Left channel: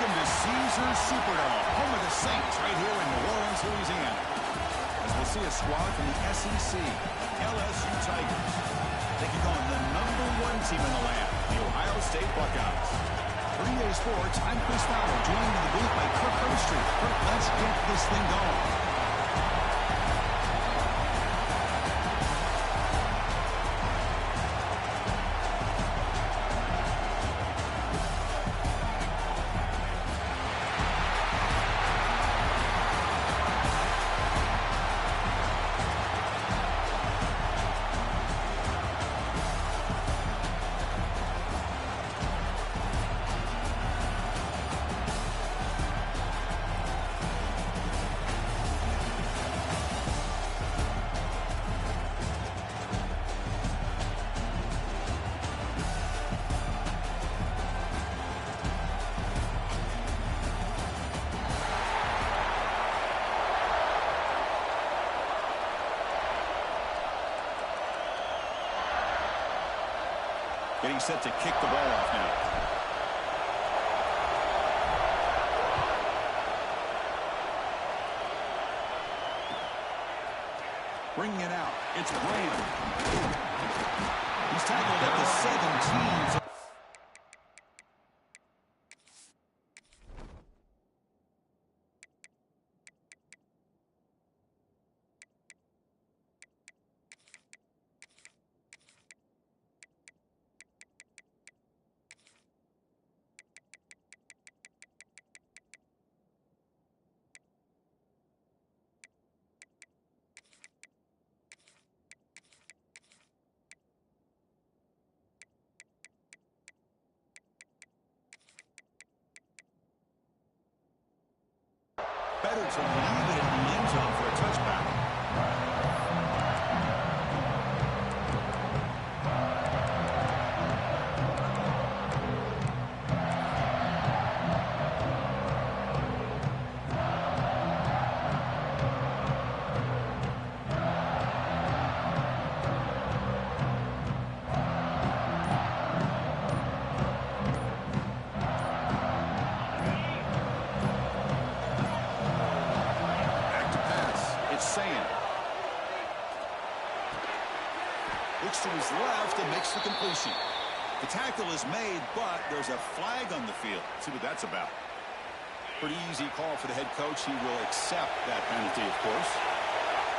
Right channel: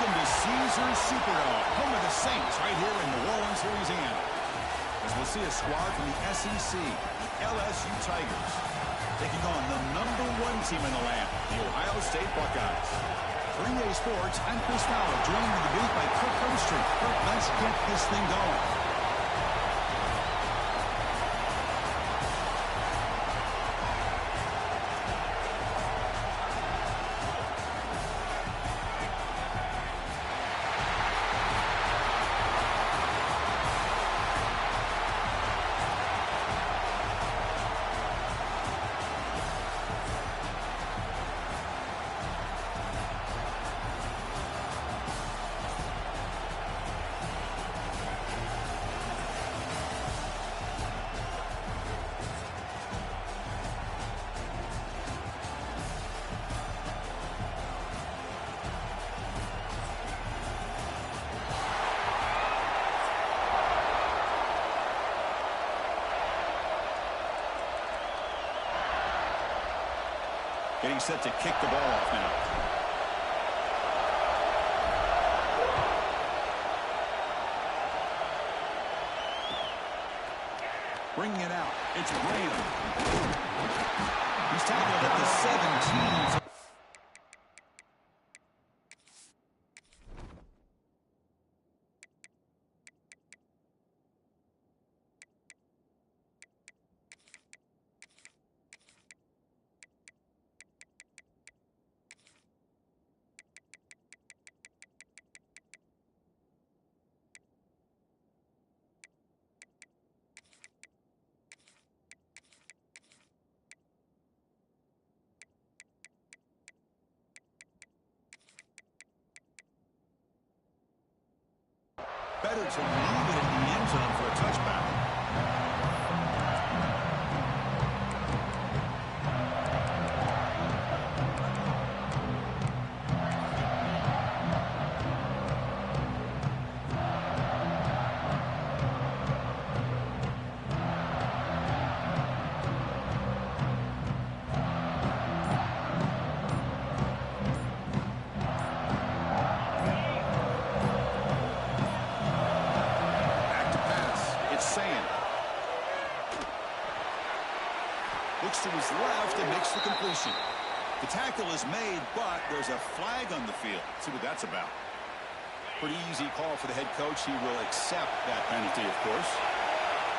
Welcome to Caesars Superdome, home of the Saints, right here in New Orleans, Louisiana. As we'll see a squad from the SEC, LSU Tigers, taking on the #1 team in the land, the Ohio State Buckeyes. For EA Sports, I'm Chris Fowler, joined in the booth by Kirk Herbstreit. Kirk, let's get this thing going. Getting set to kick the ball off now. Bringing it out. It's Graham. He's tackled at the 17. Better to leave it in the end zone for a touchback. Looks to his left and makes the completion. The tackle is made, but there's a flag on the field. Let's see what that's about. Pretty easy call for the head coach. He will accept that penalty, of course.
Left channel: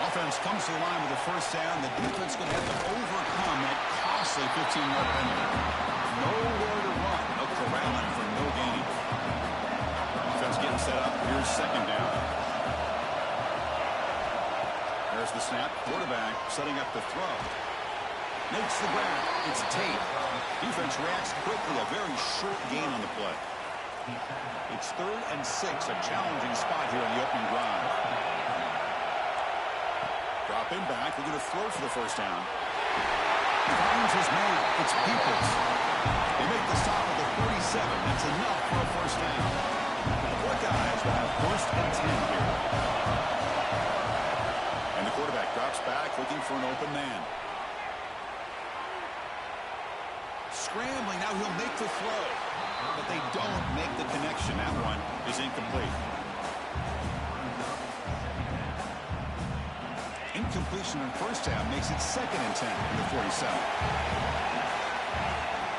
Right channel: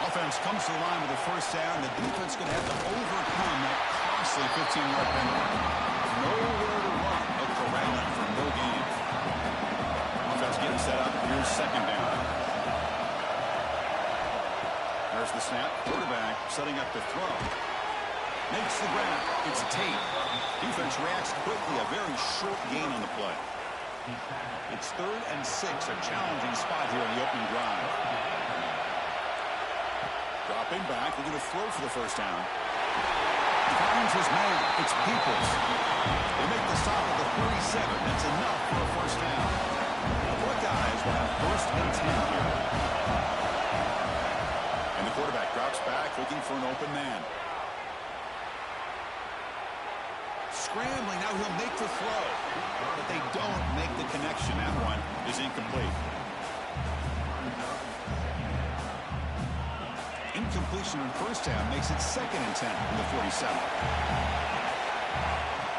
Offense comes to the line with a first down. The defense is going to have to overcome that costly 15-yard penalty. Nowhere to run. No corralling for no gain. Offense getting set up. Here's second down. There's the snap. Quarterback setting up the throw. Makes the grab. It's Tate. Defense reacts quickly. A very short gain on the play. It's 3rd and 6. A challenging spot here on the opening drive. Dropping back. Looking to throw for the first down. Finds his man. It's Peoples. They make the stop at the 37. That's enough for a first down. The Buckeyes will have 1st and 10 here. And the quarterback drops back looking for an open man. Scrambling, now he'll make the throw, but they don't make the connection. That one is incomplete. Incompletion on first down makes it 2nd and 10 in the 47.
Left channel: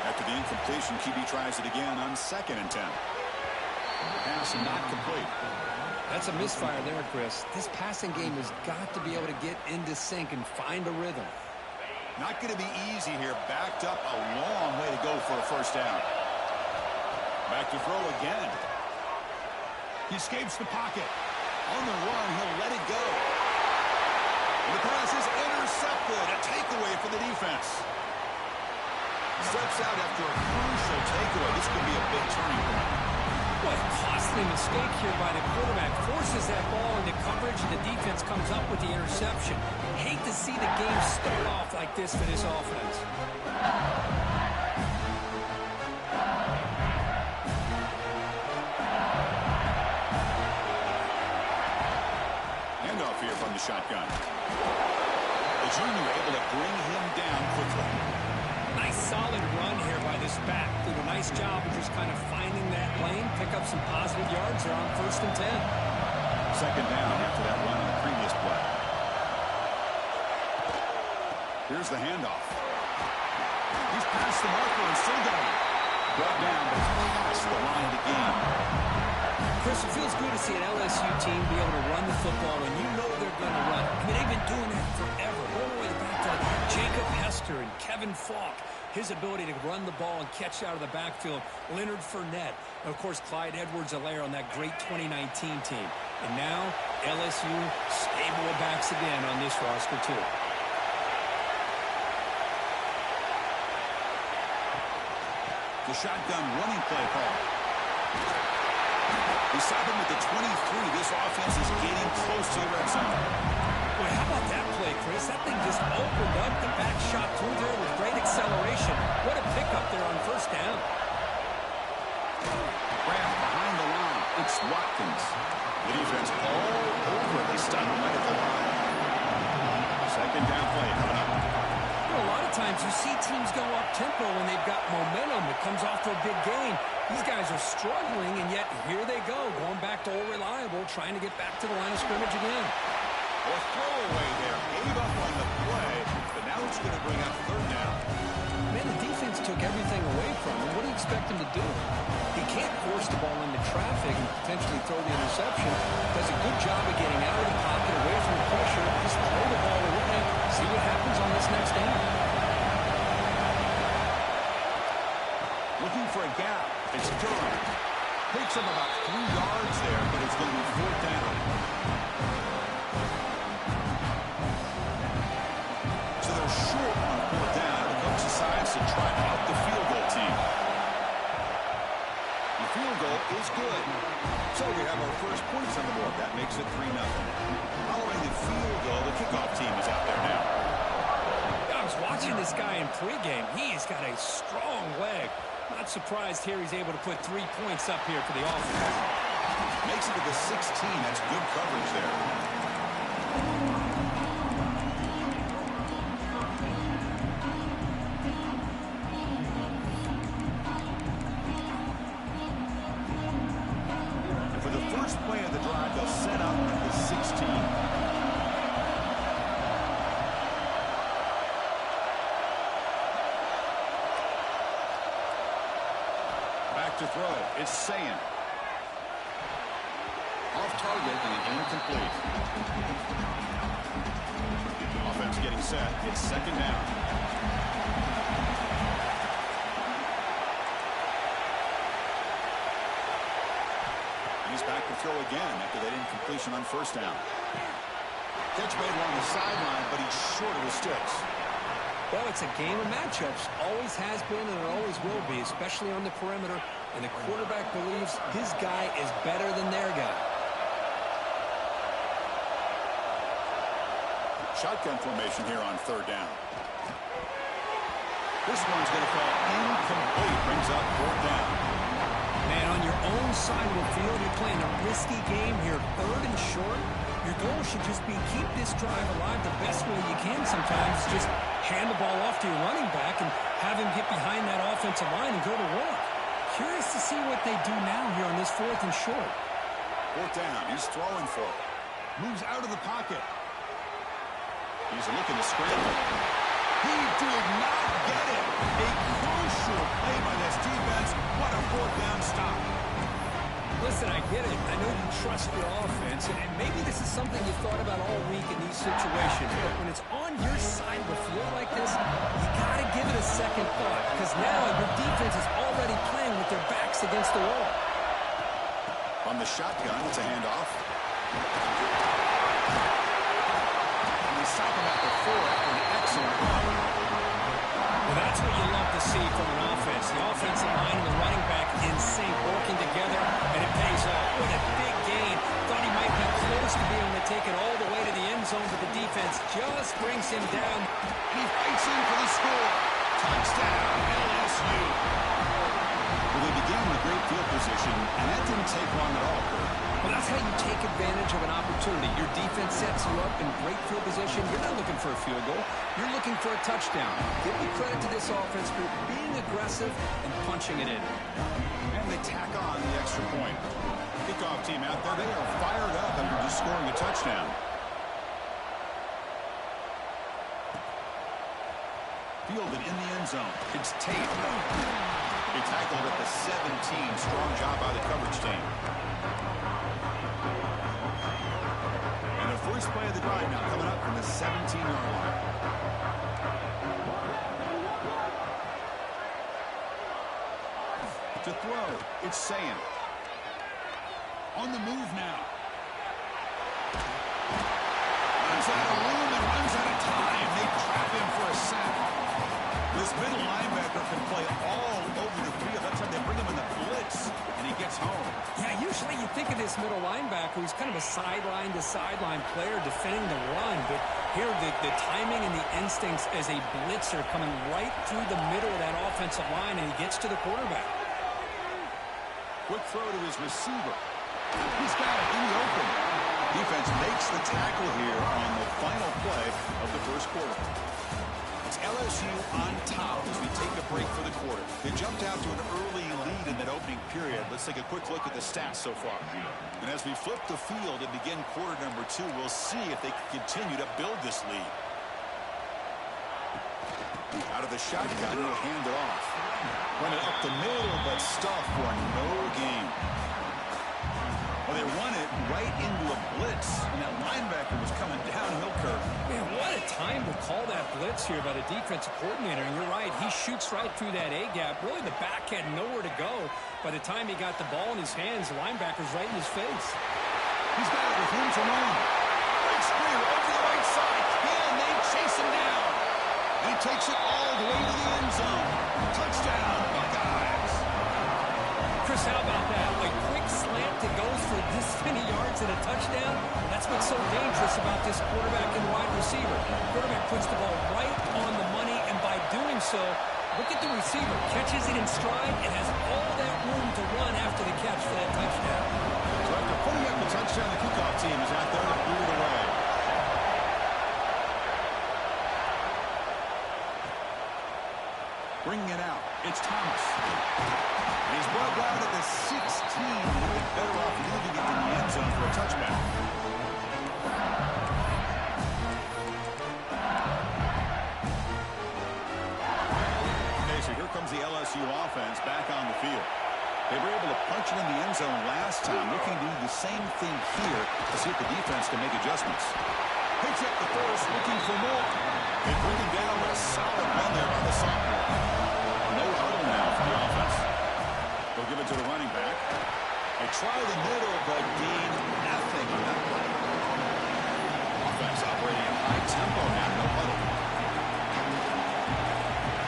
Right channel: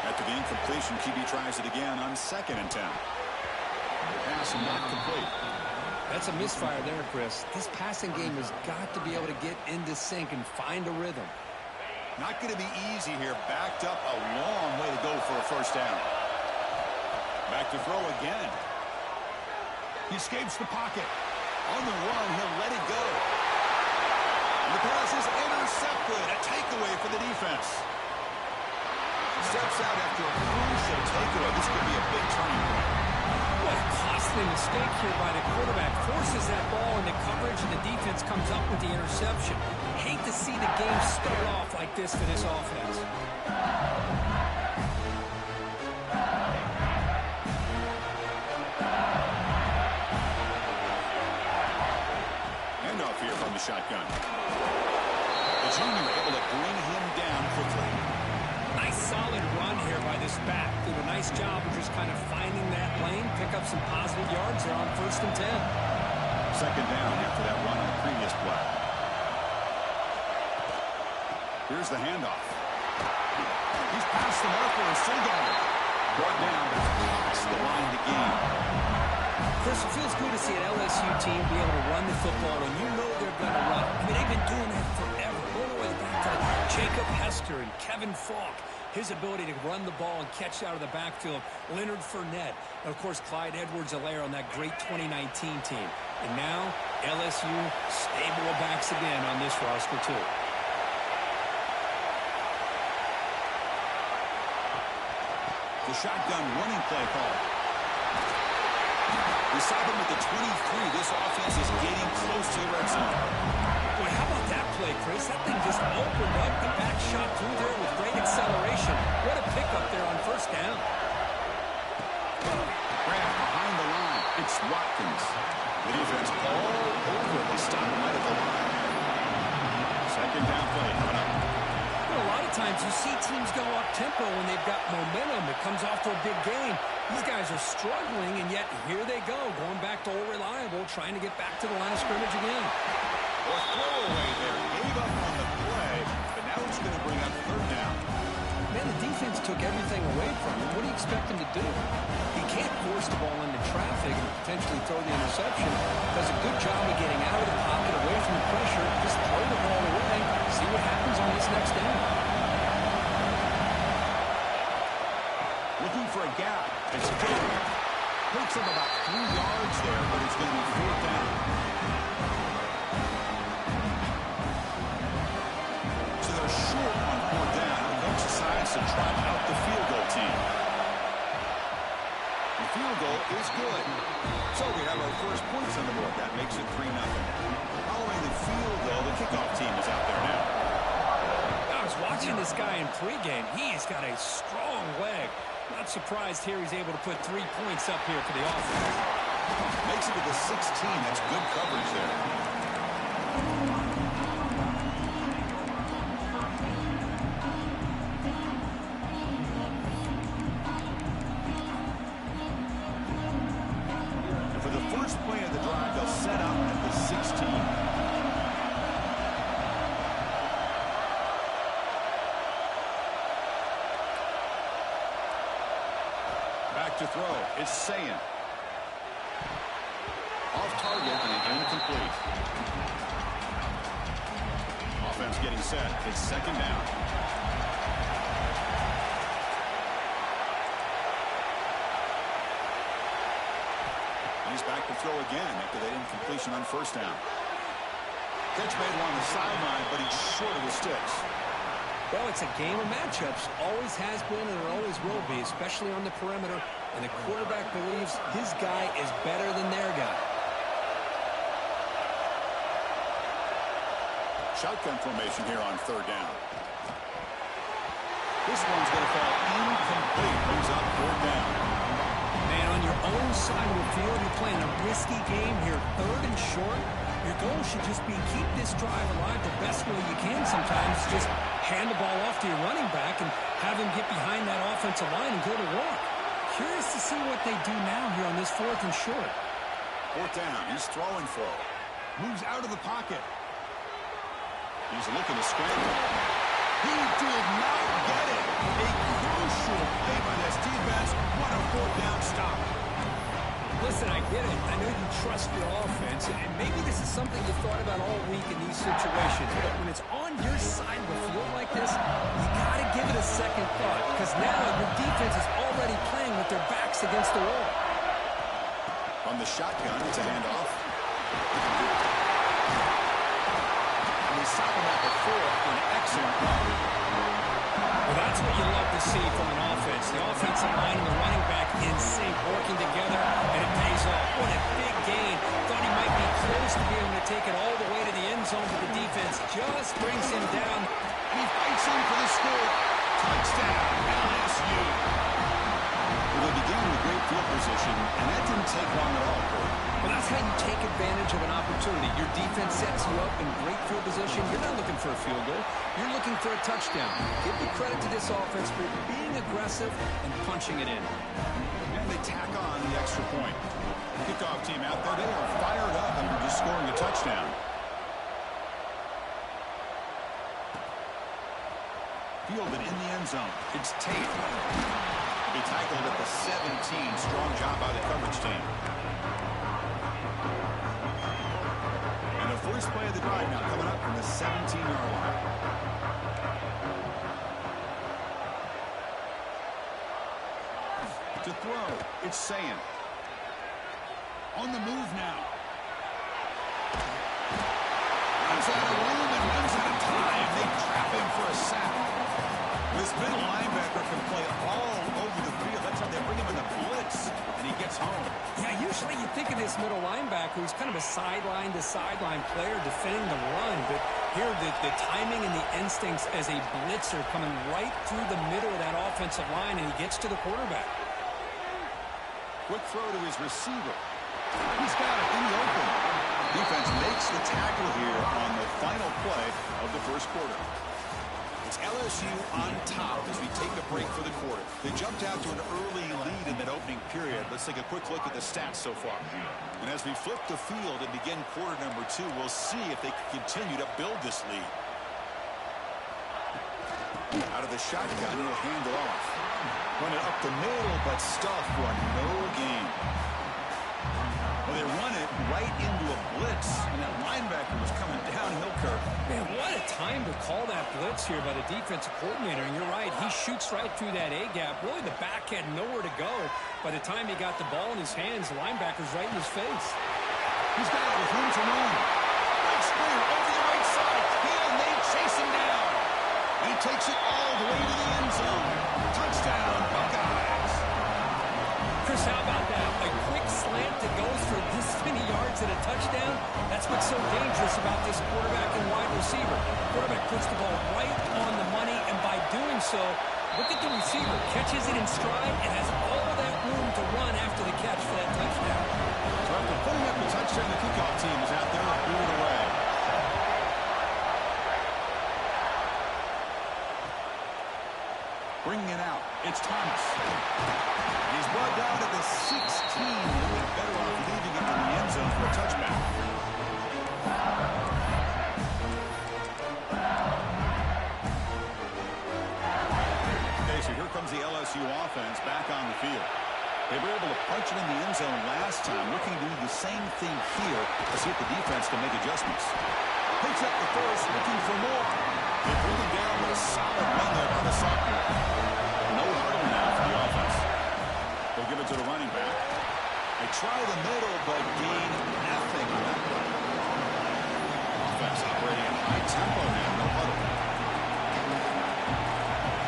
After the incompletion, QB tries it again on 2nd and 10. Pass not complete. That's a misfire there, Chris. This passing game has got to be able to get into sync and find a rhythm. Not going to be easy here. Backed up a long way to go for a first down. Back to throw again. He escapes the pocket. On the run, he'll let it go. And the pass is intercepted. A takeaway for the defense. Steps out after a crucial takeaway. This could be a big turning point. What a costly mistake here by the quarterback. Forces that ball into coverage, and the defense comes up with the interception. Hate to see the game start off like this for this offense. Handoff here from the shotgun. The junior able to bring him down quickly. Nice solid run here by the This back did a nice job of just kind of finding that lane, pick up some positive yards there on 1st and 10. Second down after that run on the previous play. Here's the handoff. He's past the marker and still going. Brought down, but it's past the line to gain. Chris, it feels good to see an LSU team be able to run the football when you know they're going to run. I mean, they've been doing that forever. Going all the way back to Jacob Hester and Kevin Falk. His ability to run the ball and catch out of the backfield. Leonard Fournette. And, of course, Clyde Edwards-Helaire on that great 2019 team. And now, LSU stable of backs again on this roster, too. The shotgun running play call. We stop him at the 23. This offense is getting close to the red zone. Boy, how about that play, Chris? That thing just opened up. The back shot through there with great acceleration. What a pickup there on 1st down. Grab behind the line. It's Watkins. The defense all over. They stop him right at the line. Second down play coming up. You know, a lot of times you see teams go up-tempo when they've got momentum. It comes off to a big gain. These guys are struggling, and yet here they go, going back to old reliable, trying to get back to the line of scrimmage again. Or throwaway there. Gave up on the play, but now it's going to bring up 3rd down. Man, the defense took everything away from him. What do you expect him to do? He can't force the ball into traffic and potentially throw the interception. Does a good job of getting out of the pocket, away from the pressure. Just throw the ball away. See what happens on this next down. Looking for a gap. It's good. Picks up about 3 yards there, but it's going to be 4th down. So they're short on 4th down. The coach decides to try out the field goal team. The field goal is good. So we have our first points on the board. That makes it 3-0. Following the field goal, the kickoff team is out there now. I was watching this guy in pregame. He's got a strong leg. Not surprised here he's able to put 3 points up here for the offense. Makes it to the 16. That's good coverage there. And for the first play of the drive, they'll set up at the 16. Back to throw. It's Sayan. Off target and incomplete. Offense getting set. It's 2nd down. And he's back to throw again after that incompletion on 1st down. Catch made along the sideline, but he's short of the sticks. Well, it's a game of matchups. Always has been, and it always will be, especially on the perimeter. And the quarterback believes his guy is better than their guy. Shotgun formation here on 3rd down. This one's going to fall incomplete. Brings up 4th down. Man, on your own side of the field, you're playing a risky game here. 3rd and short. Your goal should just be keep this drive alive the best way you can sometimes. Just hand the ball off to your running back and have him get behind that offensive line and go to work. Curious to see what they do now here on this 4th and short. 4th down. He's throwing for it. Moves out of the pocket. He's looking to scramble. He did not get it. A crucial play by this defense. What a 4th down stop. Listen, I get it. I know you trust your offense, and maybe this is something you thought about all week in these situations. But when it's on your side of the field like this, you got to give it a second thought, because now your defense is already playing with their backs against the wall. From the shotgun, it's a handoff. And we stop him at the 4 for an excellent run. Well, that's what you love to see from an offense. The offensive line and the running back in sync, working together, and it pays off. What a big gain. Thought he might be close to being able to take it all the way to the end zone, but the defense just brings him down. And he fights in for the score. Touchdown, LSU. Well, they began with great field position, and that didn't take long at all, Kurt. Well, that's how you take advantage of an opportunity. Your defense sets you up in great field position. You're not looking for a field goal. You're looking for a touchdown. Give the credit to this offense for being aggressive and punching it in. And they tack on the extra point. Kickoff team out there, they are fired up after just scoring a touchdown. Fielded in the end zone. It's Tate. He tackled at the 17. Strong job by the coverage team. And the first play of the drive now coming up from the 17-yard line. To throw, it's Sayin. On the move now. Runs out of room and runs out of time. They trap him for a sack. This middle linebacker can play all over the field. That's how they bring him in the blitz, and he gets home. Yeah, usually you think of this middle linebacker who's kind of a sideline-to-sideline player defending the run, but here the timing and the instincts as a blitzer coming right through the middle of that offensive line, and he gets to the quarterback. Quick throw to his receiver. He's got it in the open. Defense makes the tackle here on the final play of the first quarter. It's LSU on top as we take a break for the quarter. They jumped out to an early lead in that opening period. Let's take a quick look at the stats so far. And as we flip the field and begin quarter number 2, we'll see if they can continue to build this lead. Out of the shotgun, he'll hand it off. Run it up the middle, but stuff for no gain. Well, they run it right into a blitz, and that linebacker was coming downhill, Kirk. Man, what a time to call that blitz here by the defensive coordinator. And you're right, he shoots right through that A-gap. Really, the back had nowhere to go. By the time he got the ball in his hands, the linebacker's right in his face. He's got it with room to run. Great screen over the right side. Can they chase him down? And he takes it all the way to the end zone. Touchdown, Buckeyes. Chris, how about that? A quick slant that goes for this many yards and a touchdown. That's what's so dangerous about this quarterback and wide receiver. Quarterback puts the ball right on the money, and by doing so, look at the receiver. Catches it in stride and has all that room to run after the catch for that touchdown. So after putting up the touchdown, the kickoff team is out there to boot it away. Bringing it out, it's Thomas. And he's brought down at the 16. He'll be better off leaving it in the end zone for a touchback. Okay, so here comes the LSU offense back on the field. They were able to punch it in the end zone last time, looking to do the same thing here to see if the defense can make adjustments. Picks up the first, looking for more. They bring him down with a solid run there by the sophomore. No huddle now for the offense. They'll give it to the running back. They try the middle, but gain nothing on that play. Offense operating at high tempo now, no huddle.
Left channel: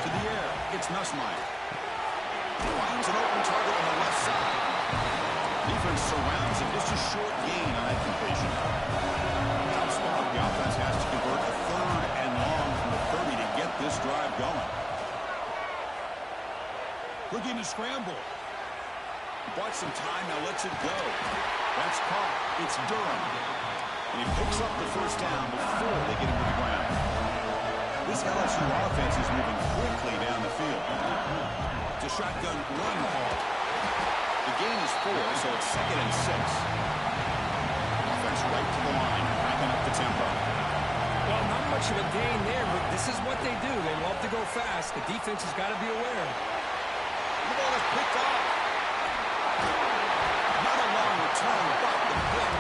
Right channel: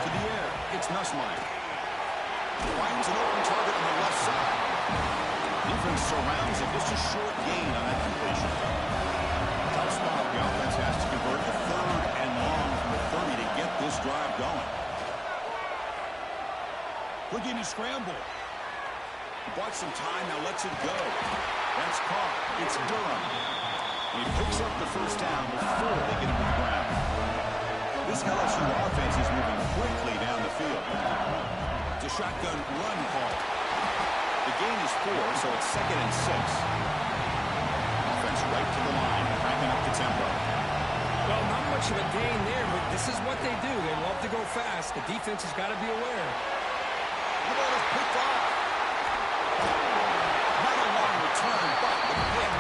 To the air, it's Nussmeier. Finds an open target on the left side. Defense surrounds him, just a short gain on that completion. Tough spot. The offense has to convert a third and long from the 30 to get this drive going. Looking to scramble. He bought some time, now lets it go. That's caught. It's Durham. And he picks up the first down before they get him to the ground. This LSU offense is moving quickly down the field. It's a shotgun run call. The gain is 4, so it's 2nd and 6. Offense right to the line, backing up the tempo. Well, not much of a gain there, but this is what they do. They love to go fast. The defense has got to be aware. The ball is picked off. Not a long return, but the pick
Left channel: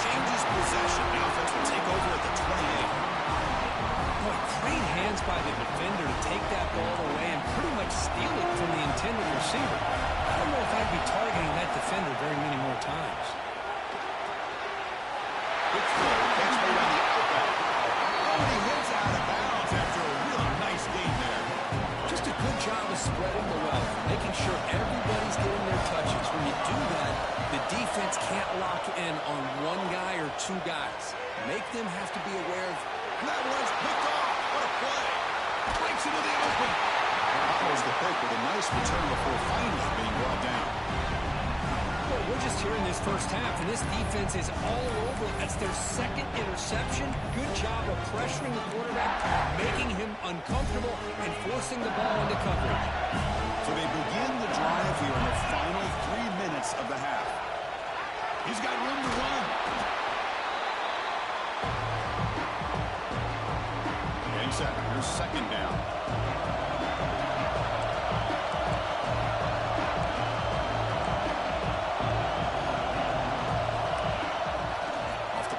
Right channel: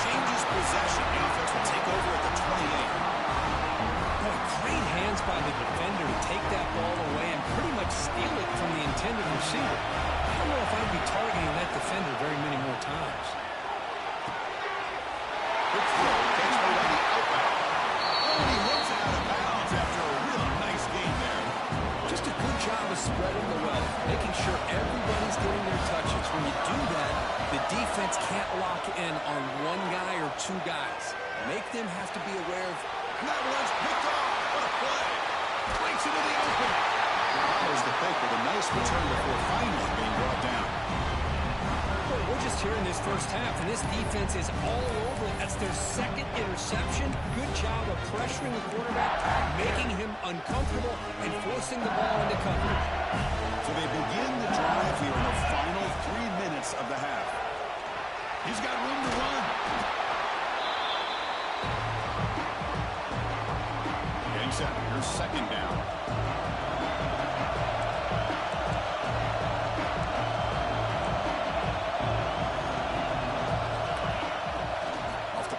changes possession. The offense will take over at the 28. Boy, great hands by the defender to take that ball away and pretty much steal it from the intended receiver. I don't know if I'd be targeting that defender very many more times. Quick throw, catch made on the out route. Oh, and he hits out of bounds after a really nice gain there. Just a good job of spreading the wealth, making sure everybody's getting their touches. When you do that, the defense can't lock in on one guy or two guys. Make them have to be aware of. And that one's picked off. What a play. Breaks into the open. Follows the pick break with a nice return before finally being brought down. Well, we're just here in this first half, and this defense is all over it. That's their second interception. Good job of pressuring the quarterback, making him uncomfortable, and forcing the ball into coverage. So they begin the drive here in the final 3 minutes of the half. He's got room to run. Getting set. Here's second down.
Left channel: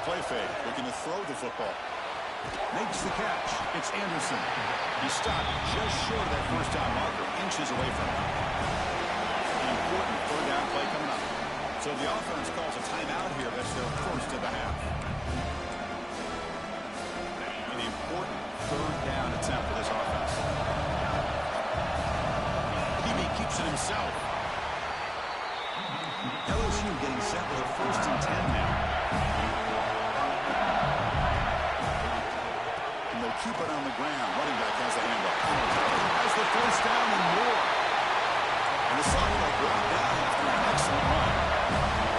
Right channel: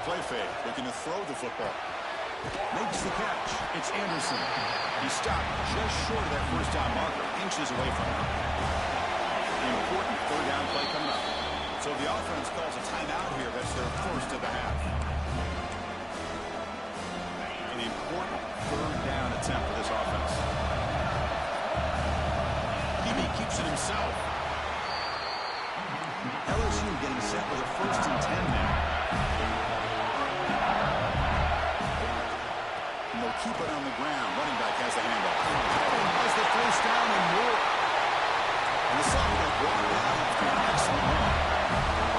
Play fake, looking to throw the football. Makes the catch. It's Anderson. He stopped just short of that first down marker, inches away from him. An important third down play coming up. So the offense calls a timeout here. That's their first of the half. An important third down attempt for this offense. Hebe keeps it himself. LSU getting set with a 1st and 10 now. And they'll keep it on the ground. Running back has the handoff. Has the first down and more. And the sophomore brought down after an excellent run.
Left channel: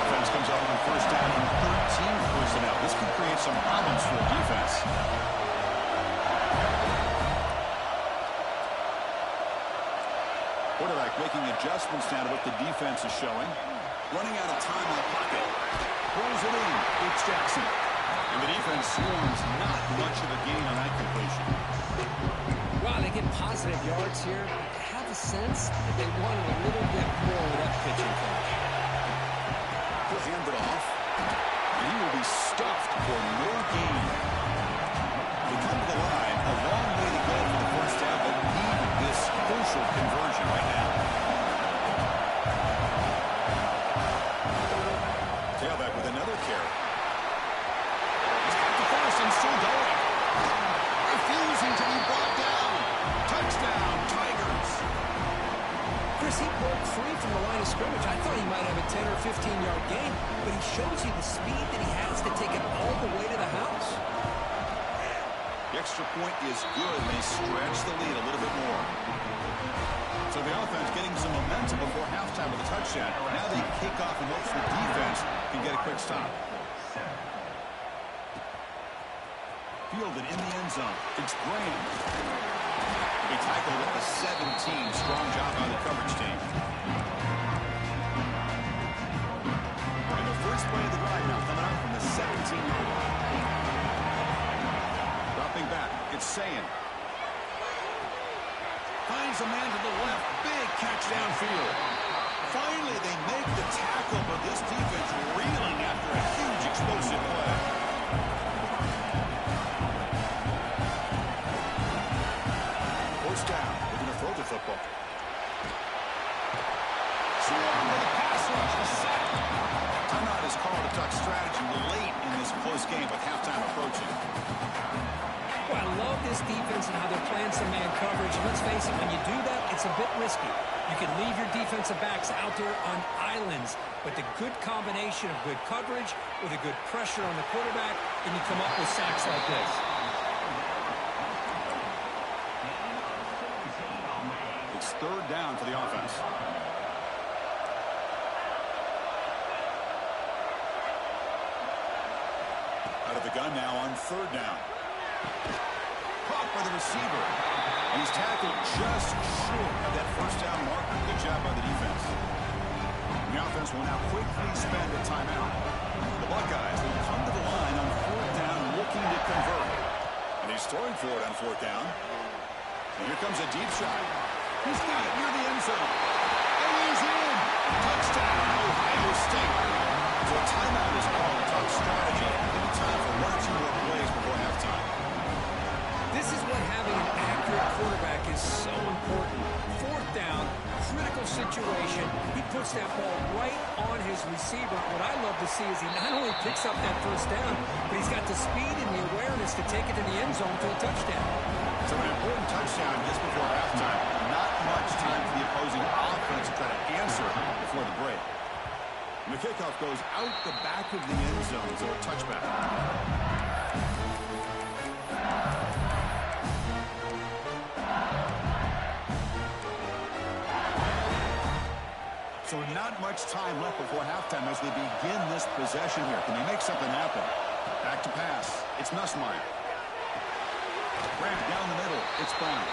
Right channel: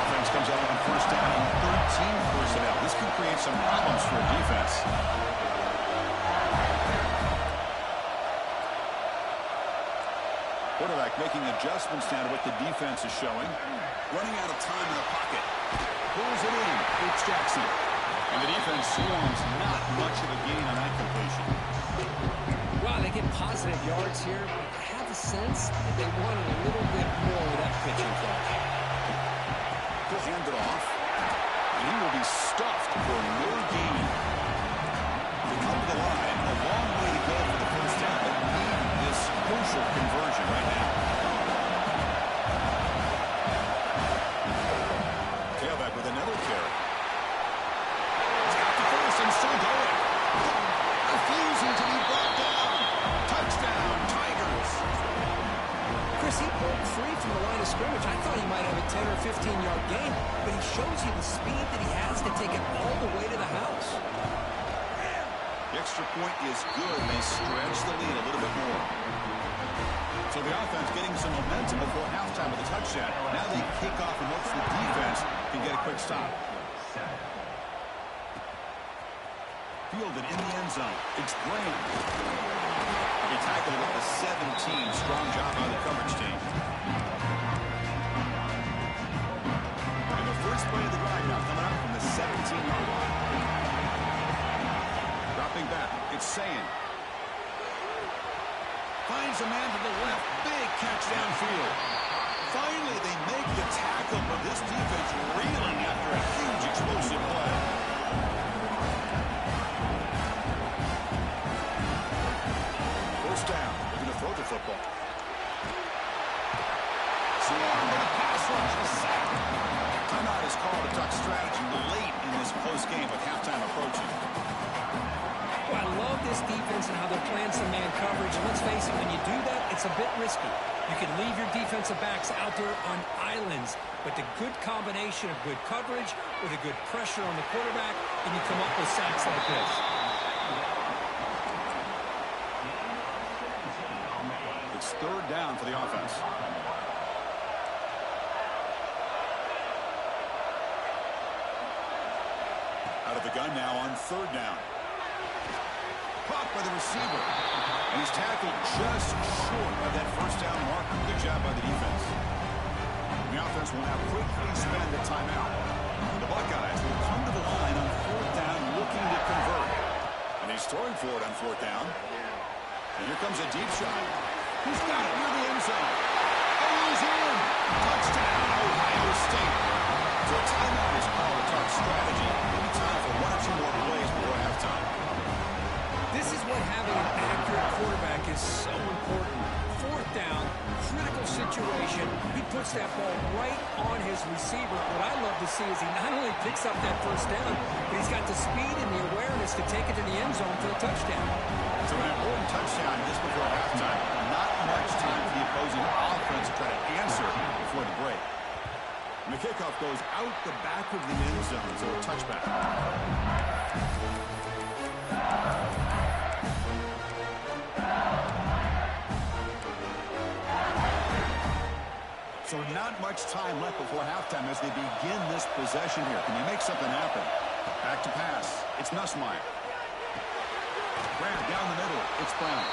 Offense comes out on first down in 13 personnel. This could create some problems for a defense. Quarterback making adjustments now to what the defense is showing. Running out of time in the pocket. Pulls it in. It's Jackson. And the defense swarms. Not much of a gain on that completion. Wow, they get positive yards here. I have a sense that they wanted a little bit more with that pitching coach. He'll hand it off. And he will be stuffed for no gain. They come to the line. A long way to go for the first down, but need this crucial conversion right now. Tailback with another carry. He's got the first and still going. Refusing to be brought down. Touchdown, Tigers. Chris, he broke free from the line of scrimmage. I thought he might have a 10 or 15-yard gain, but he shows you the speed that he has to take it all the way to the house. The extra point is good, and they stretch the lead a little bit more. So the offense getting some momentum before halftime with a touchdown. Now they kick off and hopes the defense can get a quick stop. Fielded in the end zone. It's Graham. He tackled at the 17. Strong job by the coverage team. And the first play of the drive now coming up from the 17-yard line. Dropping back. It's Sayin. Finds a man to the left. Big catch downfield. Finally, they make the tackle, but this defense reeling after a huge explosive play. First down. Looking to throw the football. Swarm with a pass rush. A sack. Timeout is called to talk strategy late in this close game with halftime approaching. Well, I love this defense and how they're playing some man coverage. And let's face it, when you do that, it's a bit risky. You can leave your defensive backs out there on islands, but the good combination of good coverage with a good pressure on the quarterback, and you come up with sacks like this. It's third down for the offense. Out of the gun now on third down. Caught by the receiver. And he's tackled just short of that first down marker. Good job by the defense. And the offense will now quickly spend a timeout. The Buckeyes will come to the line on fourth down looking to convert. And he's throwing for it on fourth down. And here comes a deep shot. He's got it near the end zone. And he's in. Touchdown, Ohio State. So a timeout is called to talk strategy. Maybe time for one or two more plays before halftime. This is what having an accurate quarterback is so important. Fourth down, critical situation. He puts that ball right on his receiver. What I love to see is he not only picks up that first down, but he's got the speed and the awareness to take it to the end zone for the touchdown. So an important touchdown just before halftime. Not much time for the opposing offense to try to answer before the break. And the kickoff goes out the back of the end zone, so a touchback. So not much time left before halftime as they begin this possession here. Can they make something happen? Back to pass. It's Nussmeier. Grab down the middle. It's Brown.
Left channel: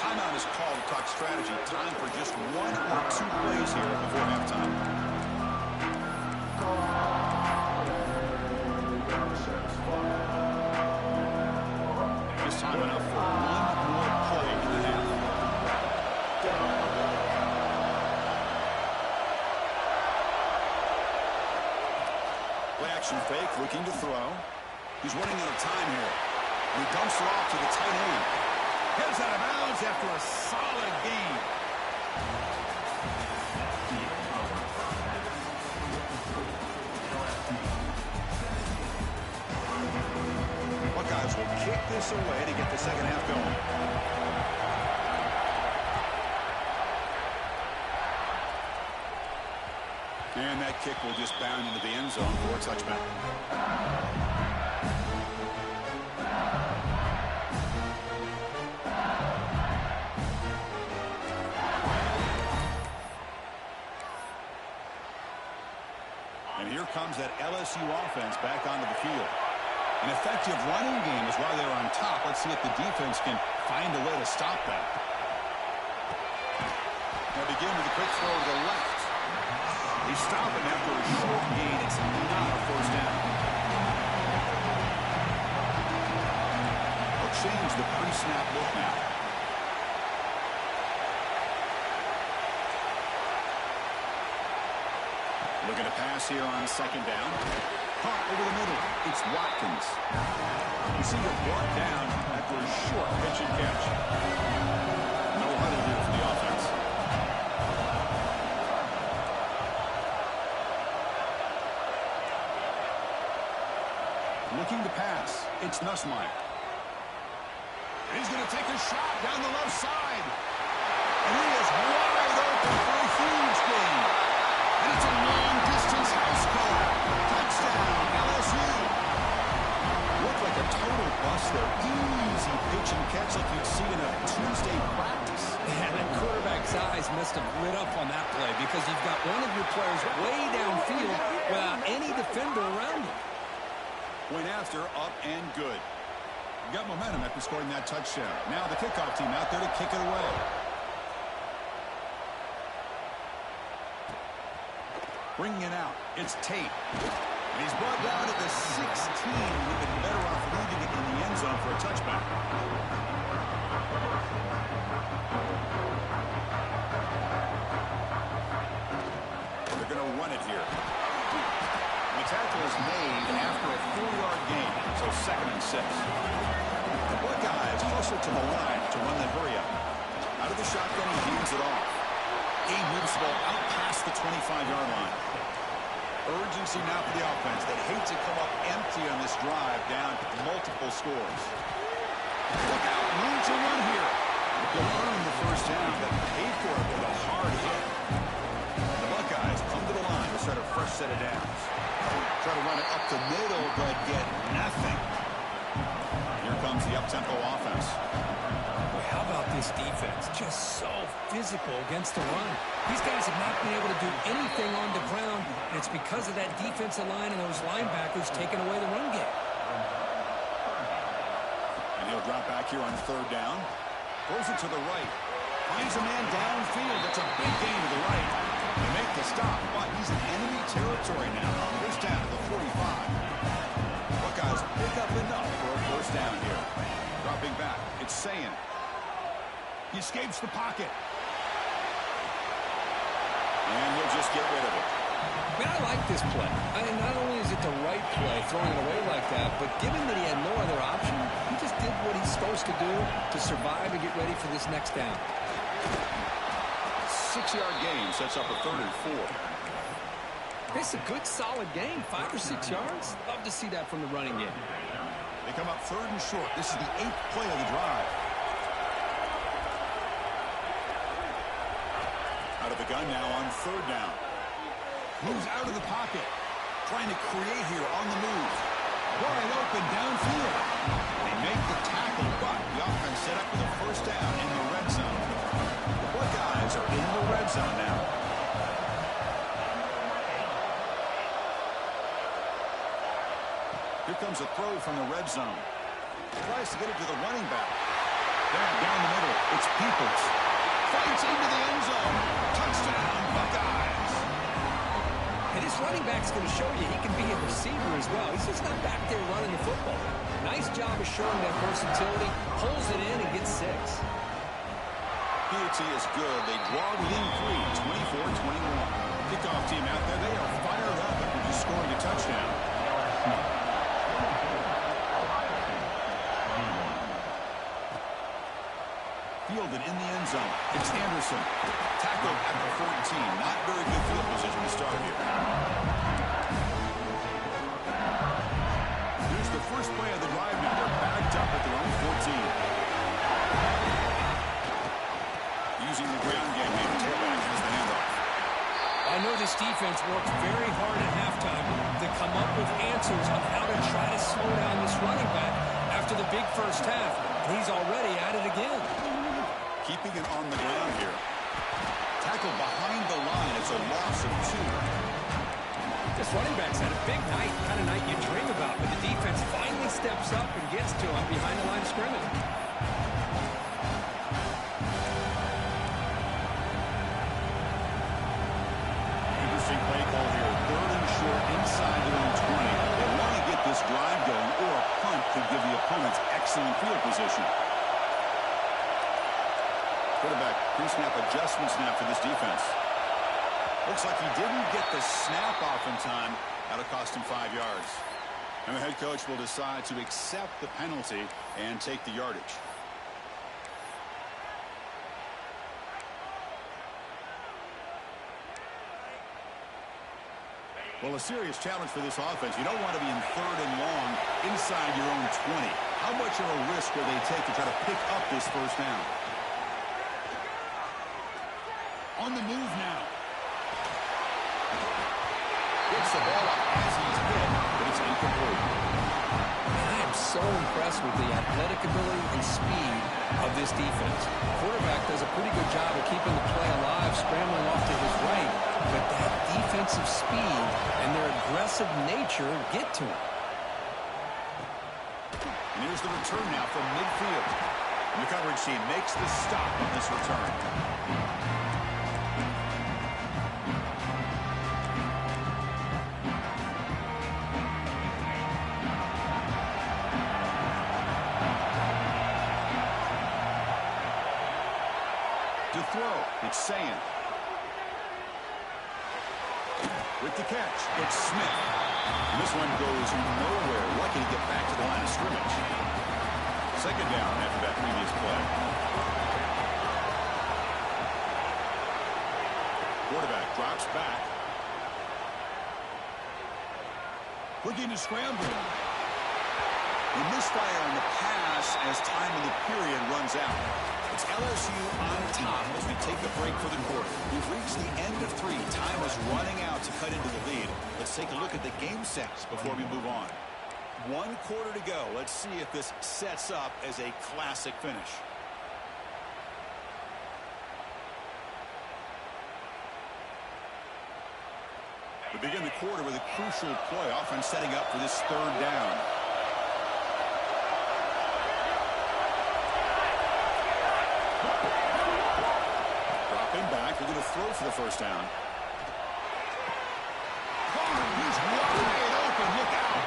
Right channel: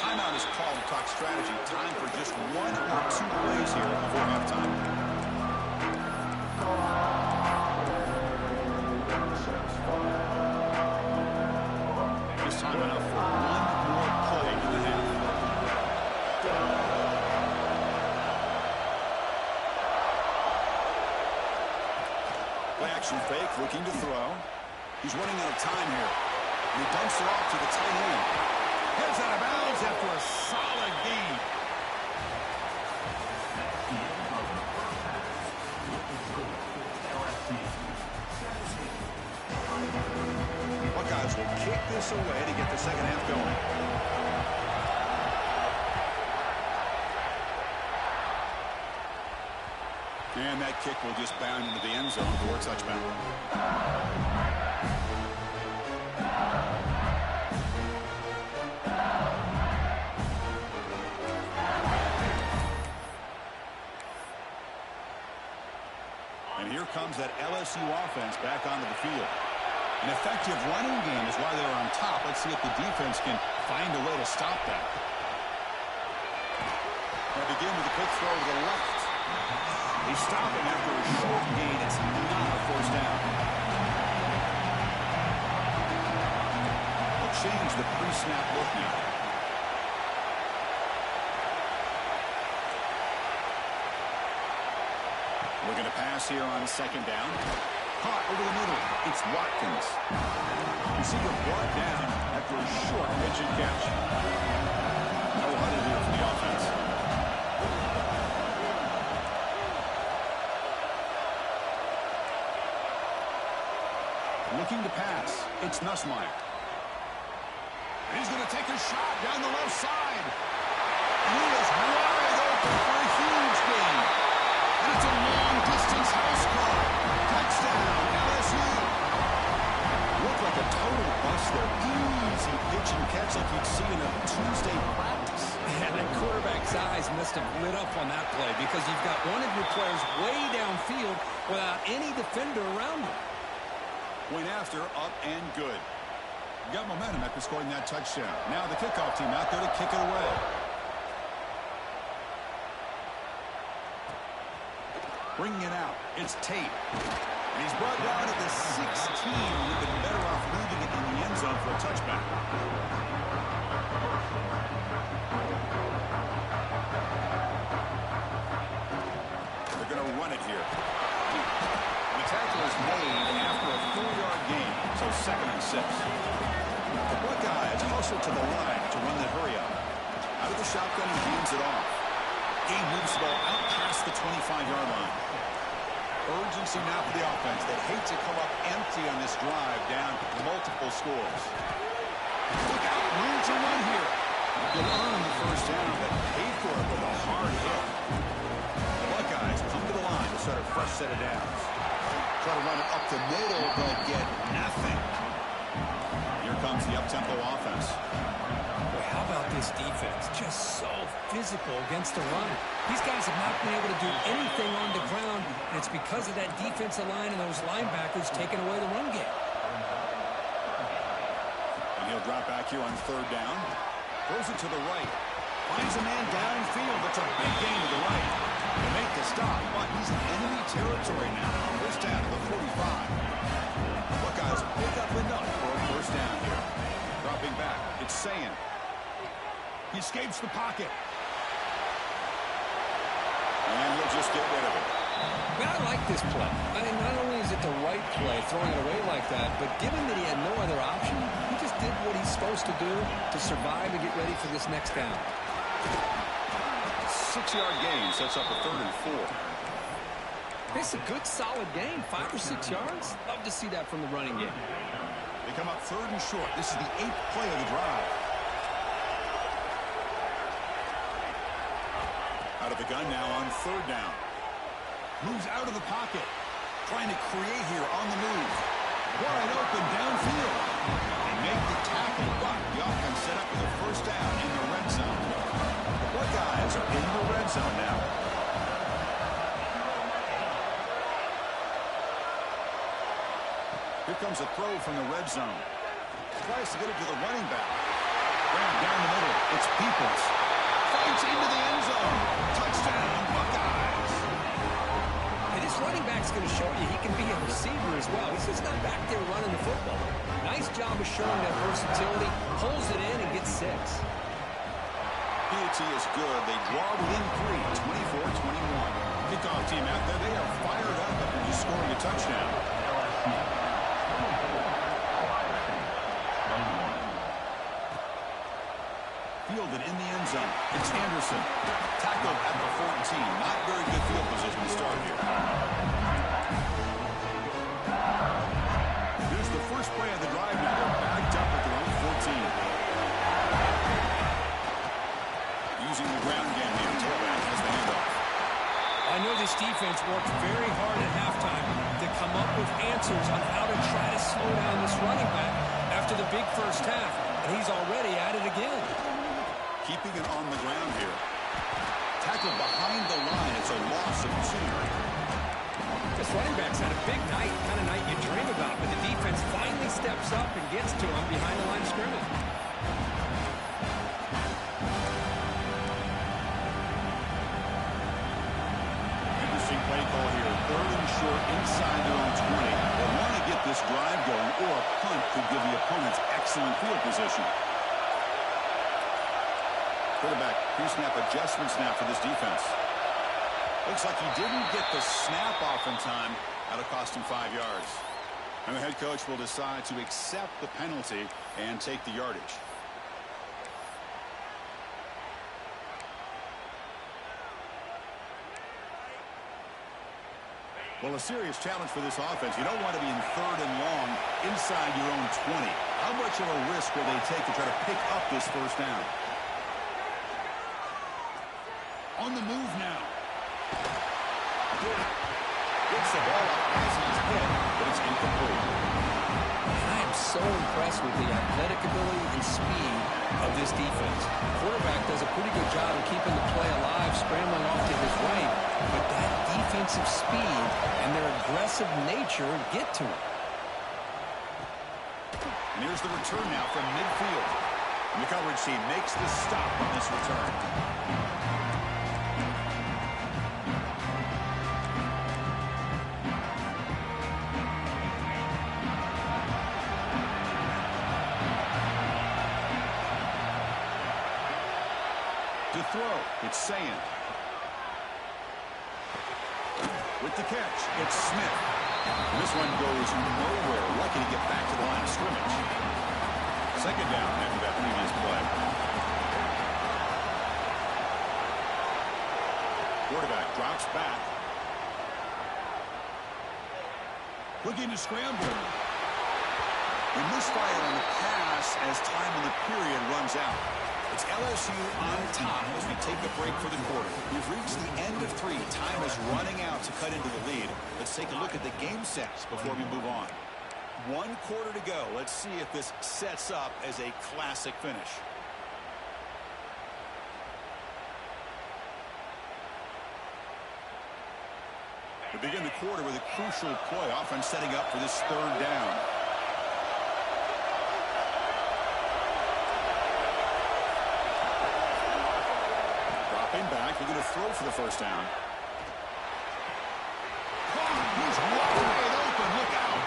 Timeout is called to talk strategy. Time for just 1 or 2 plays here before halftime. This time enough for 1 more play in the half. Play action fake, looking to throw. He's running out of time here. And he dumps it off to the tight end. Heads out of bounds after a solid gain. Buckeyes will kick this away to get the second half going. And that kick will just bound into the end zone for a touchdown. And here comes that LSU offense back onto the field. An effective running game is why they're on top. Let's see if the defense can find a way to stop them. They begin with a quick throw to the left. They stop him after a short gain. It's not a first down. They'll change the pre-snap look now. Looking to pass here on second down. Caught over the middle. It's Watkins. Receiver brought down after a short pitch and catch. No huddle here for the offense. Looking to pass. It's Nussmeier. He's going to take a shot down the left side. And he is wide open for a huge gain. And it's a long-distance house call. Touchdown, LSU. Looked like a total bust there. Easy pitch and catch like you'd see in a Tuesday practice. And that quarterback's eyes must have lit up on that play because you've got one of your players way downfield without any defender around him. Went after, up and good. Got momentum after scoring that touchdown. Now the kickoff team out there to kick it away. Bringing it out, it's Tate. And he's brought down at the 16. We've been better off leaving it in the end zone for a touchback. They're going to run it here. And the tackle is made after a 4-yard gain, so 2nd and 6. The Buckeyes hustle to the line to run the hurry up. Out of the shotgun, he hands it off. He moves the ball out past the 25-yard line. Urgency now for the offense that hates to come up empty on this drive down multiple scores. Look out, room to run here. They'll earn the first down, but paid for it with a hard hit. The Buckeyes come to the line to start a fresh set of downs. Try to run it up the middle, but get nothing. Here comes the up-tempo offense. Boy, how about this defense? Just so physical against the run. These guys have not been able to do anything on the ground, and it's because of that defensive line and those linebackers taking away the run game. And he'll drop back here on 3rd down. Throws it to the right. Finds a man downfield. That's a big gain to the right. They make the stop, but he's in enemy territory now. First down at the 45. Buckeyes pick up enough for a first down here. Dropping back, it's Sayin. He escapes the pocket. And he'll just get rid of it. Man, I like this play. I mean, not only is it the right play, throwing it away like that, but given that he had no other option, he just did what he's supposed to do to survive and get ready for this next down. 6-yard gain sets up a 3rd and 4. It's a good, solid gain. 5 or 6 yards. Love to see that from the running game. They come up 3rd and short. This is the 8th play of the drive. Out of the gun now on 3rd down. Moves out of the pocket. Trying to create here on the move. Wide open downfield. They make the tackle, but the offense set up with a first down in the red zone. The Buckeyes are in the red zone now. Here comes a throw from the red zone. Tries to get it to the running back. Grab down the middle. It's Peoples. Fights into the end zone. Touchdown, Buckeyes. And this running back's going to show you he can be a receiver as well. He's just not back there running the football. Nice job of showing that versatility. Pulls it in and gets 6. Piety is good. They draw within 3, 24-21. Kickoff team out there. They are fired up after just scoring a touchdown. Fielded in the end zone. It's Anderson. Tackled at the 14. Not very good field position to start here. Here's the first play of the drive now. They're backed up at their own 14. Using the ground game here. Tailback has the handoff. I know this defense worked very hard at halftime to come up with answers on how to try to slow down this running back after the big first half. And he's already at it again. Keeping it on the ground here. Tackled behind the line. It's a loss of 2. This running back's had a big night, kind of night you dream about, but the defense finally steps up and gets to him behind the line of scrimmage. Interesting play call here. 3rd and short inside their own 20. They want to get this drive going, or a punt could give the opponents excellent field position. Quarterback pre-snap adjustment snap for this defense. Looks like he didn't get the snap off in time. That'll cost him 5 yards. And the head coach will decide to accept the penalty and take the yardage. Well, a serious challenge for this offense. You don't want to be in 3rd and long inside your own 20. How much of a risk will they take to try to pick up this first down? On the move now. Gets the ball up as he's hit, but it's incomplete. I am so impressed with the athletic ability and speed of this defense. Quarterback does a pretty good job of keeping the play alive, scrambling off to his right, but that defensive speed and their aggressive nature get to him. And here's the return now from midfield. And the coverage team makes the stop on this return. To throw, it's Sand. With the catch, it's Smith. And this one goes nowhere. Lucky to get back to the line of scrimmage. 2nd down after that previous play. Quarterback drops back. Looking to scramble. We misfire on the pass as time in the period runs out. It's LSU on top as we take a break for the quarter. We've reached the end of 3. Time is running out to cut into the lead. Let's take a look at the game sets before we move on. 1 quarter to go. Let's see if this sets up as a classic finish. We begin the quarter with a crucial play. Offense setting up for this 3rd down. Back. They're going to throw for the first down. He's wide open. Look out.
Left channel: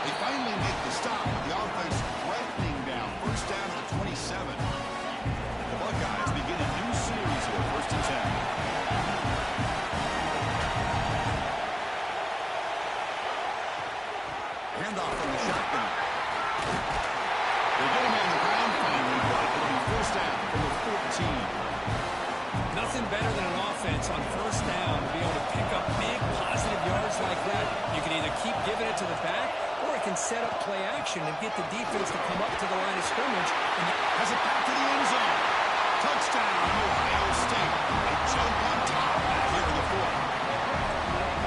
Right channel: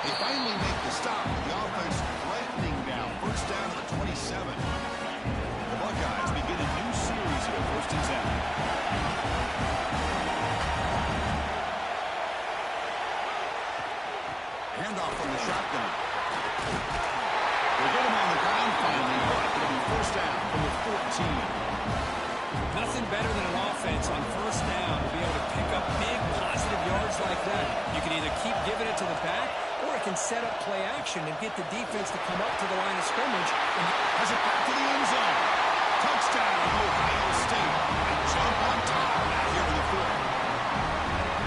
They finally make the stop, but the offense threatening down. First down to the 27. The Buckeyes begin a new series here. 1st and 10. Handoff from the shotgun. They get him on the ground finally, but it'll be first down from the 14. Nothing better than an offense on first down to be able to pick up big positive yards like that. You can either keep giving it to the back, or it can set up play action and get the defense to come up to the line of scrimmage. And has it back to the end zone. Touchdown, Ohio State. They jump on top now here in the 4th.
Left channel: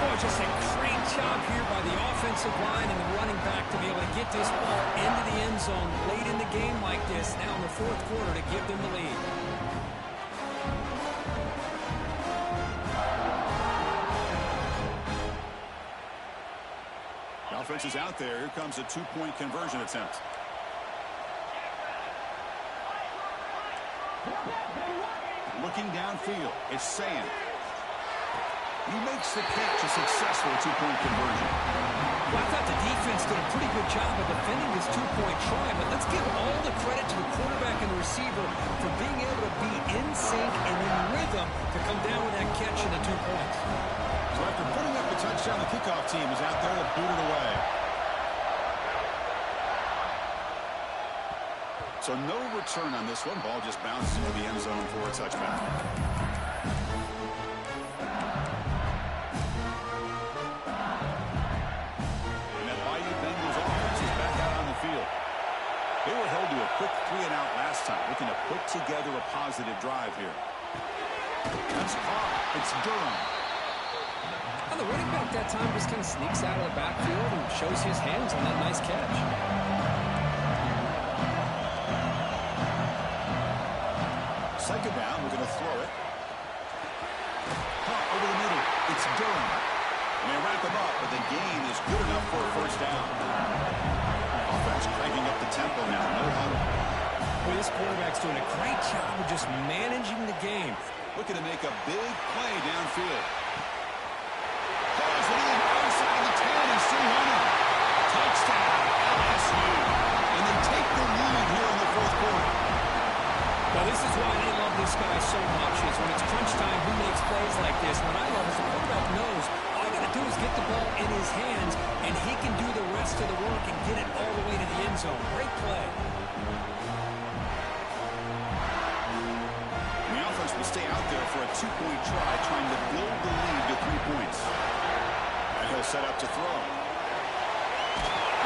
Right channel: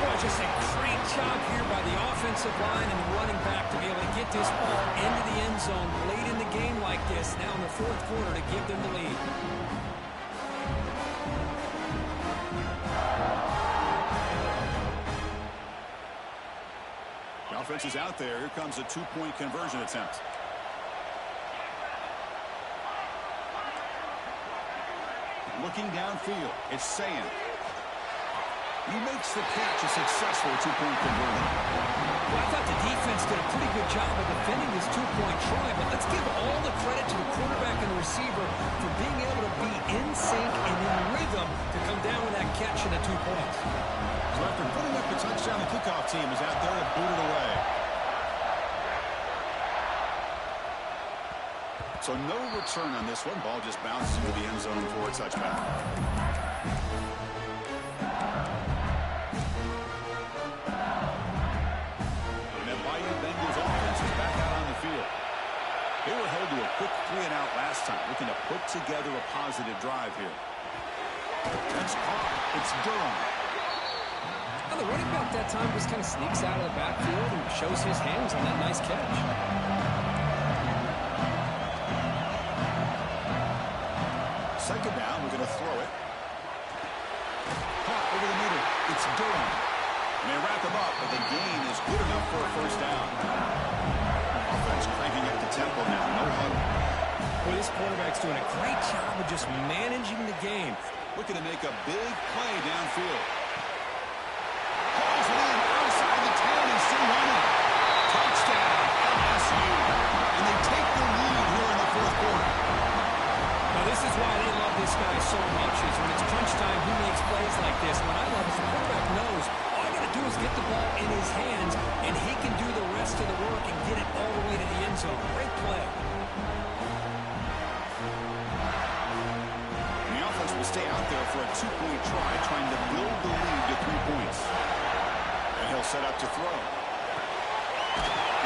Boy, just a great job here by the offensive line and the running back to be able to get this ball into the end zone late in the game like this, now in the 4th quarter, to give them the lead. defense is out there. Here comes a two-point conversion attempt. Looking downfield, it's Sand. He makes the catch, a successful two-point conversion. Well, I thought the defense did a pretty good job of defending this two-point try, but let's give all the credit to the quarterback and the receiver for being able to be in sync and in rhythm to come down with that catch and the 2 points. So after putting up the touchdown, the kickoff team is out there to boot it away. So no return on this one. Ball just bounces into the end zone for a touchback. And that Bayou Bengals offense is back out on the field. They were held to a quick 3-and-out last time, looking to put together a positive drive here. That's caught. It's Durham. Well, the running back that time just kind of sneaks out of the backfield and shows his hands on that nice catch. Second down, we're going to throw it. Caught over the middle. It's Durham. And they wrap him up, but the gain is good enough for a first down. Offense cranking up the tempo now. No huddle. Boy, this quarterback's doing a great job of just managing the game. Looking to make a big play downfield. Calls it in outside the 10 and still running. Touchdown, LSU. And they take the lead here in the fourth quarter. Now, this is why they love this guy so much, is when it's crunch time, he makes plays like this. What I love is the quarterback knows all I got to do is get the ball in his hands, and he can do the rest of the work and get it all the way to the end zone. Great play. And the offense will stay out there for a two-point try, trying to build the lead to 3 points. And he'll set up to throw.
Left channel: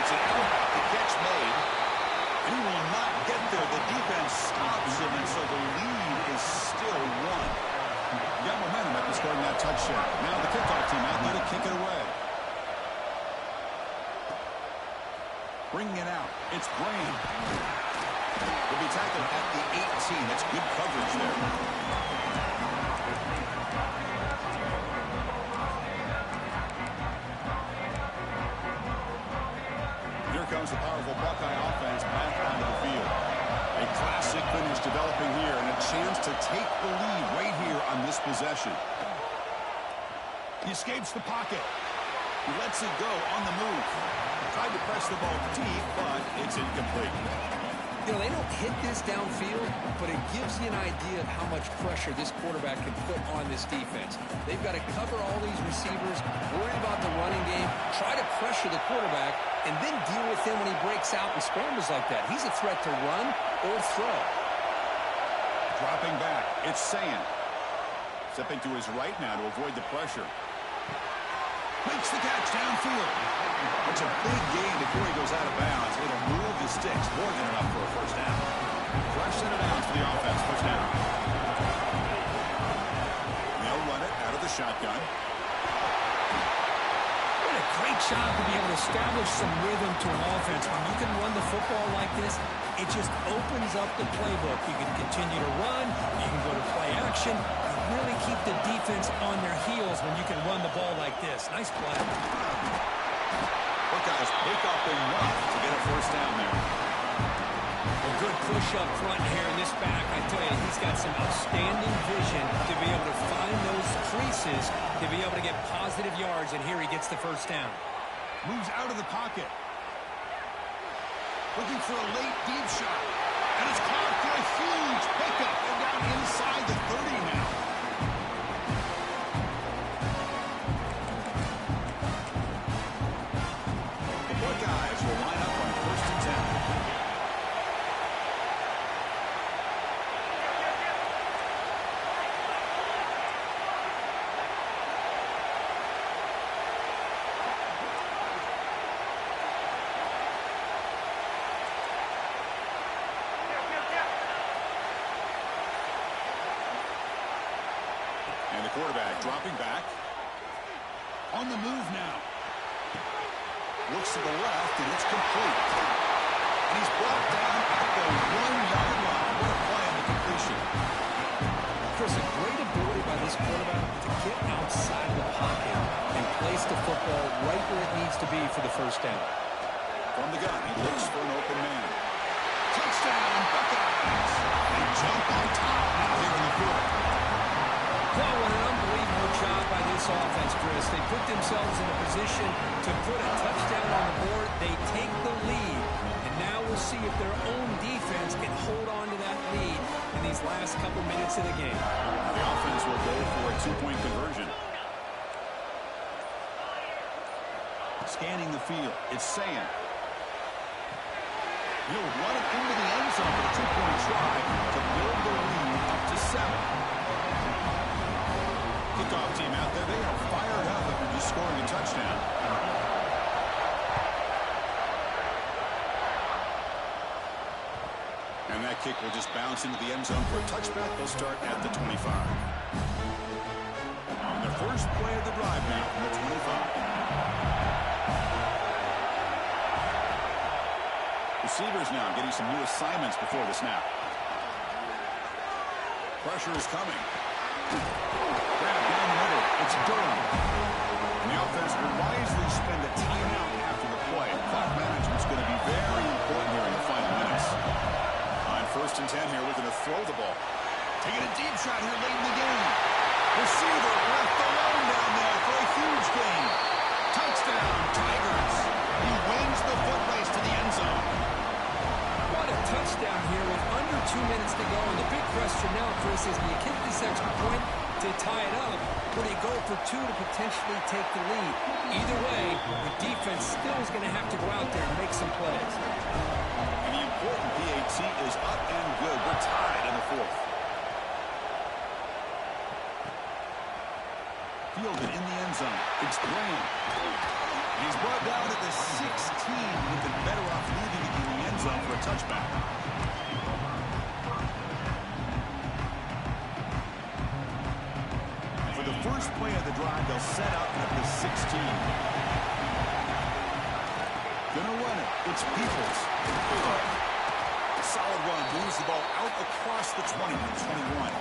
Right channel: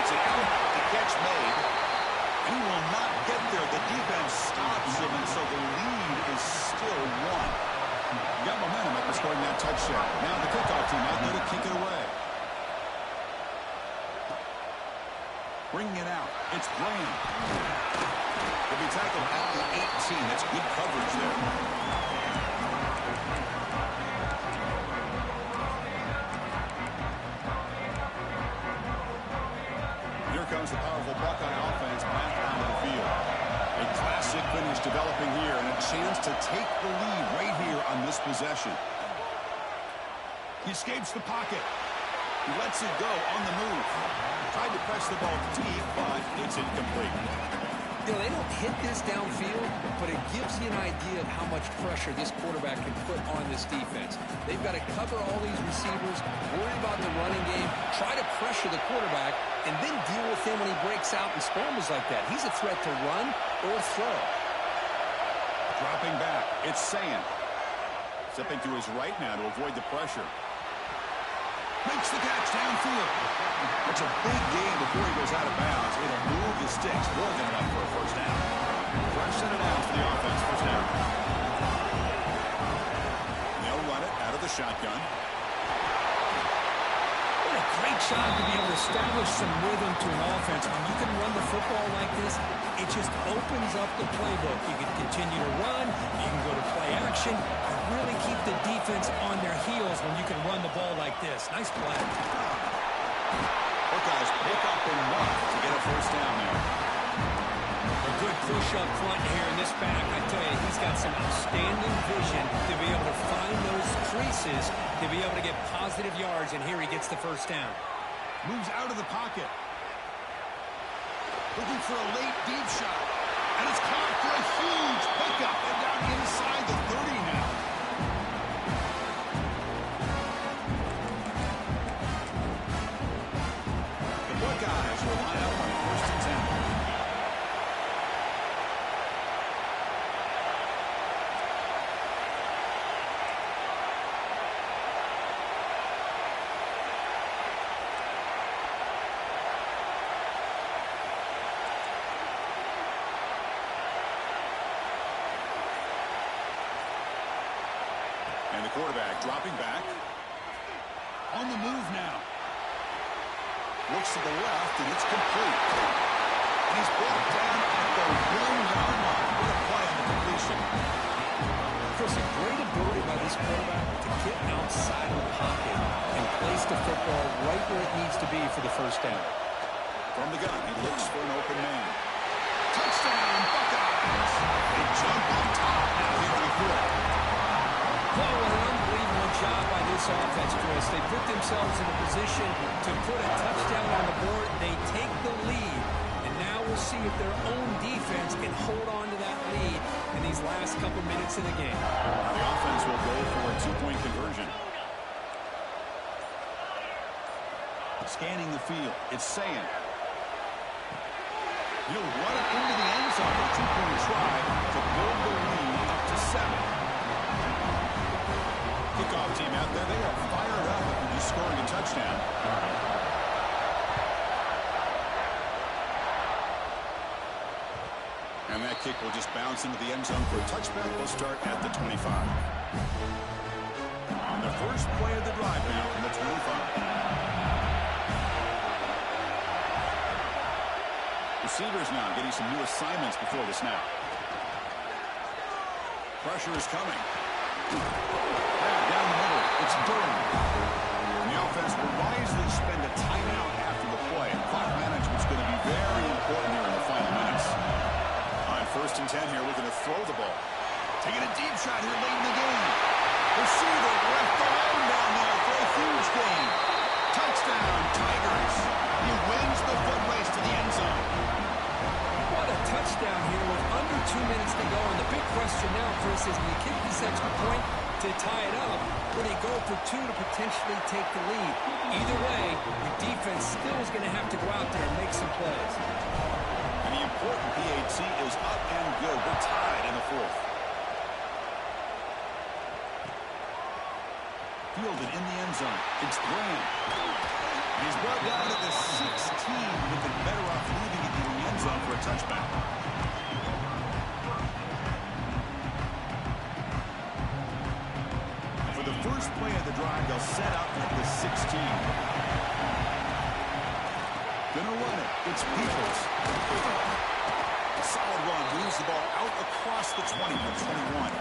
It's an out, the catch made. And he will not get there. The defense stops him, and so the lead is still one. Got momentum after scoring that touchdown. Now the kickoff team out there to kick it away. Bringing it out. It's Graham. He'll be tackled at the 18. That's good coverage there. Here comes the powerful Buckeye offense back onto the field. A classic finish developing here, and a chance to take the lead right here on this possession. He escapes the pocket. He lets it go on the move. Tried to press the ball deep, but it's incomplete. You know, they don't hit this downfield, but it gives you an idea of how much pressure this quarterback can put on this defense. They've got to cover all these receivers, worry about the running game, try to pressure the quarterback, and then deal with him when he breaks out and scrambles like that. He's a threat to run or throw. Dropping back, it's Sand. Stepping to his right now to avoid the pressure. Makes the catch downfield. That's a big gain before he goes out of bounds. It'll move the sticks more than enough for a first down. Fresh set of downs for the offense. First down. They'll run it out of the shotgun. What a great job to be able to establish some rhythm to an offense. When you can run the football like this, it just opens up the playbook. You can continue to run. You can go to play action. Really keep the defense on their heels when you can run the ball like this. Nice play. Buckeyes pick up enough to get a first down there. A good push up front here in this back. I tell you, he's got some outstanding vision to be able to find those creases, to be able to get positive yards, and here he gets the first down. Moves out of the pocket. Looking for a late deep shot. And it's caught for a huge pickup. They're down inside the 30 now. The Buckeyes will line up on 1st and 10. And the quarterback dropping back. On the move now. Looks to the left, and it's complete. And he's brought down at the 1-yard line. What a play on the completion. Chris, a great ability by this quarterback to get outside of the pocket and place the football right where it needs to be for the first down. From the gun, he looks for an open man. Touchdown, Buckeyes! They jump on top now here in the fourth. Well, what an unbelievable job by this offense, Chris. They put themselves in a position to put a touchdown on the board. They take the lead. And now we'll see if their own defense can hold on to that lead in these last couple minutes of the game. Now the offense will go for a two-point conversion. Scanning the field, it's saying he'll run it into the end zone for a two-point try to build the lead up to 7. Kickoff team out there, they are fired up after just scoring a touchdown. And that kick will just bounce into the end zone for a touchback. They'll start at the 25. And the first play of the drive now from the 25. Receivers now getting some new assignments before the snap. Pressure is coming. Grab down the middle. It's Durham. And the offense will wisely spend a timeout after the play. Clock management's going to be very important here in the final minutes. On 1st and 10 here, we're going to throw the ball. Taking a deep shot here late in the game. Receiver left alone down there for a huge gain. Touchdown, Tigers. He wins the foot race to the end zone. What a touchdown here with under 2 minutes to go. And the big question now, Chris, is do you kick this extra point to tie it up, or do you go for 2 to potentially take the lead? Either way, your defense still is going to have to go out there and make some plays. And the important PAT is up and good. We're tied in the fourth. Fielded in the end zone. It's Graham. And he's brought down at the 16. Would have been better off leaving it in the end zone for a touchback. And for the first play of the drive, they'll set up at the 16. Gonna run it. It's Peoples. A solid run. Moves the ball out across the 20 and 21.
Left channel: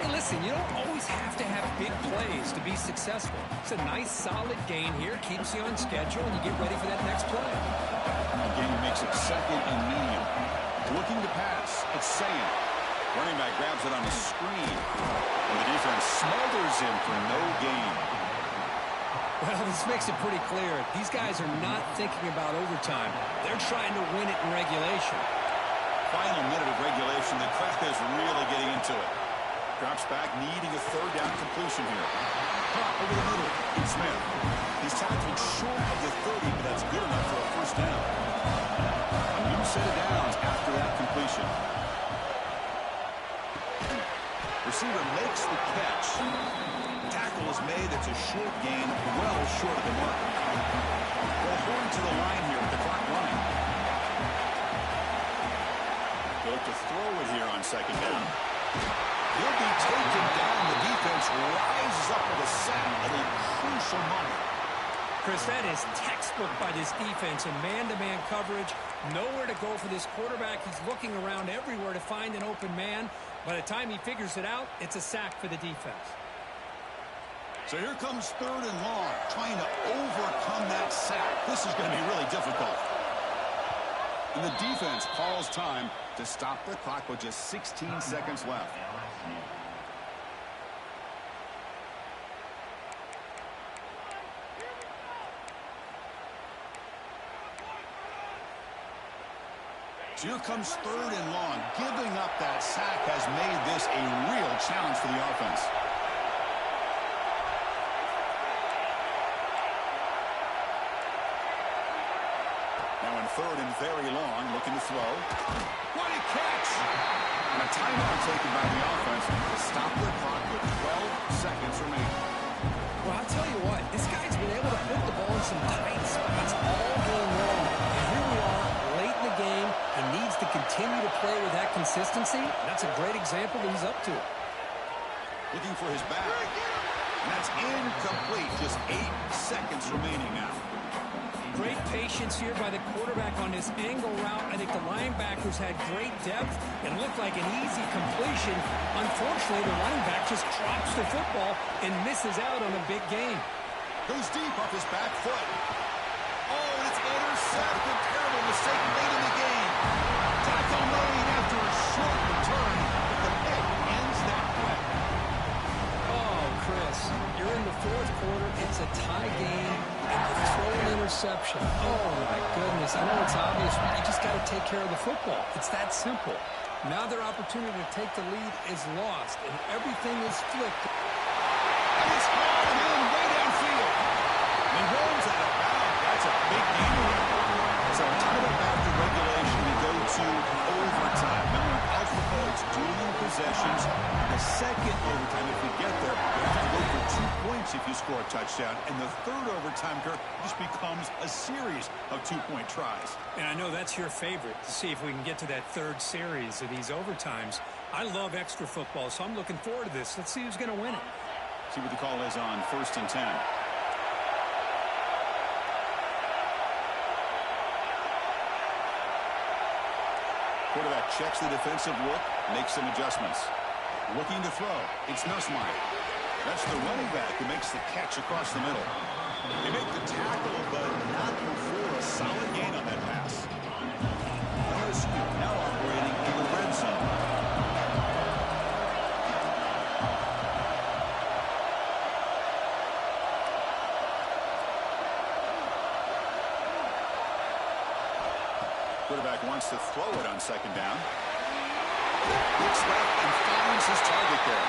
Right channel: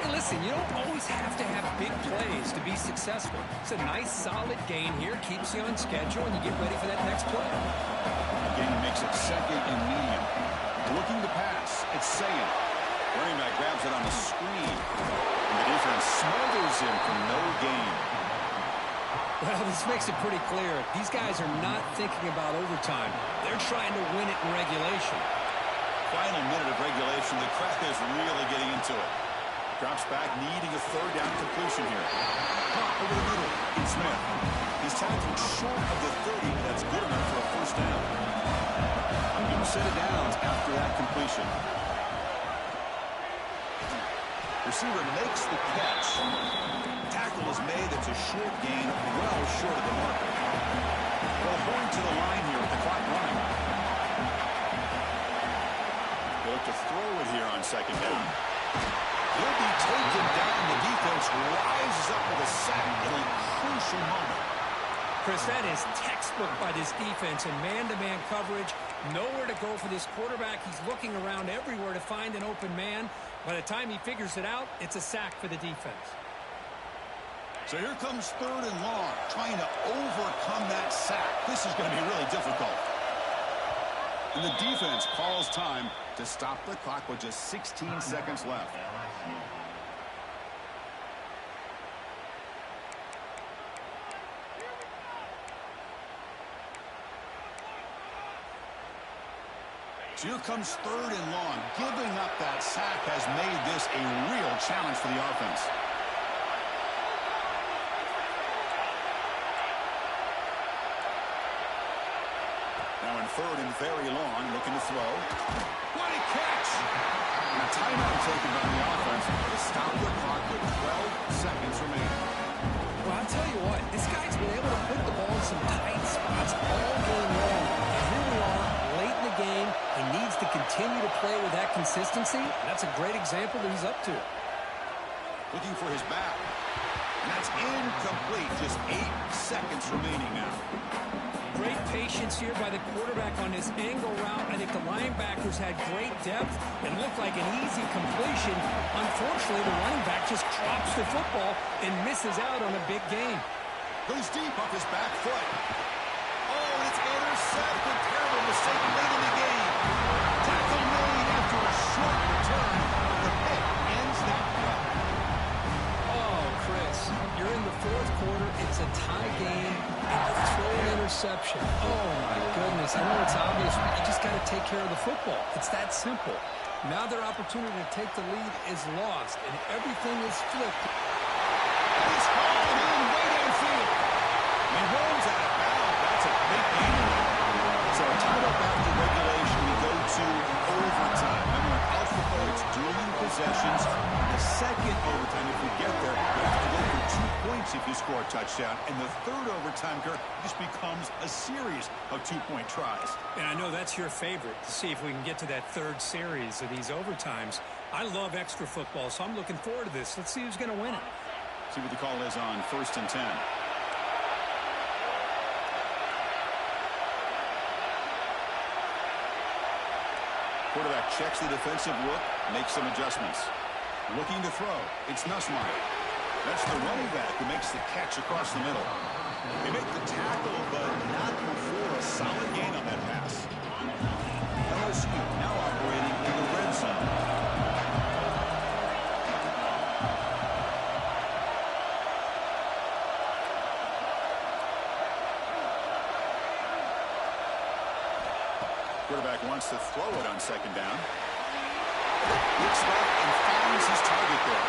Hey, listen, you don't always have to have big plays to be successful. It's a nice, solid gain here. Keeps you on schedule, and you get ready for that next play. Again, makes it 2nd and medium. Looking to pass. It's Sayan. Running back grabs it on the screen. And the defense smothers him for no gain. Well, this makes it pretty clear. These guys are not thinking about overtime. They're trying to win it in regulation. Final minute of regulation. The crowd is really getting into it. Drops back, needing a 3rd down completion here. Pop over the middle. It's Smith. He's tackled short of the 30, but that's good enough for a 1st down. A new set of downs after that completion. Receiver makes the catch. Tackle is made. It's a short gain, well short of the marker. Well, Horn to the line here with the clock running. They look to throw it here on 2nd down. He'll be taken down. The defense rises up with a sack at a crucial moment. Chris, that is textbook by this defense in man-to-man coverage. Nowhere to go for this quarterback. He's looking around everywhere to find an open man. By the time he figures it out, it's a sack for the defense. So here comes 3rd and long, trying to overcome that sack. This is going to be really difficult. And the defense calls time to stop the clock with just 16 seconds left. So here comes 3rd and long. Giving up that sack has made this a real challenge for the offense. Now in 3rd and very long, looking to throw. What a catch! And a timeout taken by the offense to stop the clock with 12 seconds remaining. Well, I'll tell you what, this guy's been able to put the ball in some tight spots all game long. And here we are, late in the game. He needs to continue to play with that consistency. That's a great example that he's up to it. Looking for his back. And that's incomplete. Just 8 seconds remaining now. Great patience here by the quarterback on this angle route. I think the linebackers had great depth. It looked like an easy completion. Unfortunately, the running back just drops the football and misses out on a big gain. Goes deep off his back foot. Oh, and it's intercepted. Terrible mistake late in the game. Tackle made after a short return, but the pick ends that play. Oh, Chris, you're in the fourth quarter. It's a tie game, and you throw an interception. Oh, my goodness. I know it's obvious, but you just got to take care of the football. It's that simple. Now their opportunity to take the lead is lost, and everything is flipped. And he's hauled in way downfield. And he rolls out of bounds. That's a big gain there. So tied up after regulation, we go to overtime. Remember, in college football, it's dueling possessions. The second overtime, if we get there, you have to go for 2 points if you score a touchdown. And the third overtime, Kirk, just becomes a series of 2-point tries. And I know that's your favorite, to see if we can get to that third series of these overtimes. I love extra football, so I'm looking forward to this. Let's see who's going to win it. See what the call is on 1st and 10. Quarterback checks the defensive look, makes some adjustments. Looking to throw. It's Nussmeier. That's the running back who makes the catch across the middle. They make the tackle, but not before a solid gain on that pass. LSU now operating in the red zone. Quarterback wants to throw it on 2nd down. Looks left and finds his target there.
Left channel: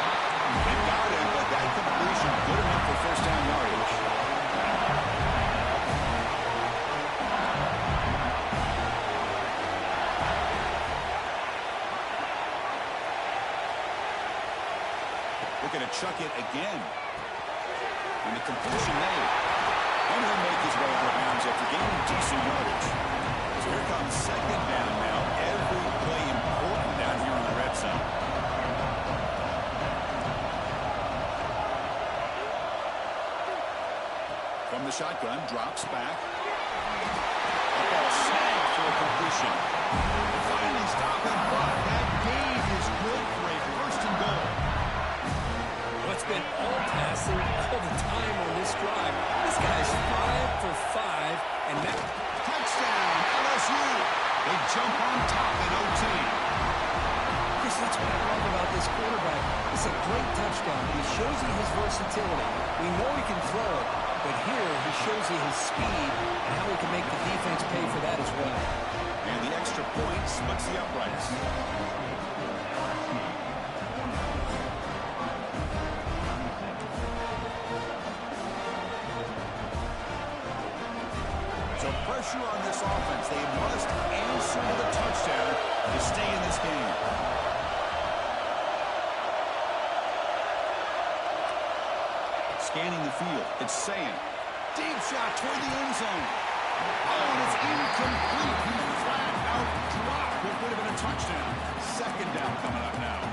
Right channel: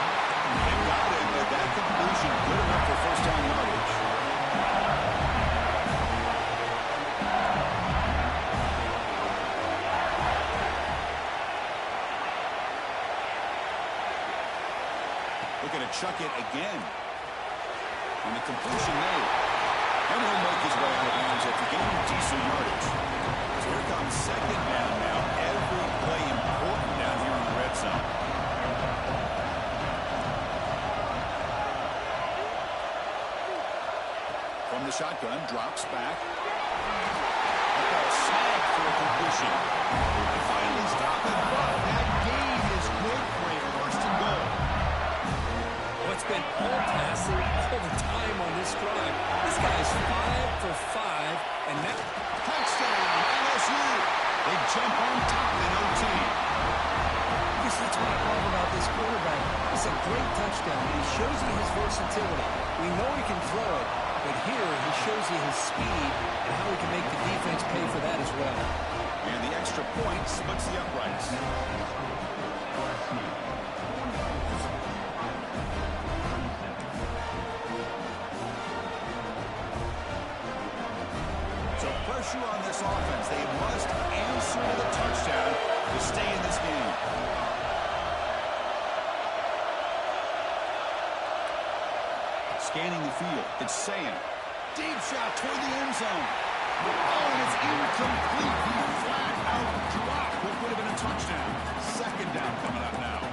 They got him, but that completion good enough for 1st down yardage. Looking to chuck it again. And the completion made. And he'll make his way out of bounds after gaining decent yardage. So here comes 2nd down now. Every play important down here in the red zone. From the shotgun, drops back. A ball snagged for a completion. They finally stop it, but that gain is good for a 1st and goal. Well, it's been all passing all the time on this drive. This guy's 5 for 5, and now touchdown, LSU. They jump on top in OT. Chris, that's what I love about this quarterback. It's a great touchdown, but he shows you his versatility. We know he can throw it, but here he shows you his speed and how he can make the defense pay for that as well. And the extra point splits the uprights. So pressure on this offense. They must answer to the touchdown to stay in this game. Scanning the field. It's Sayin. Deep shot toward the end zone. Oh, and it's incomplete. He flat out dropped what would have been a touchdown. 2nd down coming up now.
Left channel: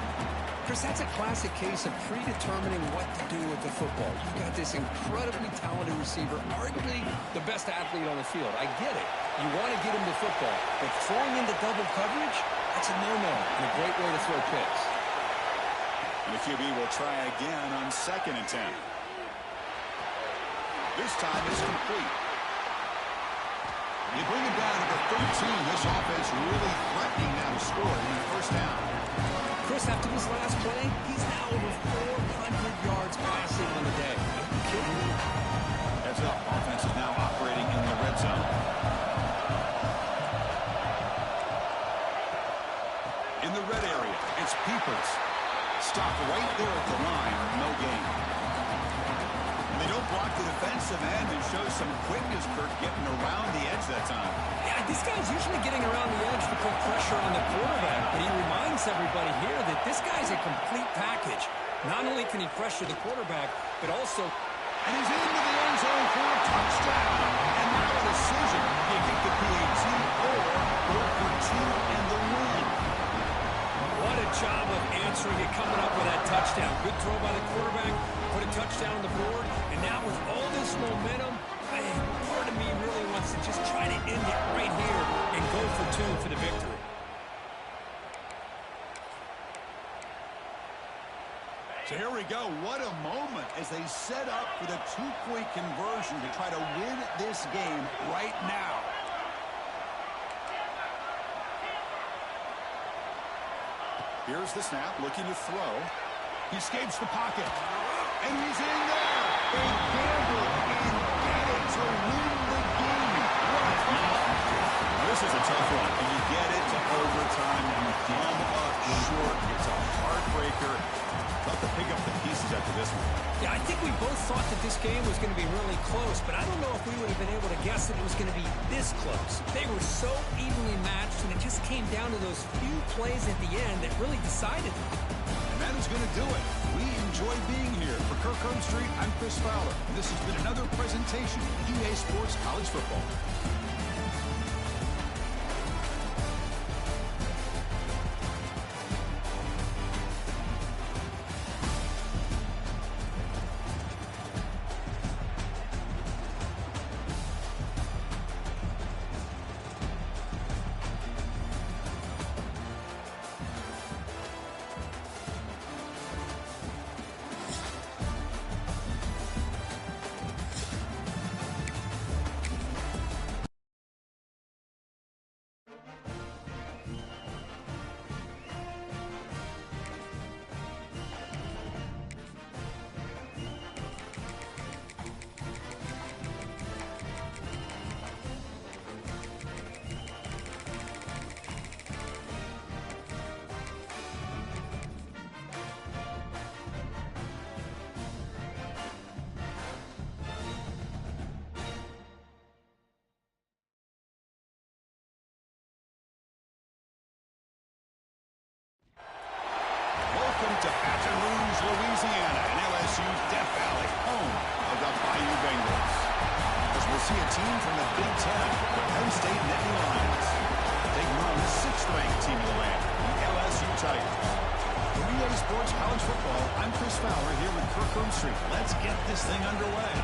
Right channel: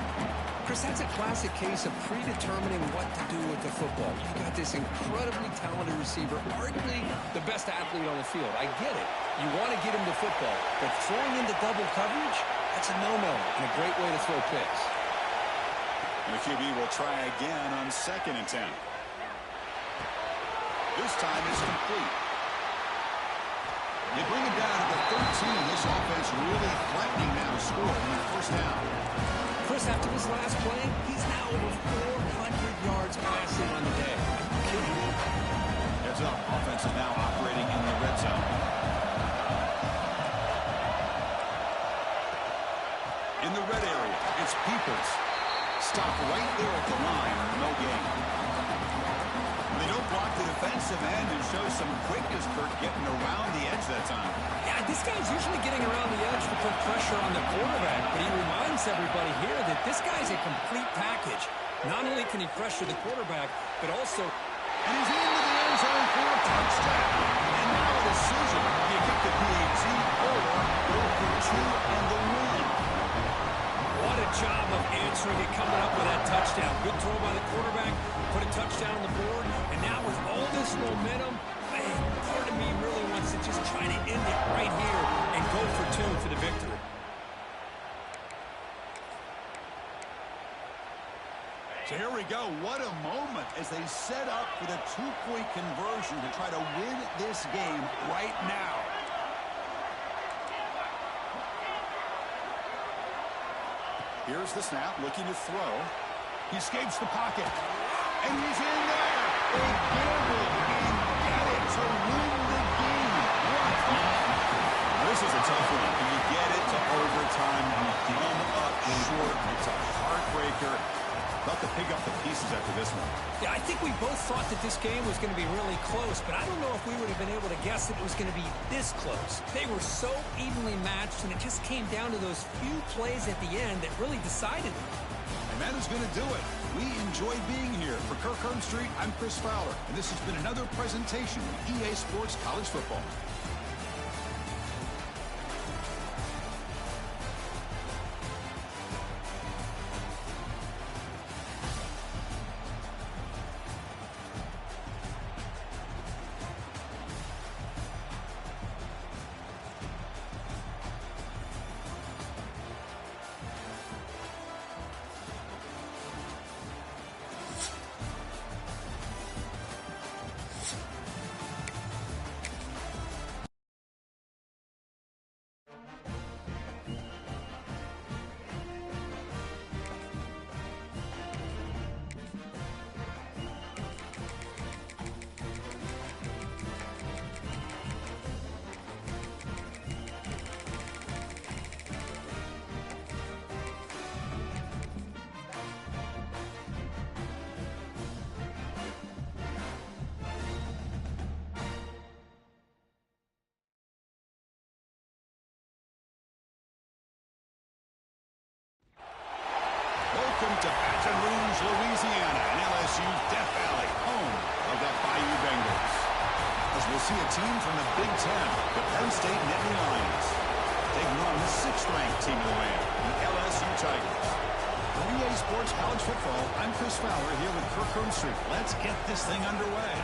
Chris, that's a classic case of predetermining what to do with the football. You've got this incredibly talented receiver, arguably the best athlete on the field. I get it. You want to get him the football, but throwing into double coverage, that's a no-no and a great way to throw picks. And the QB will try again on 2nd and 10. This time it's complete. They bring it down to the 13. This offense really threatening now to score in 1st down. Chris, after this last play, he's now over 400 yards passing on the day. Are you kidding me? Heads up. Offense is now operating in the red zone. In the red area, it's Peoples. Stop right there at the line. No gain. They don't block the defensive end and show some quickness, Kirk, getting around the edge that time. Yeah, this guy's usually getting around the edge to put pressure on the quarterback, but he reminds everybody here that this guy's a complete package. Not only can he pressure the quarterback, but also... And he's into the end zone for a touchdown. And now a decision. Do you kick the PAT or go for 2 and the win? What What a job of answering it, coming up with that touchdown. Good throw by the quarterback, put a touchdown on the board, and now with all this momentum, man, part of me really wants to just try to end it right here and go for two for the victory. So here we go. What a moment as they set up for the two-point conversion to try to win this game right now. Here's the snap, looking to throw. He escapes the pocket, and he's in there. They gamble and get it to win the game. What? Now, this is a tough one, and you get it to overtime. You come up short. It's a heartbreaker. Thought to pick up the pieces after this one. Yeah, I think we both thought that this game was going to be really close, but I don't know if we would have been able to guess that it was going to be this close. They were so evenly matched, and it just came down to those few plays at the end that really decided it. And that is going to do it. We enjoy being here. For Kirk Street, I'm Chris Fowler, and this has been another presentation of EA Sports College Football. Welcome to Baton Rouge, Louisiana, and LSU's Death Valley, home of the Bayou Bengals. As we'll see a team from the Big Ten, the Penn State Nittany Lions, taking on the 6th-ranked team of the land, the LSU Tigers. For EA Sports College Football, I'm Chris Fowler here with Kirk Street. Let's get this thing underway.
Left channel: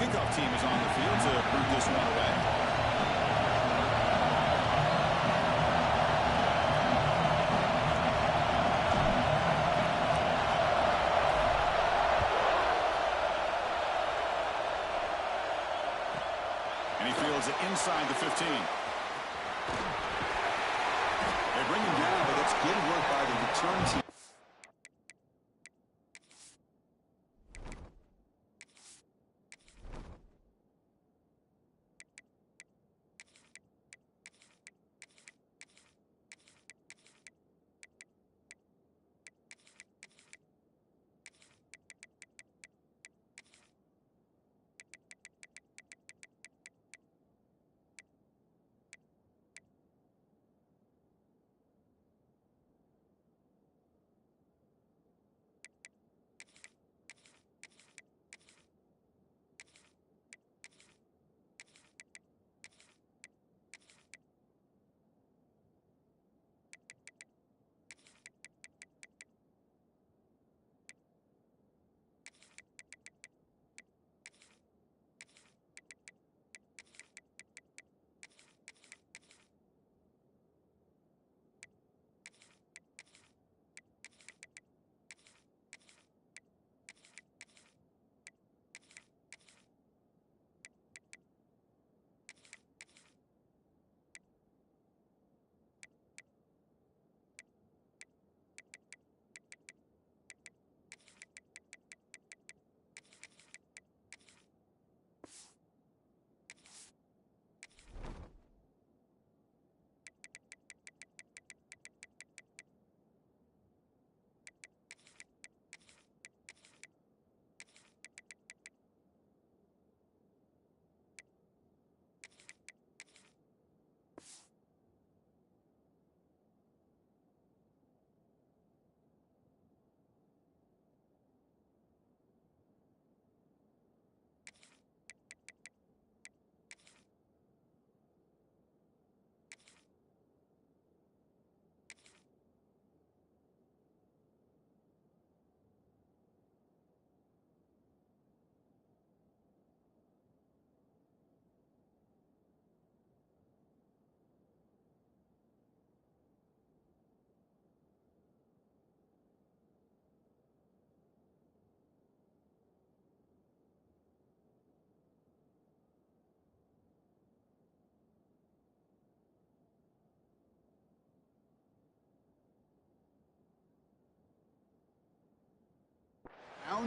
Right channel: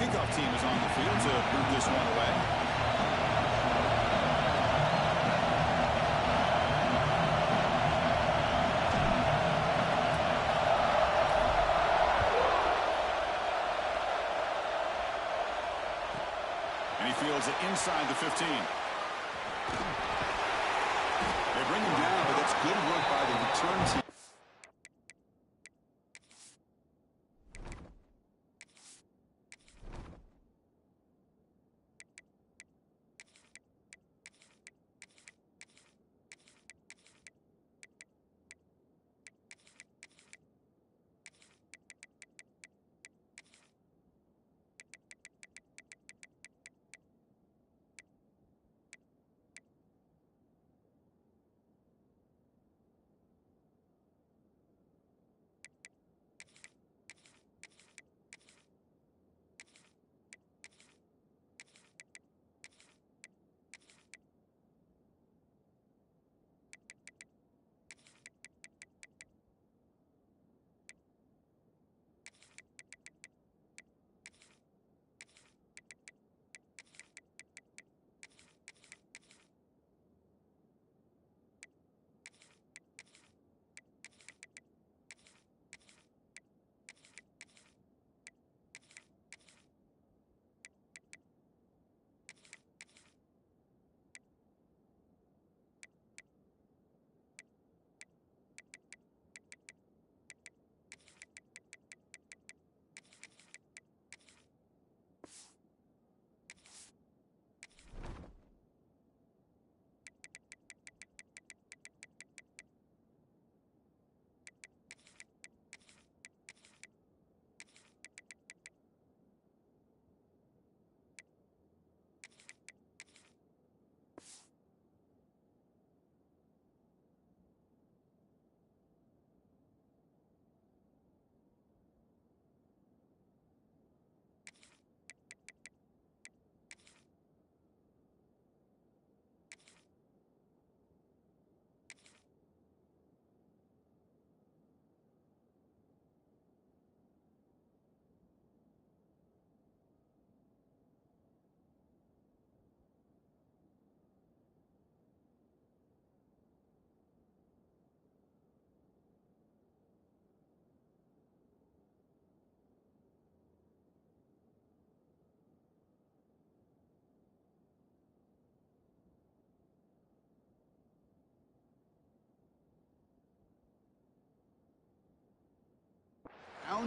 Kickoff team is on the field to boot this one away. And he fields it inside the 15. They bring him down, but that's good work by the return team.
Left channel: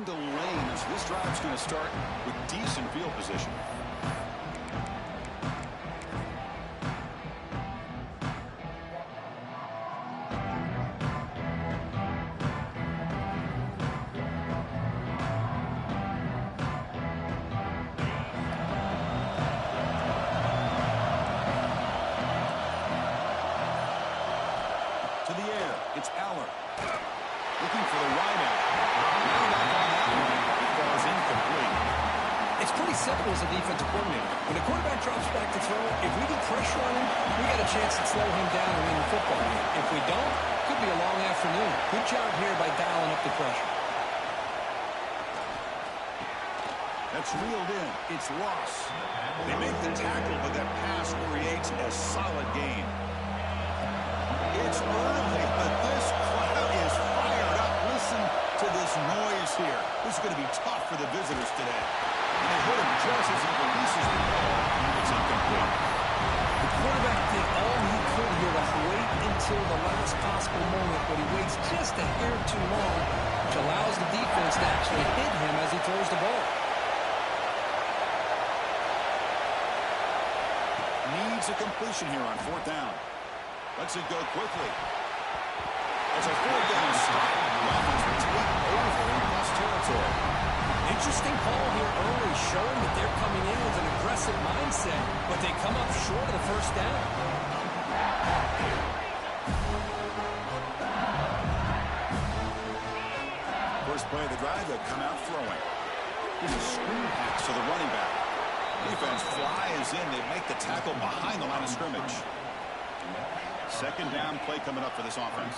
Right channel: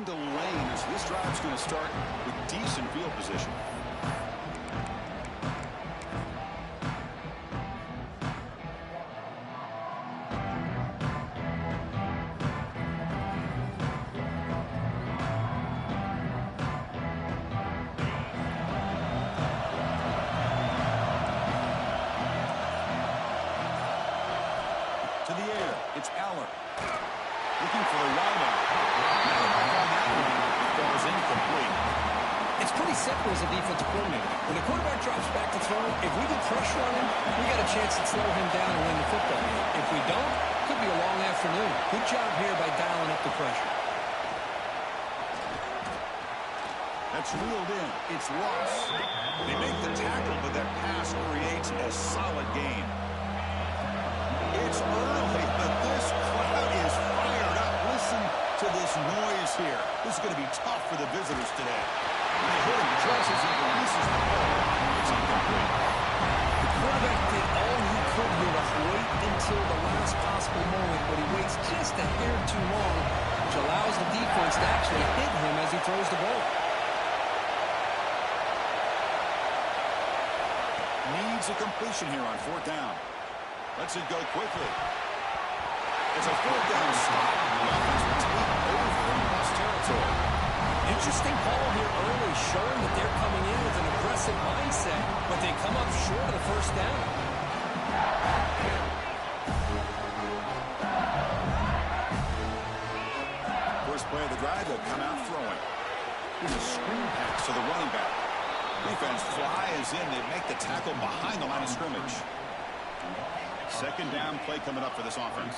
into lane, so this drive's going to start with decent field position. To the air, it's Aller. Looking for the wideout. Not enough on that one. It falls incomplete. It's pretty simple as a defensive coordinator. When the quarterback drops back to throw, if we get pressure on him, we got a chance to slow him down and win the football game. If we don't, could be a long afternoon. Good job here by dialing up the pressure. That's reeled in. It's lost. They make the tackle, but that pass creates a solid gain. It's early, but this crowd is fired up. Listen to this noise here. This is going to be tough for the visitors today. And they hit him just as he releases the ball. It's incomplete. The quarterback did all he could here to wait until the last possible moment, but he waits just a hair too long, which allows the defense to actually hit him as he throws the ball. Needs a completion here on 4th down. Lets it go quickly. It's a 4th down stop. The offense will take over in plus territory. Interesting call here early, showing that they're coming in with an aggressive mindset, but they come up short of the 1st down. First play of the drive, they'll come out throwing. Here's a screen pass to the running back. Defense flies in. They make the tackle behind the line of scrimmage. 2nd down play coming up for this offense.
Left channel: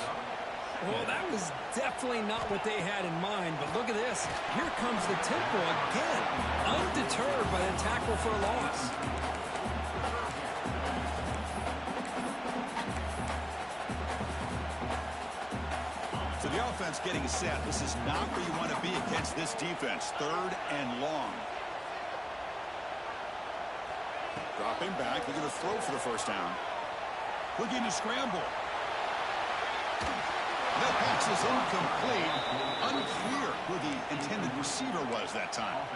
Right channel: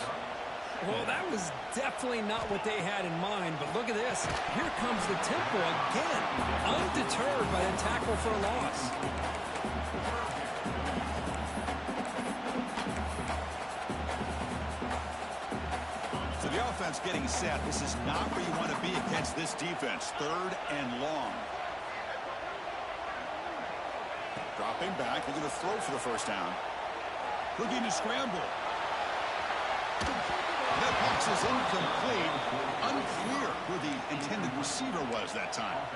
Well, that was definitely not what they had in mind, but look at this. Here comes the tempo again, undeterred by the tackle for a loss. So the offense getting set. This is not where you want to be against this defense. 3rd and long. Dropping back. They're going to throw for the 1st down. Looking to scramble. That pass is incomplete. Unclear who the intended receiver was that time.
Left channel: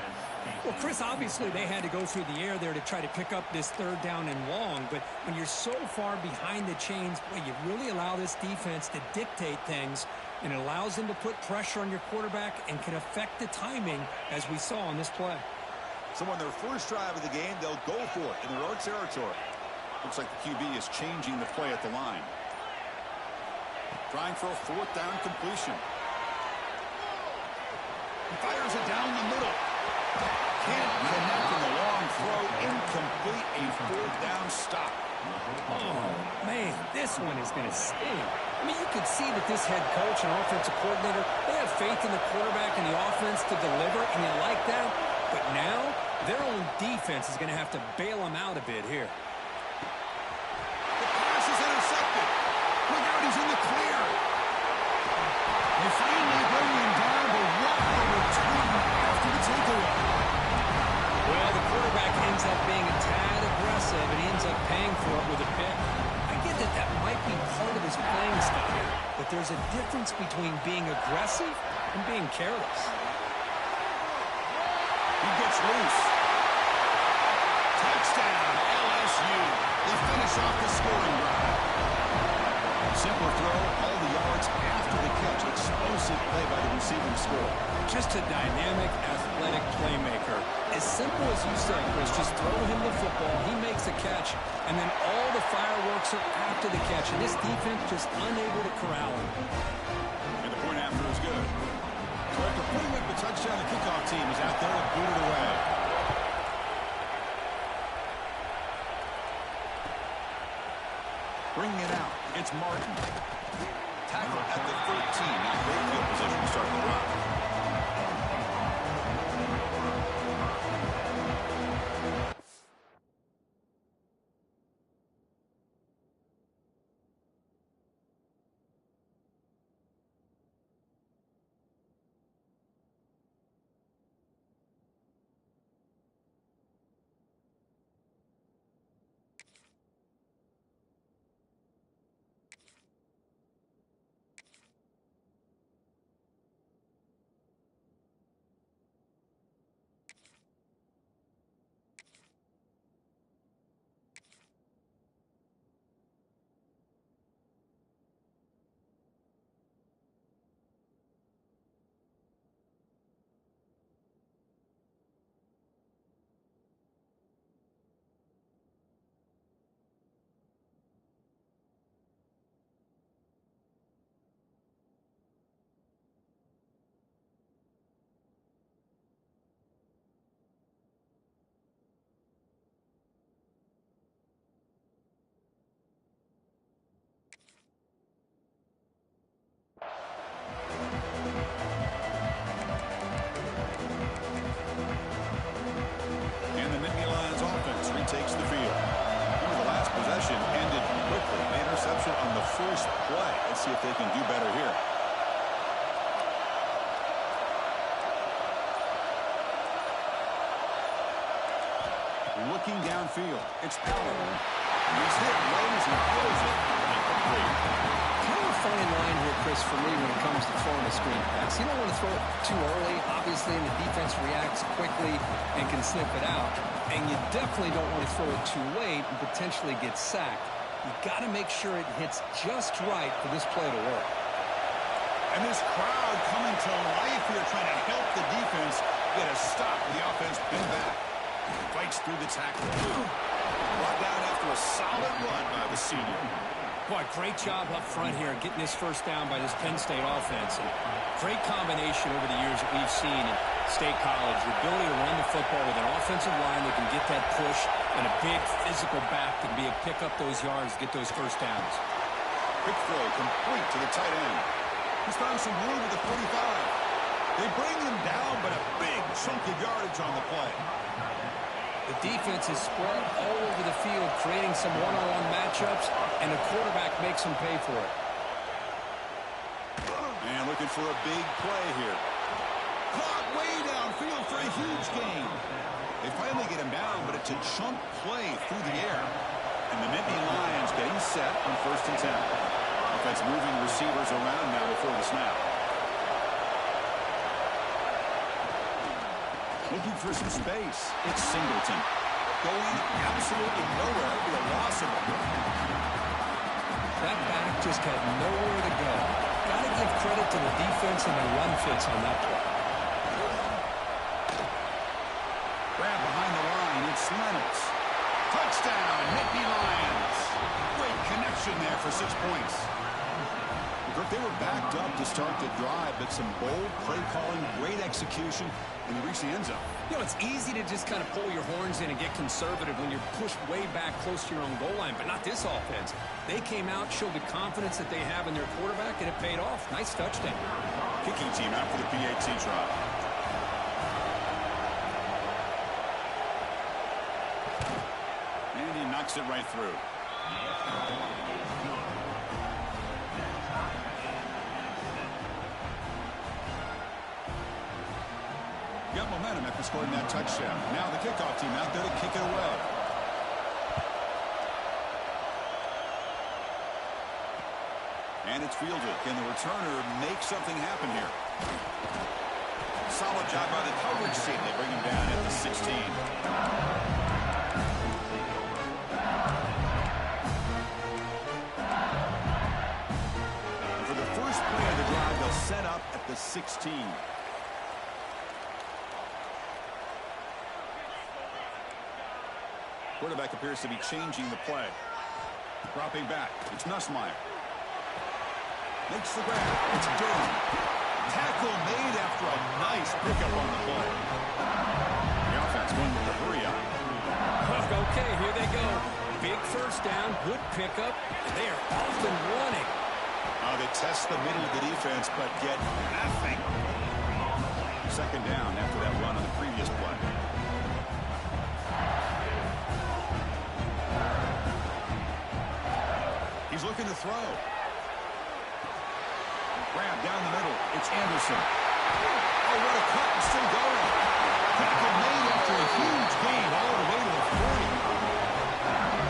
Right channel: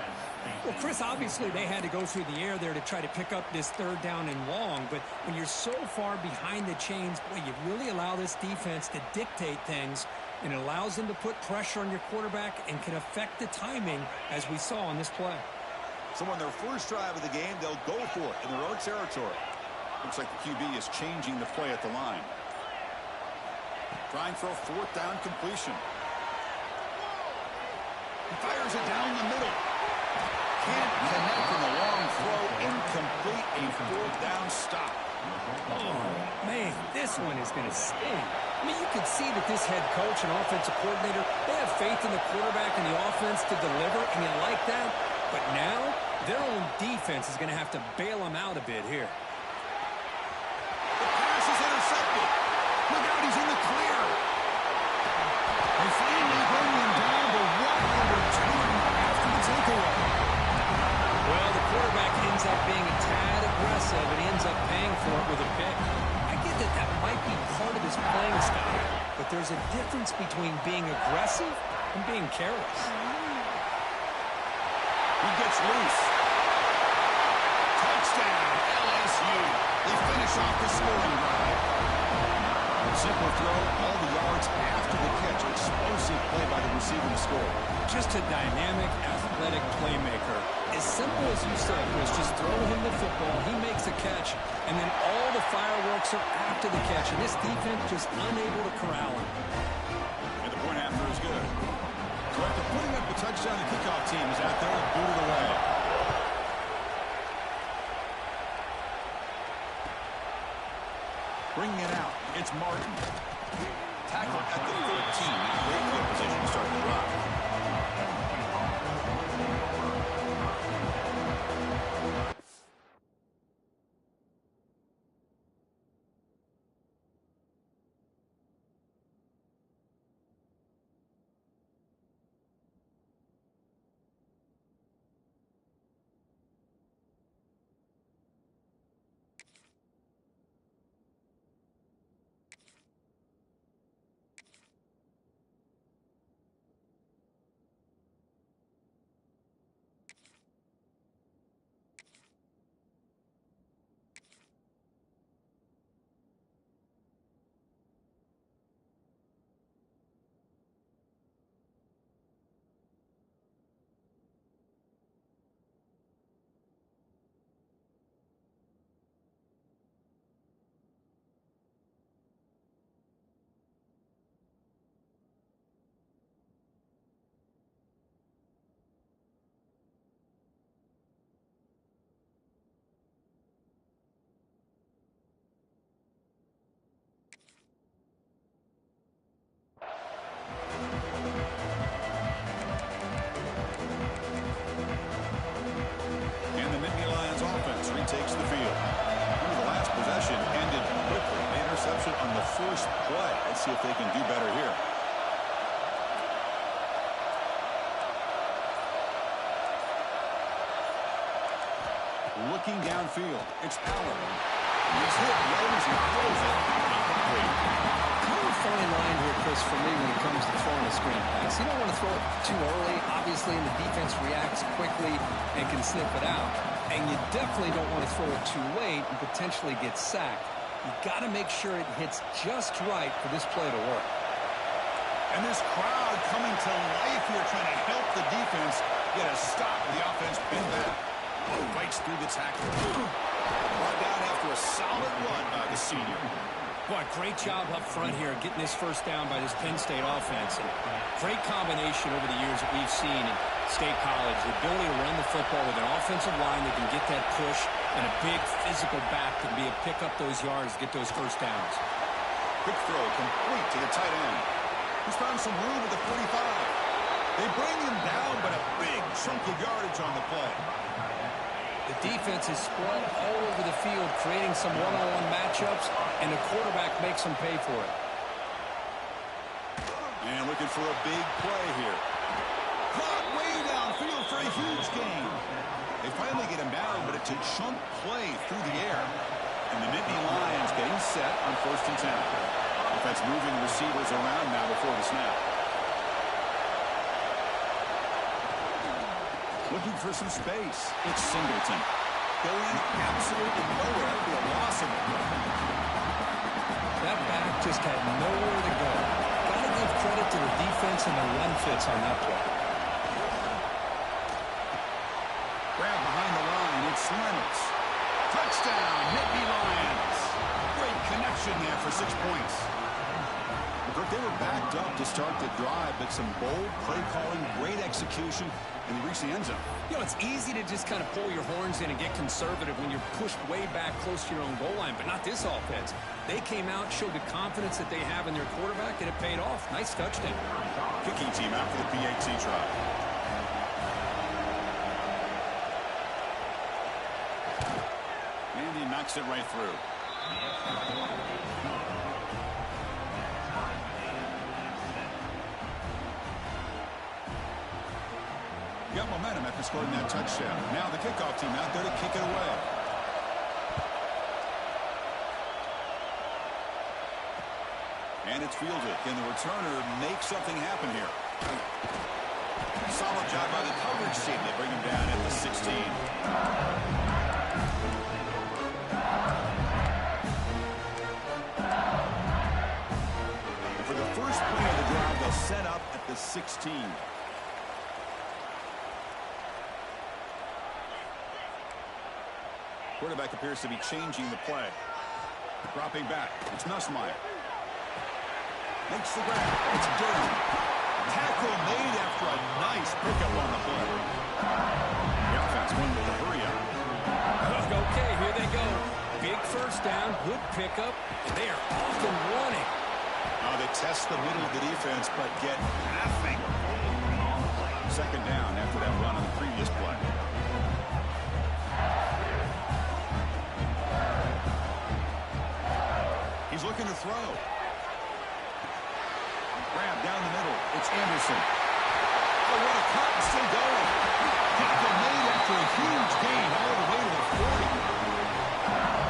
Well, Chris, obviously they had to go through the air there to try to pick up this 3rd down and long, but when you're so far behind the chains, boy, you really allow this defense to dictate things, and it allows them to put pressure on your quarterback and can affect the timing, as we saw on this play. So on their first drive of the game, they'll go for it in their own territory. Looks like the QB is changing the play at the line. Trying for a 4th down completion. He fires it down the middle. Can't connect in the long throw. Incomplete. A 4th down stop. Oh, man, this one is going to sting. I mean, you could see that this head coach and offensive coordinator, they have faith in the quarterback and the offense to deliver, and you like that. But now, their own defense is going to have to bail them out a bit here. The pass is intercepted. Look out, he's in the clear. They finally bring him down, but what a return after the takeaway. Well, the quarterback ends up being a tad aggressive, and he ends up paying for it with a pick. I get that that might be part of his playing style, but there's a difference between being aggressive and being careless. He gets loose. Touchdown, LSU. They finish off the scoring drive. Simple throw, all the yards after the catch. Explosive play by the receiver to score. Just a dynamic, athletic playmaker. As simple as you said, Chris, just throw him the football, he makes a catch, and then all the fireworks are after the catch, and this defense just unable to corral him. And the point after is good. So after putting up the touchdown, the kickoff team is out there to boot it away. Bringing it out, it's Martin. Tackle at the 13. Now great field position to start the drive. on the first play. Let's see if they can do better here. Looking downfield. It's Allen. He's hit right as he throws it. Incomplete. Kind of a fine line here, Chris, for me when it comes to throwing a screen pass. You don't want to throw it too early, obviously, and the defense reacts quickly and can sniff it out. And you definitely don't want to throw it too late and potentially get sacked. You've got to make sure it hits just right for this play to work. And this crowd coming to life here, trying to help the defense get a stop with the offense pinned back. Fights through the tackle. Brought down after a solid run by the senior. Boy, great job up front here getting this first down by this Penn State offense. And great combination over the years that we've seen in State College. The ability to run the football with an offensive line that can get that push and a big physical back that can be able to pick up those yards, get those first downs. Quick throw complete to the tight end. He's found some room at the 45. They bring him down, but a big chunk of yardage on the play. The defense is spread all over the field, creating some one-on-one matchups, and the quarterback makes them pay for it. And looking for a big play here. Caught way downfield for a huge gain. They finally get him down, but it's a chunk play through the air. And the Nittany Lions getting set on 1st and 10. Offense moving receivers around now before the snap. Looking for some space. It's Singleton. Going absolutely nowhere. It'll be a loss of it. That back just had nowhere to go. Got to give credit to the defense and their run fits on that play. Grab behind the line. It's Reynolds. Touchdown, Nittany Lions. Great connection there for 6 points. Kirk, they were backed up to start the drive, but some bold play calling, great execution, and they reached the end zone. You know, it's easy to just kind of pull your horns in and get conservative when you're pushed way back close to your own goal line, but not this offense. They came out, showed the confidence that they have in their quarterback, and it paid off. Nice touchdown. Kicking team out for the PAT try. And he knocks it right through. Got momentum after scoring that touchdown. Now the kickoff team out there to kick it away. And it's fielded. Can the returner make something happen here? Solid job by the coverage team. They bring him down at the 16. And for the first play of the drive, they'll set up at the 16. Quarterback appears to be changing the play. Dropping back. It's Nussmeier. Makes the grab. It's Durham. Tackle made after a nice pickup on the play. The offense going with the hurry up. Okay, here they go. Big first down, good pickup. They are off and running. They test the middle of the defense, but get nothing. Second down after that run on the previous play. He's looking to throw. Grab down the middle. It's Anderson. Oh, what a cut, and still going. Tackle made after a huge gain all the way to the 40.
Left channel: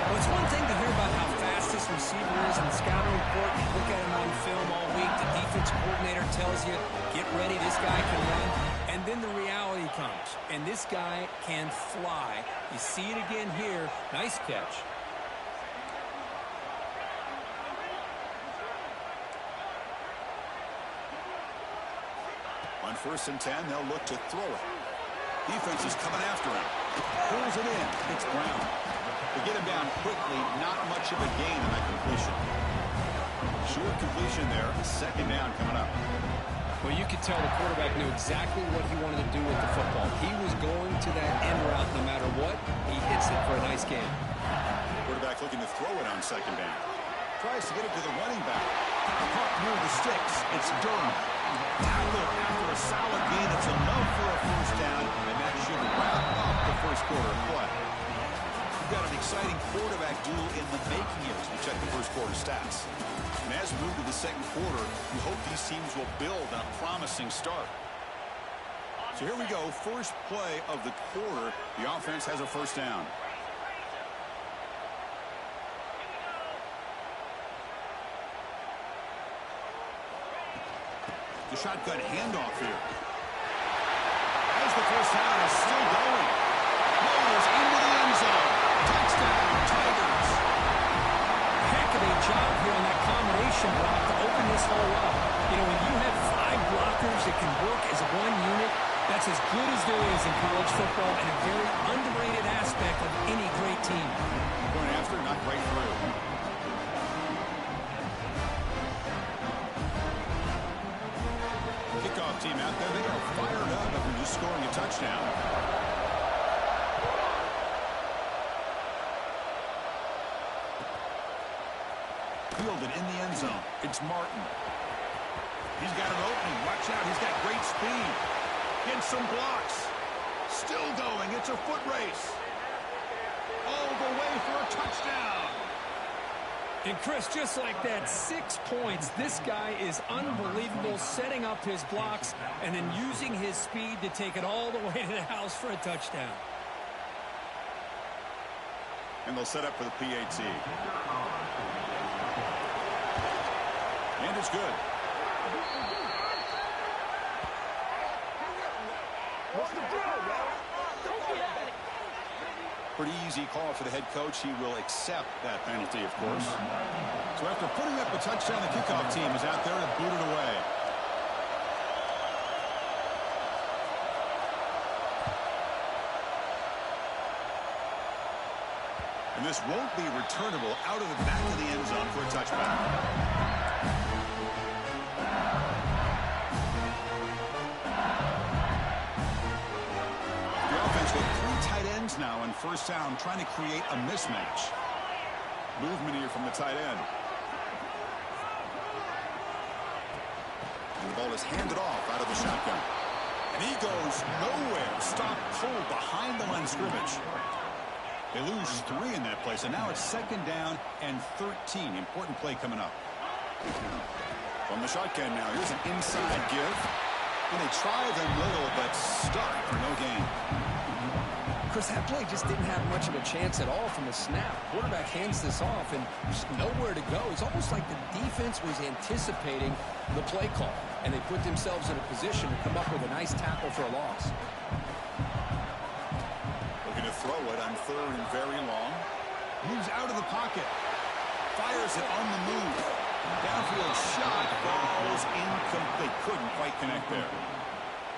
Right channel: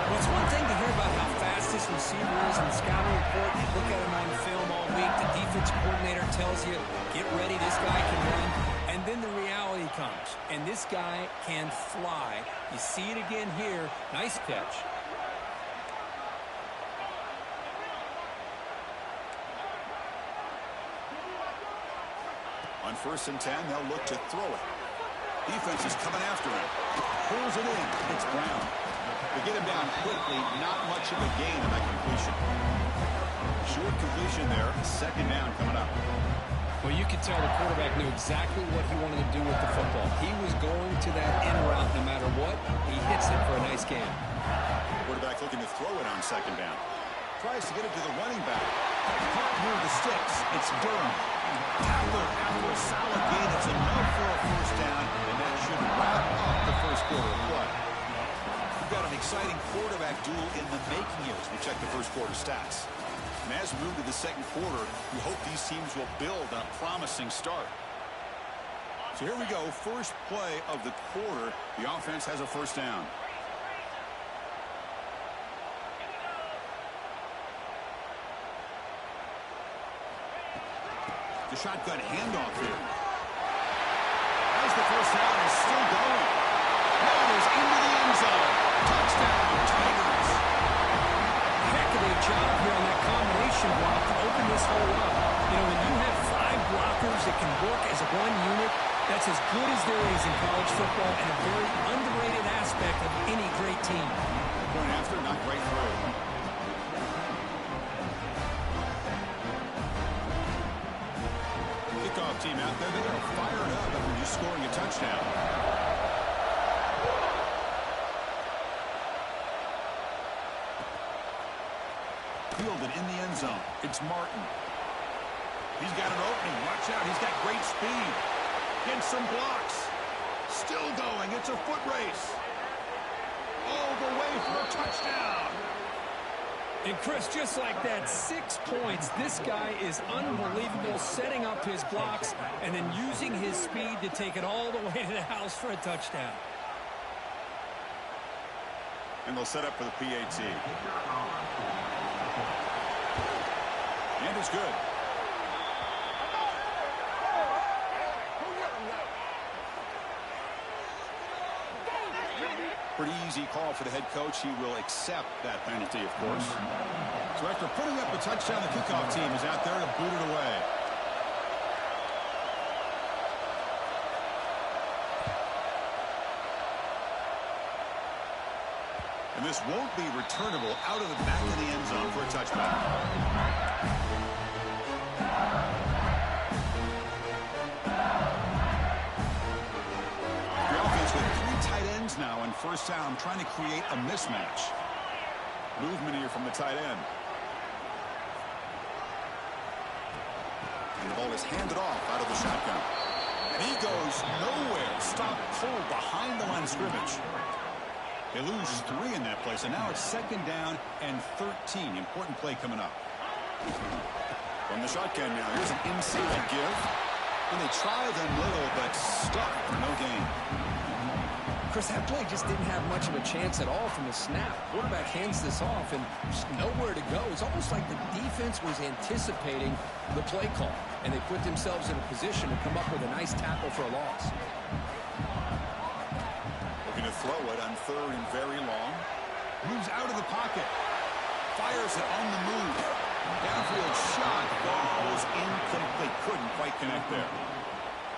Well, it's one thing to hear about how fast this receiver is in the scouting report. You look at him on film all week. The defense coordinator tells you, get ready, this guy can run. And then the reality comes. And this guy can fly. You see it again here. Nice catch. On 1st and 10, they'll look to throw it. Defense is coming after him. Pulls it in. It's Brown. They get him down quickly. Not much of a gain on that completion. Short completion there. Second down coming up. Well, you could tell the quarterback knew exactly what he wanted to do with the football. He was going to that end route no matter what. He hits it for a nice gain. Quarterback looking to throw it on second down. Tries to get it to the running back. Caught near the sticks. It's Durham. Tackled after a solid gain. It's enough for a first down, and that should wrap up the first quarter of play. we've got an exciting quarterback duel in the making here as we check the first quarter stats. And as we move to the second quarter, we hope these teams will build on a promising start. So here we go, first play of the quarter. The offense has a first down. The shotgun handoff here. As the first down is still going. Motors into the end zone. Touchdown, Tigers. Heck of a job here on that combination block to open this hole up. You know, when you have 5 blockers that can work as one unit, that's as good as there is in college football and a very underrated aspect of any great team. Point after, knocked right through. Kickoff team out there, they are fired up after just scoring a touchdown. Fielded in the end zone. It's Martin. He's got an opening. Watch out. He's got great speed. Gets some blocks. Still going. It's a foot race. All the way for a touchdown. And Chris, just like that, 6 points. This guy is unbelievable, setting up his blocks and then using his speed to take it all the way to the house for a touchdown. And they'll set up for the PAT. And it's good. Pretty easy call for the head coach. He will accept that penalty, of course. So after putting up a touchdown, the kickoff team is out there to boot it away. And this won't be returnable out of the back of the end zone for a touchback. With 3 tight ends now on first down, trying to create a mismatch. Movement here from the tight end. And the ball is handed off out of the shotgun. And he goes nowhere. Stop pull behind the line of scrimmage. They lose 3 in that play, so now it's second down and 13. Important play coming up. From the shotgun now, here's an inside give. And they try the middle, but stuck for no gain. Chris, that play just didn't have much of a chance at all from the snap. Quarterback hands this off and just nowhere to go. It's almost like the defense was anticipating the play call, and they put themselves in a position to come up with a nice tackle for a loss. Looking to throw it on 3rd and very long. Moves out of the pocket. Fires it on the move. Downfield shot falls incomplete. Couldn't quite connect there.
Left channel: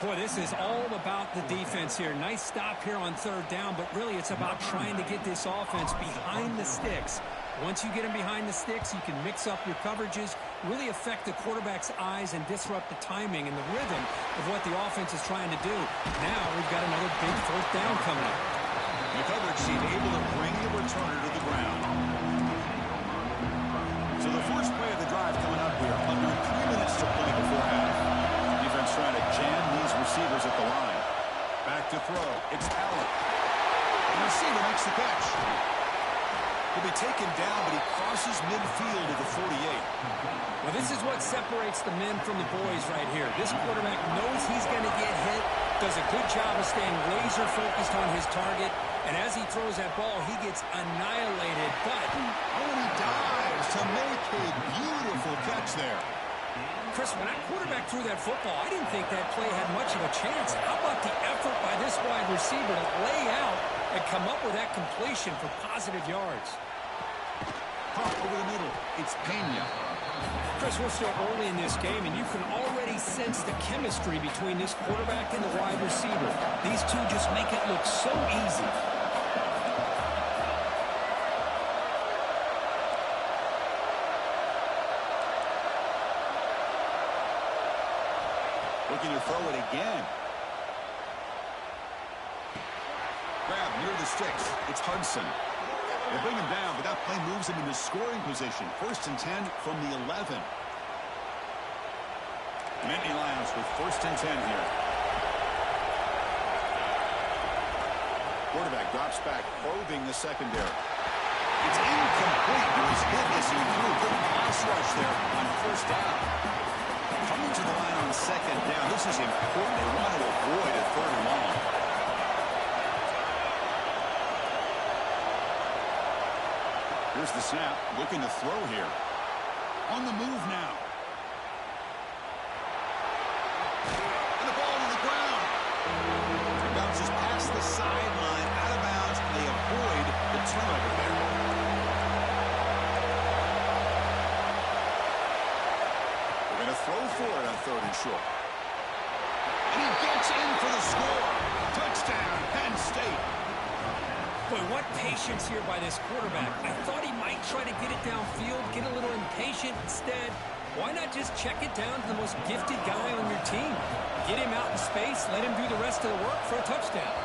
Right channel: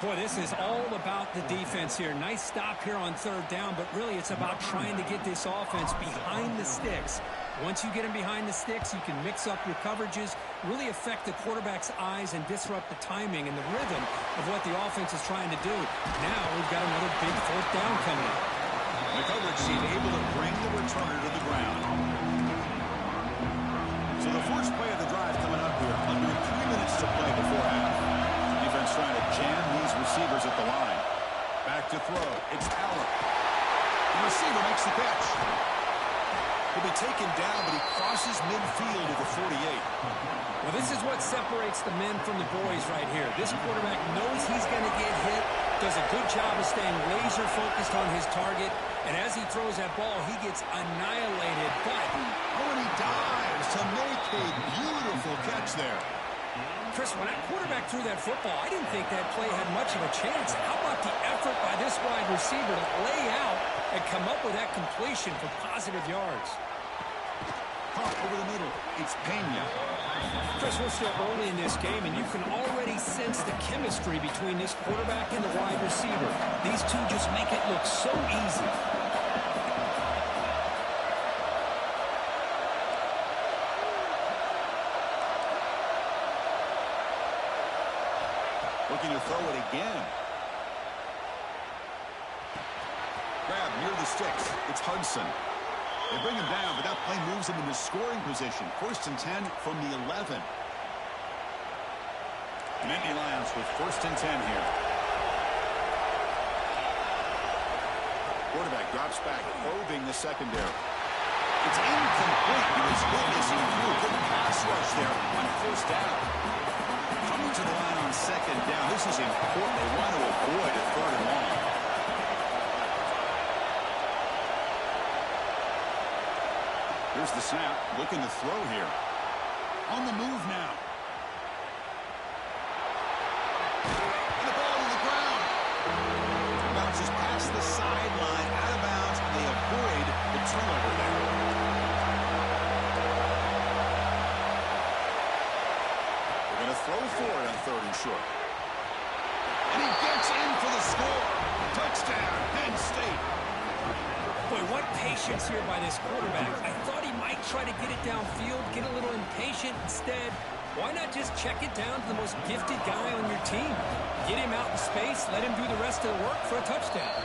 Boy, this is all about the defense here. Nice stop here on 3rd down, but really it's about trying to get this offense behind the sticks. Once you get them behind the sticks, you can mix up your coverages, really affect the quarterback's eyes and disrupt the timing and the rhythm of what the offense is trying to do. Now we've got another big 4th down coming up. The coverage team able to bring the returner to the ground. So the first play of the drive coming up here. Under 3 minutes to play before half. Defense trying to jam these receivers at the line. Back to throw. It's Allen. The receiver makes the catch. He'll be taken down, but he crosses midfield at the 48. Well, this is what separates the men from the boys right here. This quarterback knows he's going to get hit, does a good job of staying laser focused on his target, and as he throws that ball, he gets annihilated. But and he dives to make a beautiful catch there. Chris, when that quarterback threw that football, I didn't think that play had much of a chance. How about the effort by this wide receiver to lay out and come up with that completion for positive yards? Pop over the middle. It's Pena. Chris, we're still early in this game, and you can already sense the chemistry between this quarterback and the wide receiver. These two just make it look so easy. Looking to throw it again. Grab near the sticks. It's Hudson. They bring him down, but that play moves him into scoring position. 1st and 10 from the 11. Nittany Lions with 1st and 10 here. Quarterback drops back, probing the secondary. It's incomplete. He was hit as he threw. Good pass rush there on first down. Coming to the line on second down. This is important. They want to avoid a third and long. Here's the snap. Looking to throw here. On the move now. And the ball to the ground. It bounces past the sideline, out of bounds, and they avoid the turnover there. They're going to throw for it on third and short. And he gets in for the score. Touchdown, Penn State. Boy, what patience here by this quarterback. I thought he might try to get it downfield, get a little impatient. Instead, why not just check it down to the most gifted guy on your team? Get him out in space, let him do the rest of the work for a touchdown.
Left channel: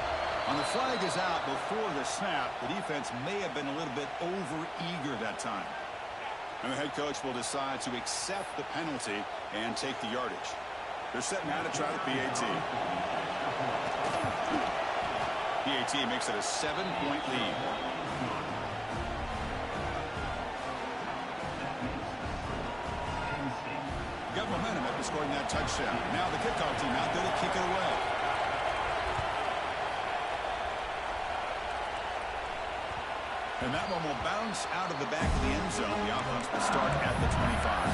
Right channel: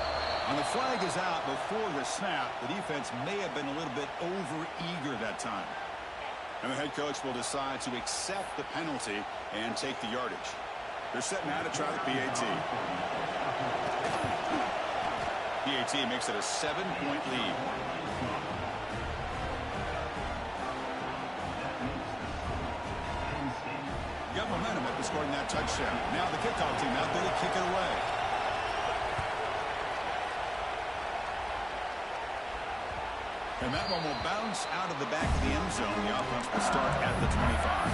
On the flag is out before the snap. The defense may have been a little bit over-eager that time. And the head coach will decide to accept the penalty and take the yardage. They're setting out to try the PAT. PAT makes it a 7-point lead. Got momentum after scoring that touchdown. Now the kickoff team out there to kick it away. And that one will bounce out of the back of the end zone. The offense will start at the 25.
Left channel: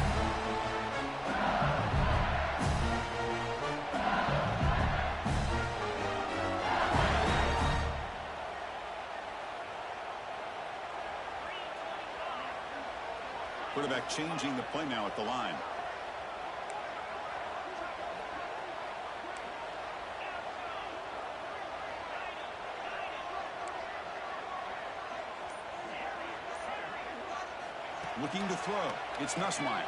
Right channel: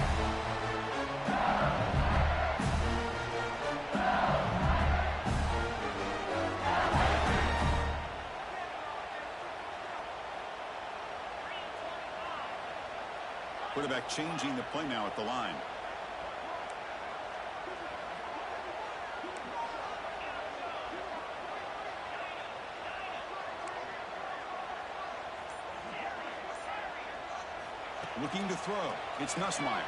Quarterback changing the play now at the line. Looking to throw. It's Nussmeier.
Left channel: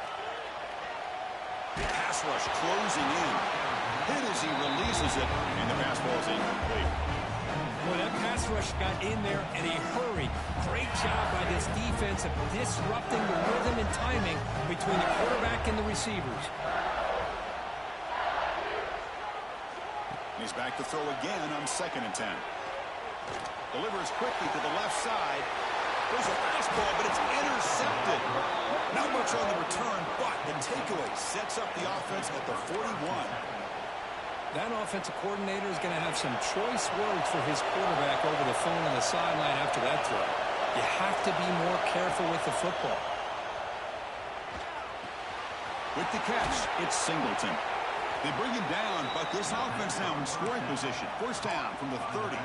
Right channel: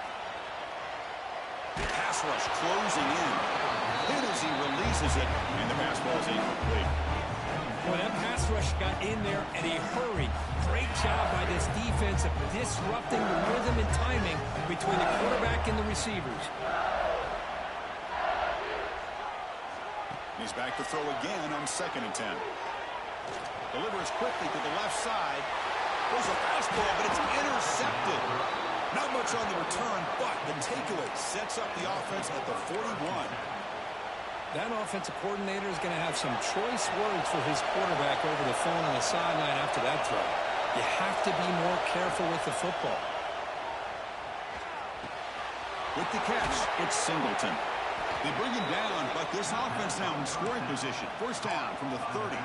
Pass rush closing in. Hit as he releases it, and the pass ball is incomplete. Well, that pass rush got in there in a hurry. Great job by this defense of disrupting the rhythm and timing between the quarterback and the receivers. He's back to throw again on 2nd and 10. Delivers quickly to the left side. There's a fastball, but it's intercepted. Not much on the return, but the takeaway sets up the offense at the 41. That offensive coordinator is going to have some choice words for his quarterback over the phone on the sideline after that throw. You have to be more careful with the football. With the catch, it's Singleton. They bring him down, but this offense now in scoring position. First down from the 30.